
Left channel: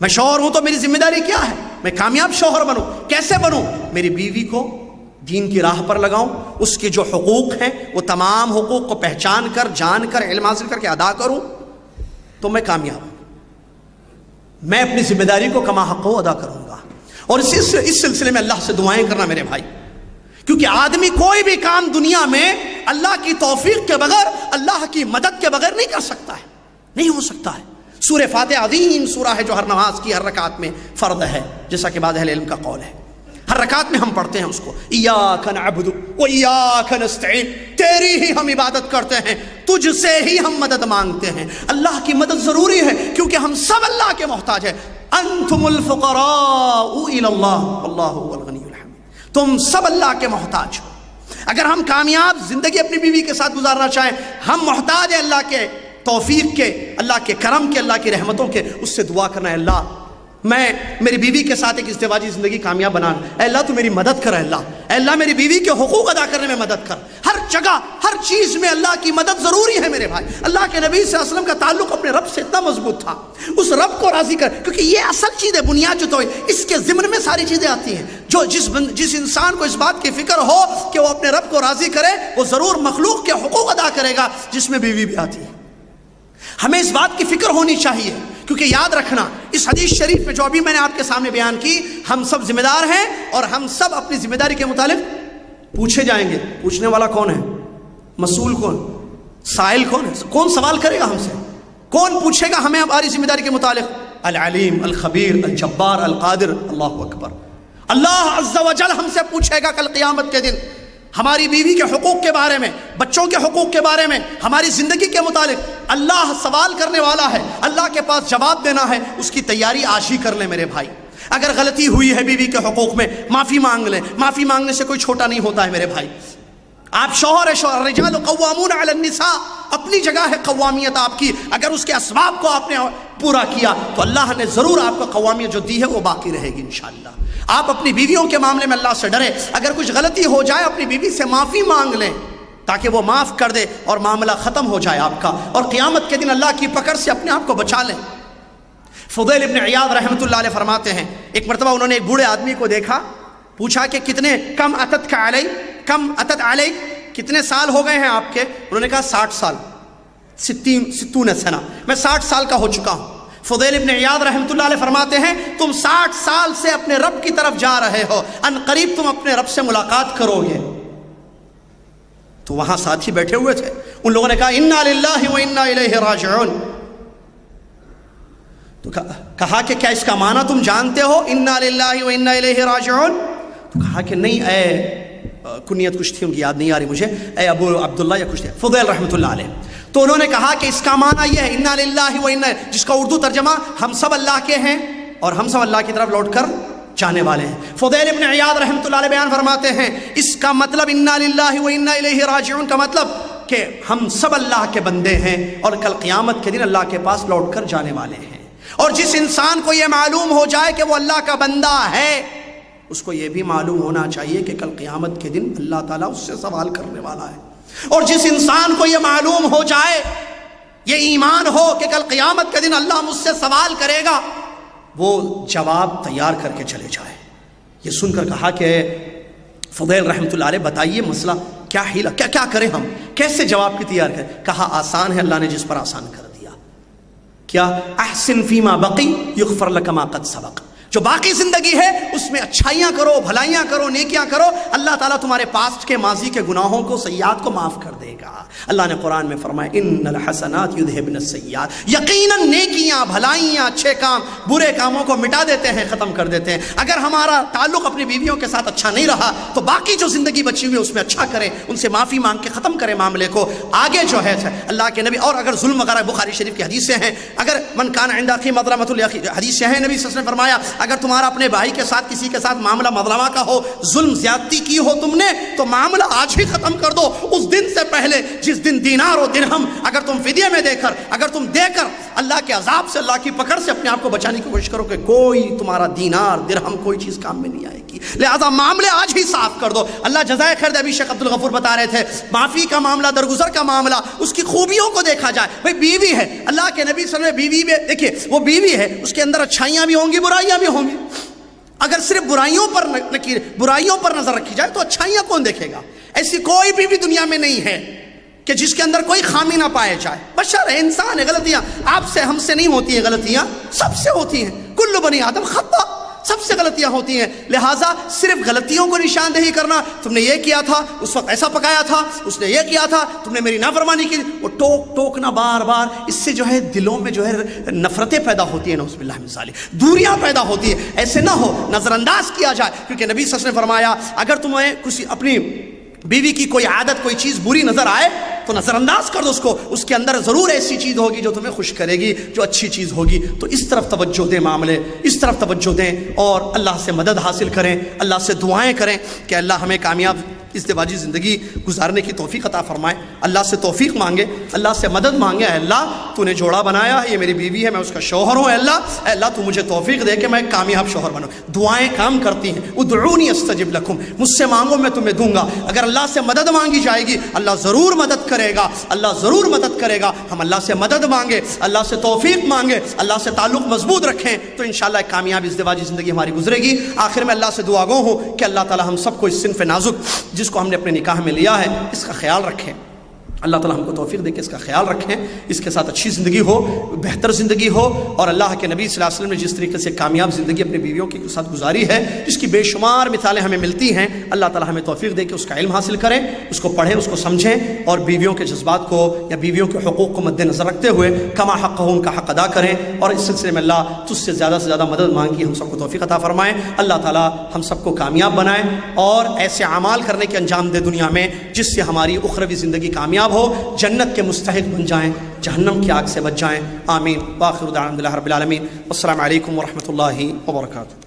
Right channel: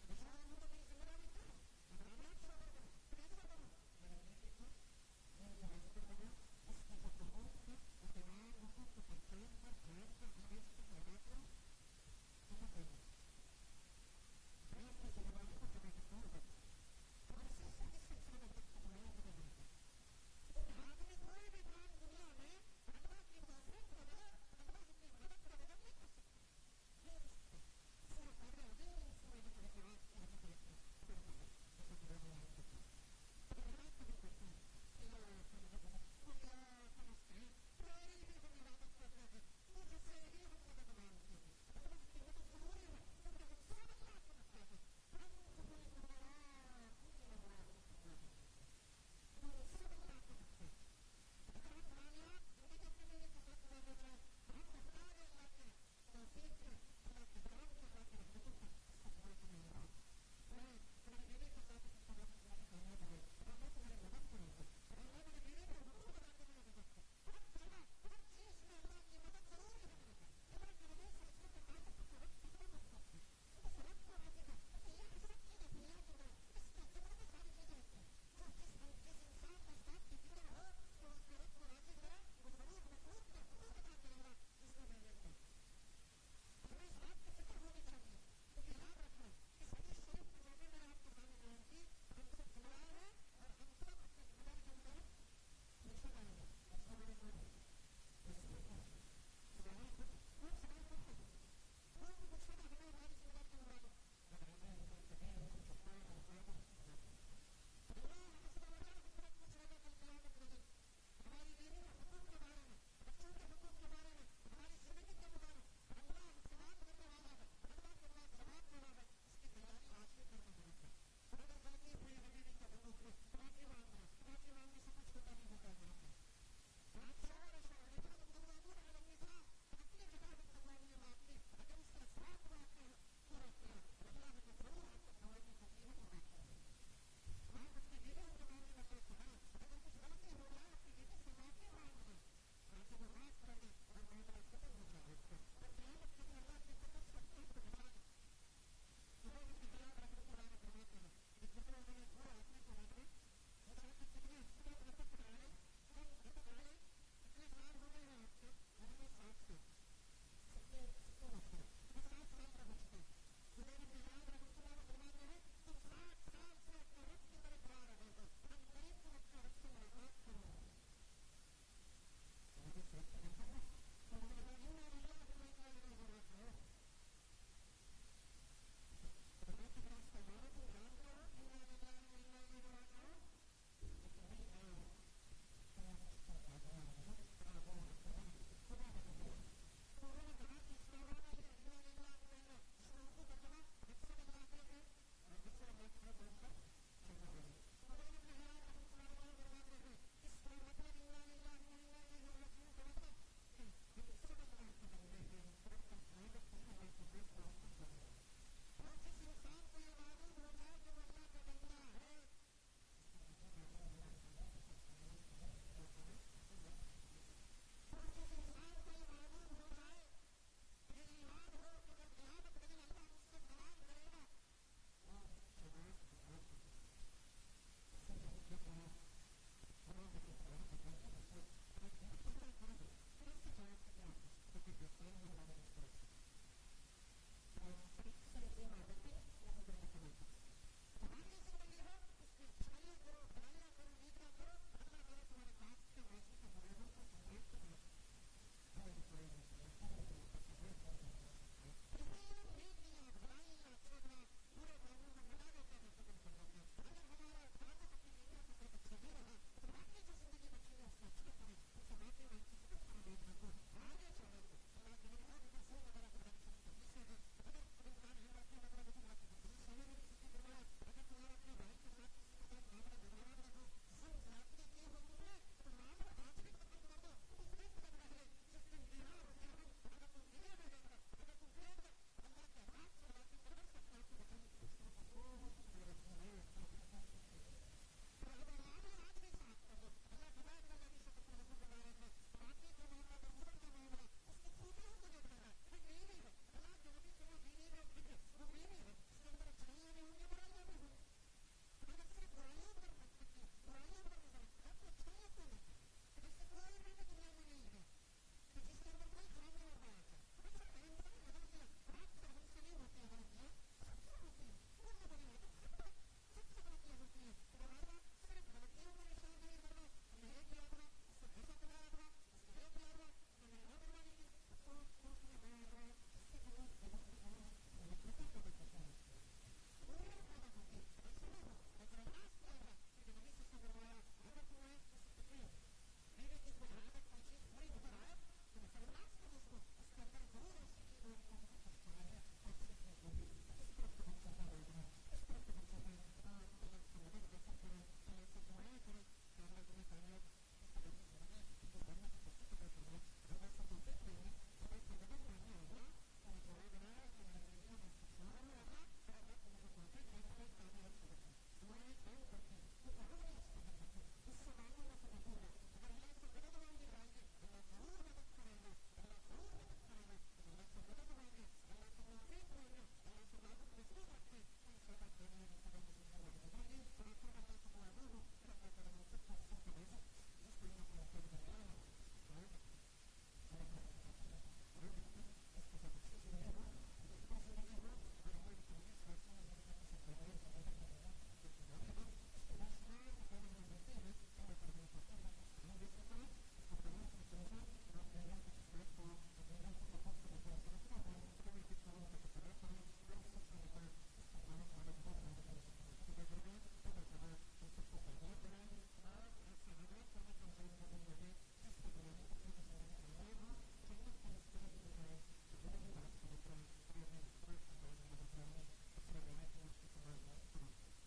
میں شوہر ہوں تو میری ذمہ داری کیا ہے؟ میں کامیاب شوہر بنوں، کیسے بنوں؟ میری بیوی کو دین کی راہ پر لگاؤں، اس کے جو حقوق ہیں وہ تمام حقوق کو پہچان کر، جان کر، علم حاصل کر کے ادا کروں تو میں کامیاب ہوں، میں اپنی ذمہ داری کو کما حق ادا کروں گا۔ اور اس سلسلے میں اللہ سے دعائیں کرنا میرے بھائی، کیونکہ آدمی کوئی بھی کام دنیا میں اللہ کی توفیق کے بغیر، اللہ کی مدد کے بغیر نہیں کر سکتا ہے، نہیں ہو سکتا ہے۔ سورہ فاتحہ عظیم سورہ ہے جو ہر نماز کی ہر رکعت میں فرض ہے، جیسا کہ بعض اہل علم کا قول ہے، ہر رکعت میں ہم پڑھتے ہیں اس کو، ایاک نعبد و ایاک نستعین، تیری ہی ہم عبادت کرتے ہیں، تجھ سے ہی ہم مدد مانگتے ہیں۔ اللہ کی مدد ضروری ہے کیونکہ ہم سب اللہ کے محتاج ہیں۔ انتم الفقراء الی اللہ واللہ هو الغنی الحمید، تم سب اللہ کے محتاج ہو۔ اگر ہم کامیاب زندگی اپنی بیوی کے ساتھ گزارنا چاہیں، ہم محتاج ہیں اللہ کے توفیق کے، اللہ کے کرم کے، اللہ کی رحمتوں کے۔ اس سے دعا کرنا ہے، اللہ میں میری بیوی کے ساتھ ایک ازدواجی زندگی کامیاب بنانا، اے اللہ تو میری مدد کر، اے اللہ میری بیوی کے حقوق ادا کرنے میں مدد کر۔ ہر جگہ ہر چیز میں اللہ کی مدد ضروری ہے میرے بھائی۔ اللہ کے نبی صلی اللہ علیہ وسلم کا تعلق اپنے رب سے اتنا مضبوط تھا، اس رب کو راضی کر، کیونکہ یہ اصل چیز ہے، بنیاد جو تو اس کے ضمن میں ساری چیزیں آتی ہیں۔ جو جس انسان کو اس بات کی فکر ہو کہ وہ اپنے رب کو راضی کرے، وہ ضرور مخلوق کے حقوق ادا کرے گا، جس میں بیوی بھی آتی ہے۔ ہمیں اس بات کی فکر ہونی چاہیے، کیونکہ یاد رکھنا اس حدیث شریف میں جو ابھی میں نے آپ کے سامنے بیان کی، ہم سب ذمہ دار ہیں اور ہم سب اپنی ذمہ داری کے متعلق پوچھے جائیں گے۔ پوچھنے والا کون ہے؟ مسئول کون؟ سائل کون ہے؟ کون سوال کرے گا ہم سے؟ کون پوچھے گا ہمیں ہماری ذمہ داری کے متعلق؟ العلیم، الخبیر، الجبار، القادر، اللہ اکبر۔ اللہ عز و جل ہم سے پوچھے گا کل قیامت کے دن ہماری بیوی کے حقوق کے بارے میں، بچوں کے حقوق کے بارے میں، ہماری زندگی کے متعلق۔ اللہ سوال کرنے والا ہے، اللہ کے پاس جواب دینا ہے، اس کی تیاری آج ہی کر لیں میرے بھائی۔ اگر غلطی ہوئی ہے بیوی کے حقوق میں، معافی مانگ لیں، معافی مانگنے سے کوئی چھوٹا نہیں ہوتا ہے میرے بھائی۔ آپ شوہر ہے، شوہر رجال قوامون علی النساء، اپنی جگہ ہے قوامیت آپ کی، اگر اس کے اسباب کو آپ نے پورا کیا تو اللہ نے ضرور آپ کو قوامیت جو دی ہے وہ باقی رہے گی انشاءاللہ۔ آپ اپنی بیویوں کے معاملے میں اللہ سے ڈریں، اگر کچھ غلطی ہو جائے اپنی بیوی سے معافی مانگ لیں تاکہ وہ معاف کر دے اور معاملہ ختم ہو جائے آپ کا، اور قیامت کے دن اللہ کی پکڑ سے اپنے آپ کو بچا لیں۔ فضیل ابن عیاض رحمۃ اللہ علیہ فرماتے ہیں، ایک مرتبہ انہوں نے ایک بوڑھے آدمی کو دیکھا، پوچھا کہ کتنے کم اتت علی، کتنے سال ہو گئے ہیں آپ کے؟ انہوں نے کہا 60 سال، 60 سنہ، میں 60 سال کا ہو چکا ہوں۔ فضیل ابن عیاض رحمۃ اللہ علیہ فرماتے ہیں تم 60 سال سے اپنے رب کی طرف جا رہے ہو، ان قریب تم اپنے رب سے ملاقات کرو گے۔ تو وہاں ساتھی بیٹھے ہوئے تھے، ان لوگوں نے کہا انا للہ و انا الیہ راجعون، تو کہا کہ کیا اس کا معنی تم جانتے ہو انا للہ و انا الیہ راجعون؟ تو کہا کہ نہیں، اے کنیت کچھ تھی ان کی یاد نہیں آ رہی مجھے، اے ابو عبداللہ یا کچھ تھی، فضیل رحمۃ اللہ علیہ۔ تو انہوں نے کہا کہ اس کا معنی یہ ہے انا للہ و انا، جس کا اردو ترجمہ ہم سب اللہ کے ہیں اور ہم سب اللہ کی طرف لوٹ کر جانے والے ہیں۔ فضیل ابن عیاض رحمۃ اللہ علیہ بیان فرماتے ہیں اس کا مطلب انا للہ و انا الیہ راجعون کا مطلب کہ ہم سب اللہ کے بندے ہیں اور کل قیامت کے دن اللہ کے پاس لوٹ کر جانے والے ہیں۔ اور جس انسان کو یہ معلوم ہو جائے کہ وہ اللہ کا بندہ ہے، اس کو یہ بھی معلوم ہونا چاہیے کہ کل قیامت کے دن اللہ تعالیٰ اس سے سوال کرنے والا ہے۔ اور جس انسان کو یہ معلوم ہو جائے، یہ ایمان ہو کہ کل قیامت کے دن اللہ مجھ سے سوال کرے گا، وہ جواب تیار کر کے چلے جائے۔ یہ سن کر کہا کہ فضیل رحمۃ اللہ علیہ بتائیے مسئلہ کیا حیلہ، کیا کریں ہم، کیسے جواب کی تیار کریں؟ کہا آسان ہے، اللہ نے جس پر آسان کر دیا۔ کیا؟ احسن فیما بقی یغفر لک ما قد سبق، جو باقی زندگی ہے اس میں اچھائیاں کرو، بھلائیاں کرو، نیکیاں کرو، اللہ تعالیٰ تمہارے پاسٹ کے ماضی کے گناہوں کو، سیئات کو معاف کر دے گا۔ اللہ نے قرآن میں فرمایا ان الحسنات یذہبن السیئات، یقیناً نیکیاں، بھلائیاں، اچھے کام برے کاموں کو مٹا دیتے ہیں، ختم کر دیتے ہیں۔ اگر ہمارا تعلق اپنی بیویوں کے ساتھ اچھا نہیں رہا تو باقی جو زندگی بچی ہوئی ہے اس میں اچھا کریں، ان سے معافی مانگ کے ختم کریں معاملے کو۔ آگے جو ہے اللہ کے نبی، اور اگر ظلم وغیرہ بخاری شریف کی حدیثیں ہیں، اگر من کان عند اخی مظلمۃ الاخی، حدیثیں ہیں نبی صلی اللہ علیہ وسلم نے فرمایا اگر تمہارا اپنے بھائی کے ساتھ کسی کے ساتھ معاملہ مظلمہ کا ہو، ظلم زیادتی کی ہو تم نے، تو معاملہ آج ہی ختم کر دو، اس دن سے پہلے جس دن دینار و درہم اگر تم فدیے میں دے کر اللہ کے عذاب سے، اللہ کی پکڑ سے اپنے آپ کو بچانے کی کوشش کرو کہ کوئی تمہارا دینار درہم کوئی چیز کام میں نہیں آئے گی، لہذا معاملے آج ہی صاف کر دو۔ اللہ جزائے خیر دے۔ ابھی شیخ عبدالغفور بتا رہے تھے معافی کا معاملہ، درگزر کا معاملہ، اس کی خوبیوں کو دیکھا جائے۔ بھئی بیوی ہے، اللہ کے نبی صلی اللہ علیہ وسلم بیوی میں دیکھیے، وہ بیوی ہے، اس کے اندر اچھائیاں بھی ہوں گی، برائیاں بھی ہوں گی۔ اگر صرف برائیوں پر نظر رکھی جائے تو اچھائیاں کون دیکھے گا؟ ایسی کوئی بیوی دنیا میں نہیں ہے کہ جس کے اندر کوئی خامی نہ پائے جائے۔ بشر ہے، انسان ہے، غلطیاں آپ سے ہم سے نہیں ہوتی ہیں، غلطیاں سب سے ہوتی ہیں، کل بنی آدم خطا، سب سے غلطیاں ہوتی ہیں۔ لہٰذا صرف غلطیوں کو نشاندہی کرنا، تم نے یہ کیا تھا، اس وقت ایسا پکایا تھا، اس نے یہ کیا تھا، تم نے میری نافرمانی کی، وہ ٹوکنا بار بار، اس سے جو ہے دلوں میں جو ہے نفرتیں پیدا ہوتی ہیں، نعوذ باللہ من ذالک، دوریاں پیدا ہوتی ہیں۔ ایسے نہ ہو، نظر انداز کیا جائے، کیونکہ نبی صلی اللہ علیہ وسلم نے فرمایا اگر تمہیں کسی اپنی بیوی کی کوئی عادت، کوئی چیز بری نظر آئے تو نظر انداز کر دو اس کو، اس کے اندر ضرور ایسی چیز ہوگی جو تمہیں خوش کرے گی، جو اچھی چیز ہوگی۔ تو اس طرف توجہ دیں، معاملے اس طرف توجہ دیں، اور اللہ سے مدد حاصل کریں، اللہ سے دعائیں کریں کہ اللہ ہمیں کامیاب ازدواجی زندگی گزارنے کی توفیق عطا فرمائے۔ اللہ سے توفیق مانگے، اللہ سے مدد مانگے، اے اللہ تو نے جوڑا بنایا ہے، یہ میری بیوی ہے، میں اس کا شوہر ہوں، اے اللہ تو مجھے توفیق دے کہ میں کامیاب شوہر بنوں۔ دعائیں کام کرتی ہیں، ادعونی استجب لکم، مجھ سے مانگو میں تمہیں دوں گا۔ اگر اللہ سے مدد مانگی جائے گی اللہ ضرور مدد کرے گا، اللہ ضرور مدد کرے گا۔ ہم اللہ سے مدد مانگے، اللہ سے توفیق مانگے، اللہ سے تعلق مضبوط رکھیں تو انشاءاللہ ایک کامیاب ازدواجی زندگی ہماری گزرے گی۔ آخر میں اللہ سے دعا گو ہوں کہ اللہ تعالی ہم سب کو اس صنف نازک جس کو ہم نے اپنے نکاح میں لیا ہے اس کا خیال رکھیں، اللہ تعالیٰ ہم کو توفیق دے کہ اس کا خیال رکھیں، اس کے ساتھ اچھی زندگی ہو، بہتر زندگی ہو، اور اللہ کے نبی صلی اللہ علیہ وسلم نے جس طریقے سے کامیاب زندگی اپنی بیویوں کے ساتھ گزاری ہے، جس کی بے شمار مثالیں ہمیں ملتی ہیں، اللہ تعالیٰ ہمیں توفیق دے کہ اس کا علم حاصل کریں، اس کو پڑھیں، اس کو سمجھیں، اور بیویوں کے جذبات کو یا بیویوں کے حقوق کو مد نظر رکھتے ہوئے کما حق ہو ان کا حق ادا کریں، اور اس سلسلے میں اللہ تجھ سے زیادہ مدد مانگی، ہم سب کو توفیق عطا فرمائیں۔ اللہ تعالیٰ ہم سب کو کامیاب بنائے اور ایسے اعمال کرنے کے انجام دے دنیا میں جس سے ہماری اخروی زندگی کامیاب ہو، جنت کے مستحق بن جائیں، جہنم کی آگ سے بچ جائیں۔ آمین۔ وآخر دعوانا الحمد للہ رب العالمین۔ السلام علیکم ورحمۃ اللہ وبرکاتہ۔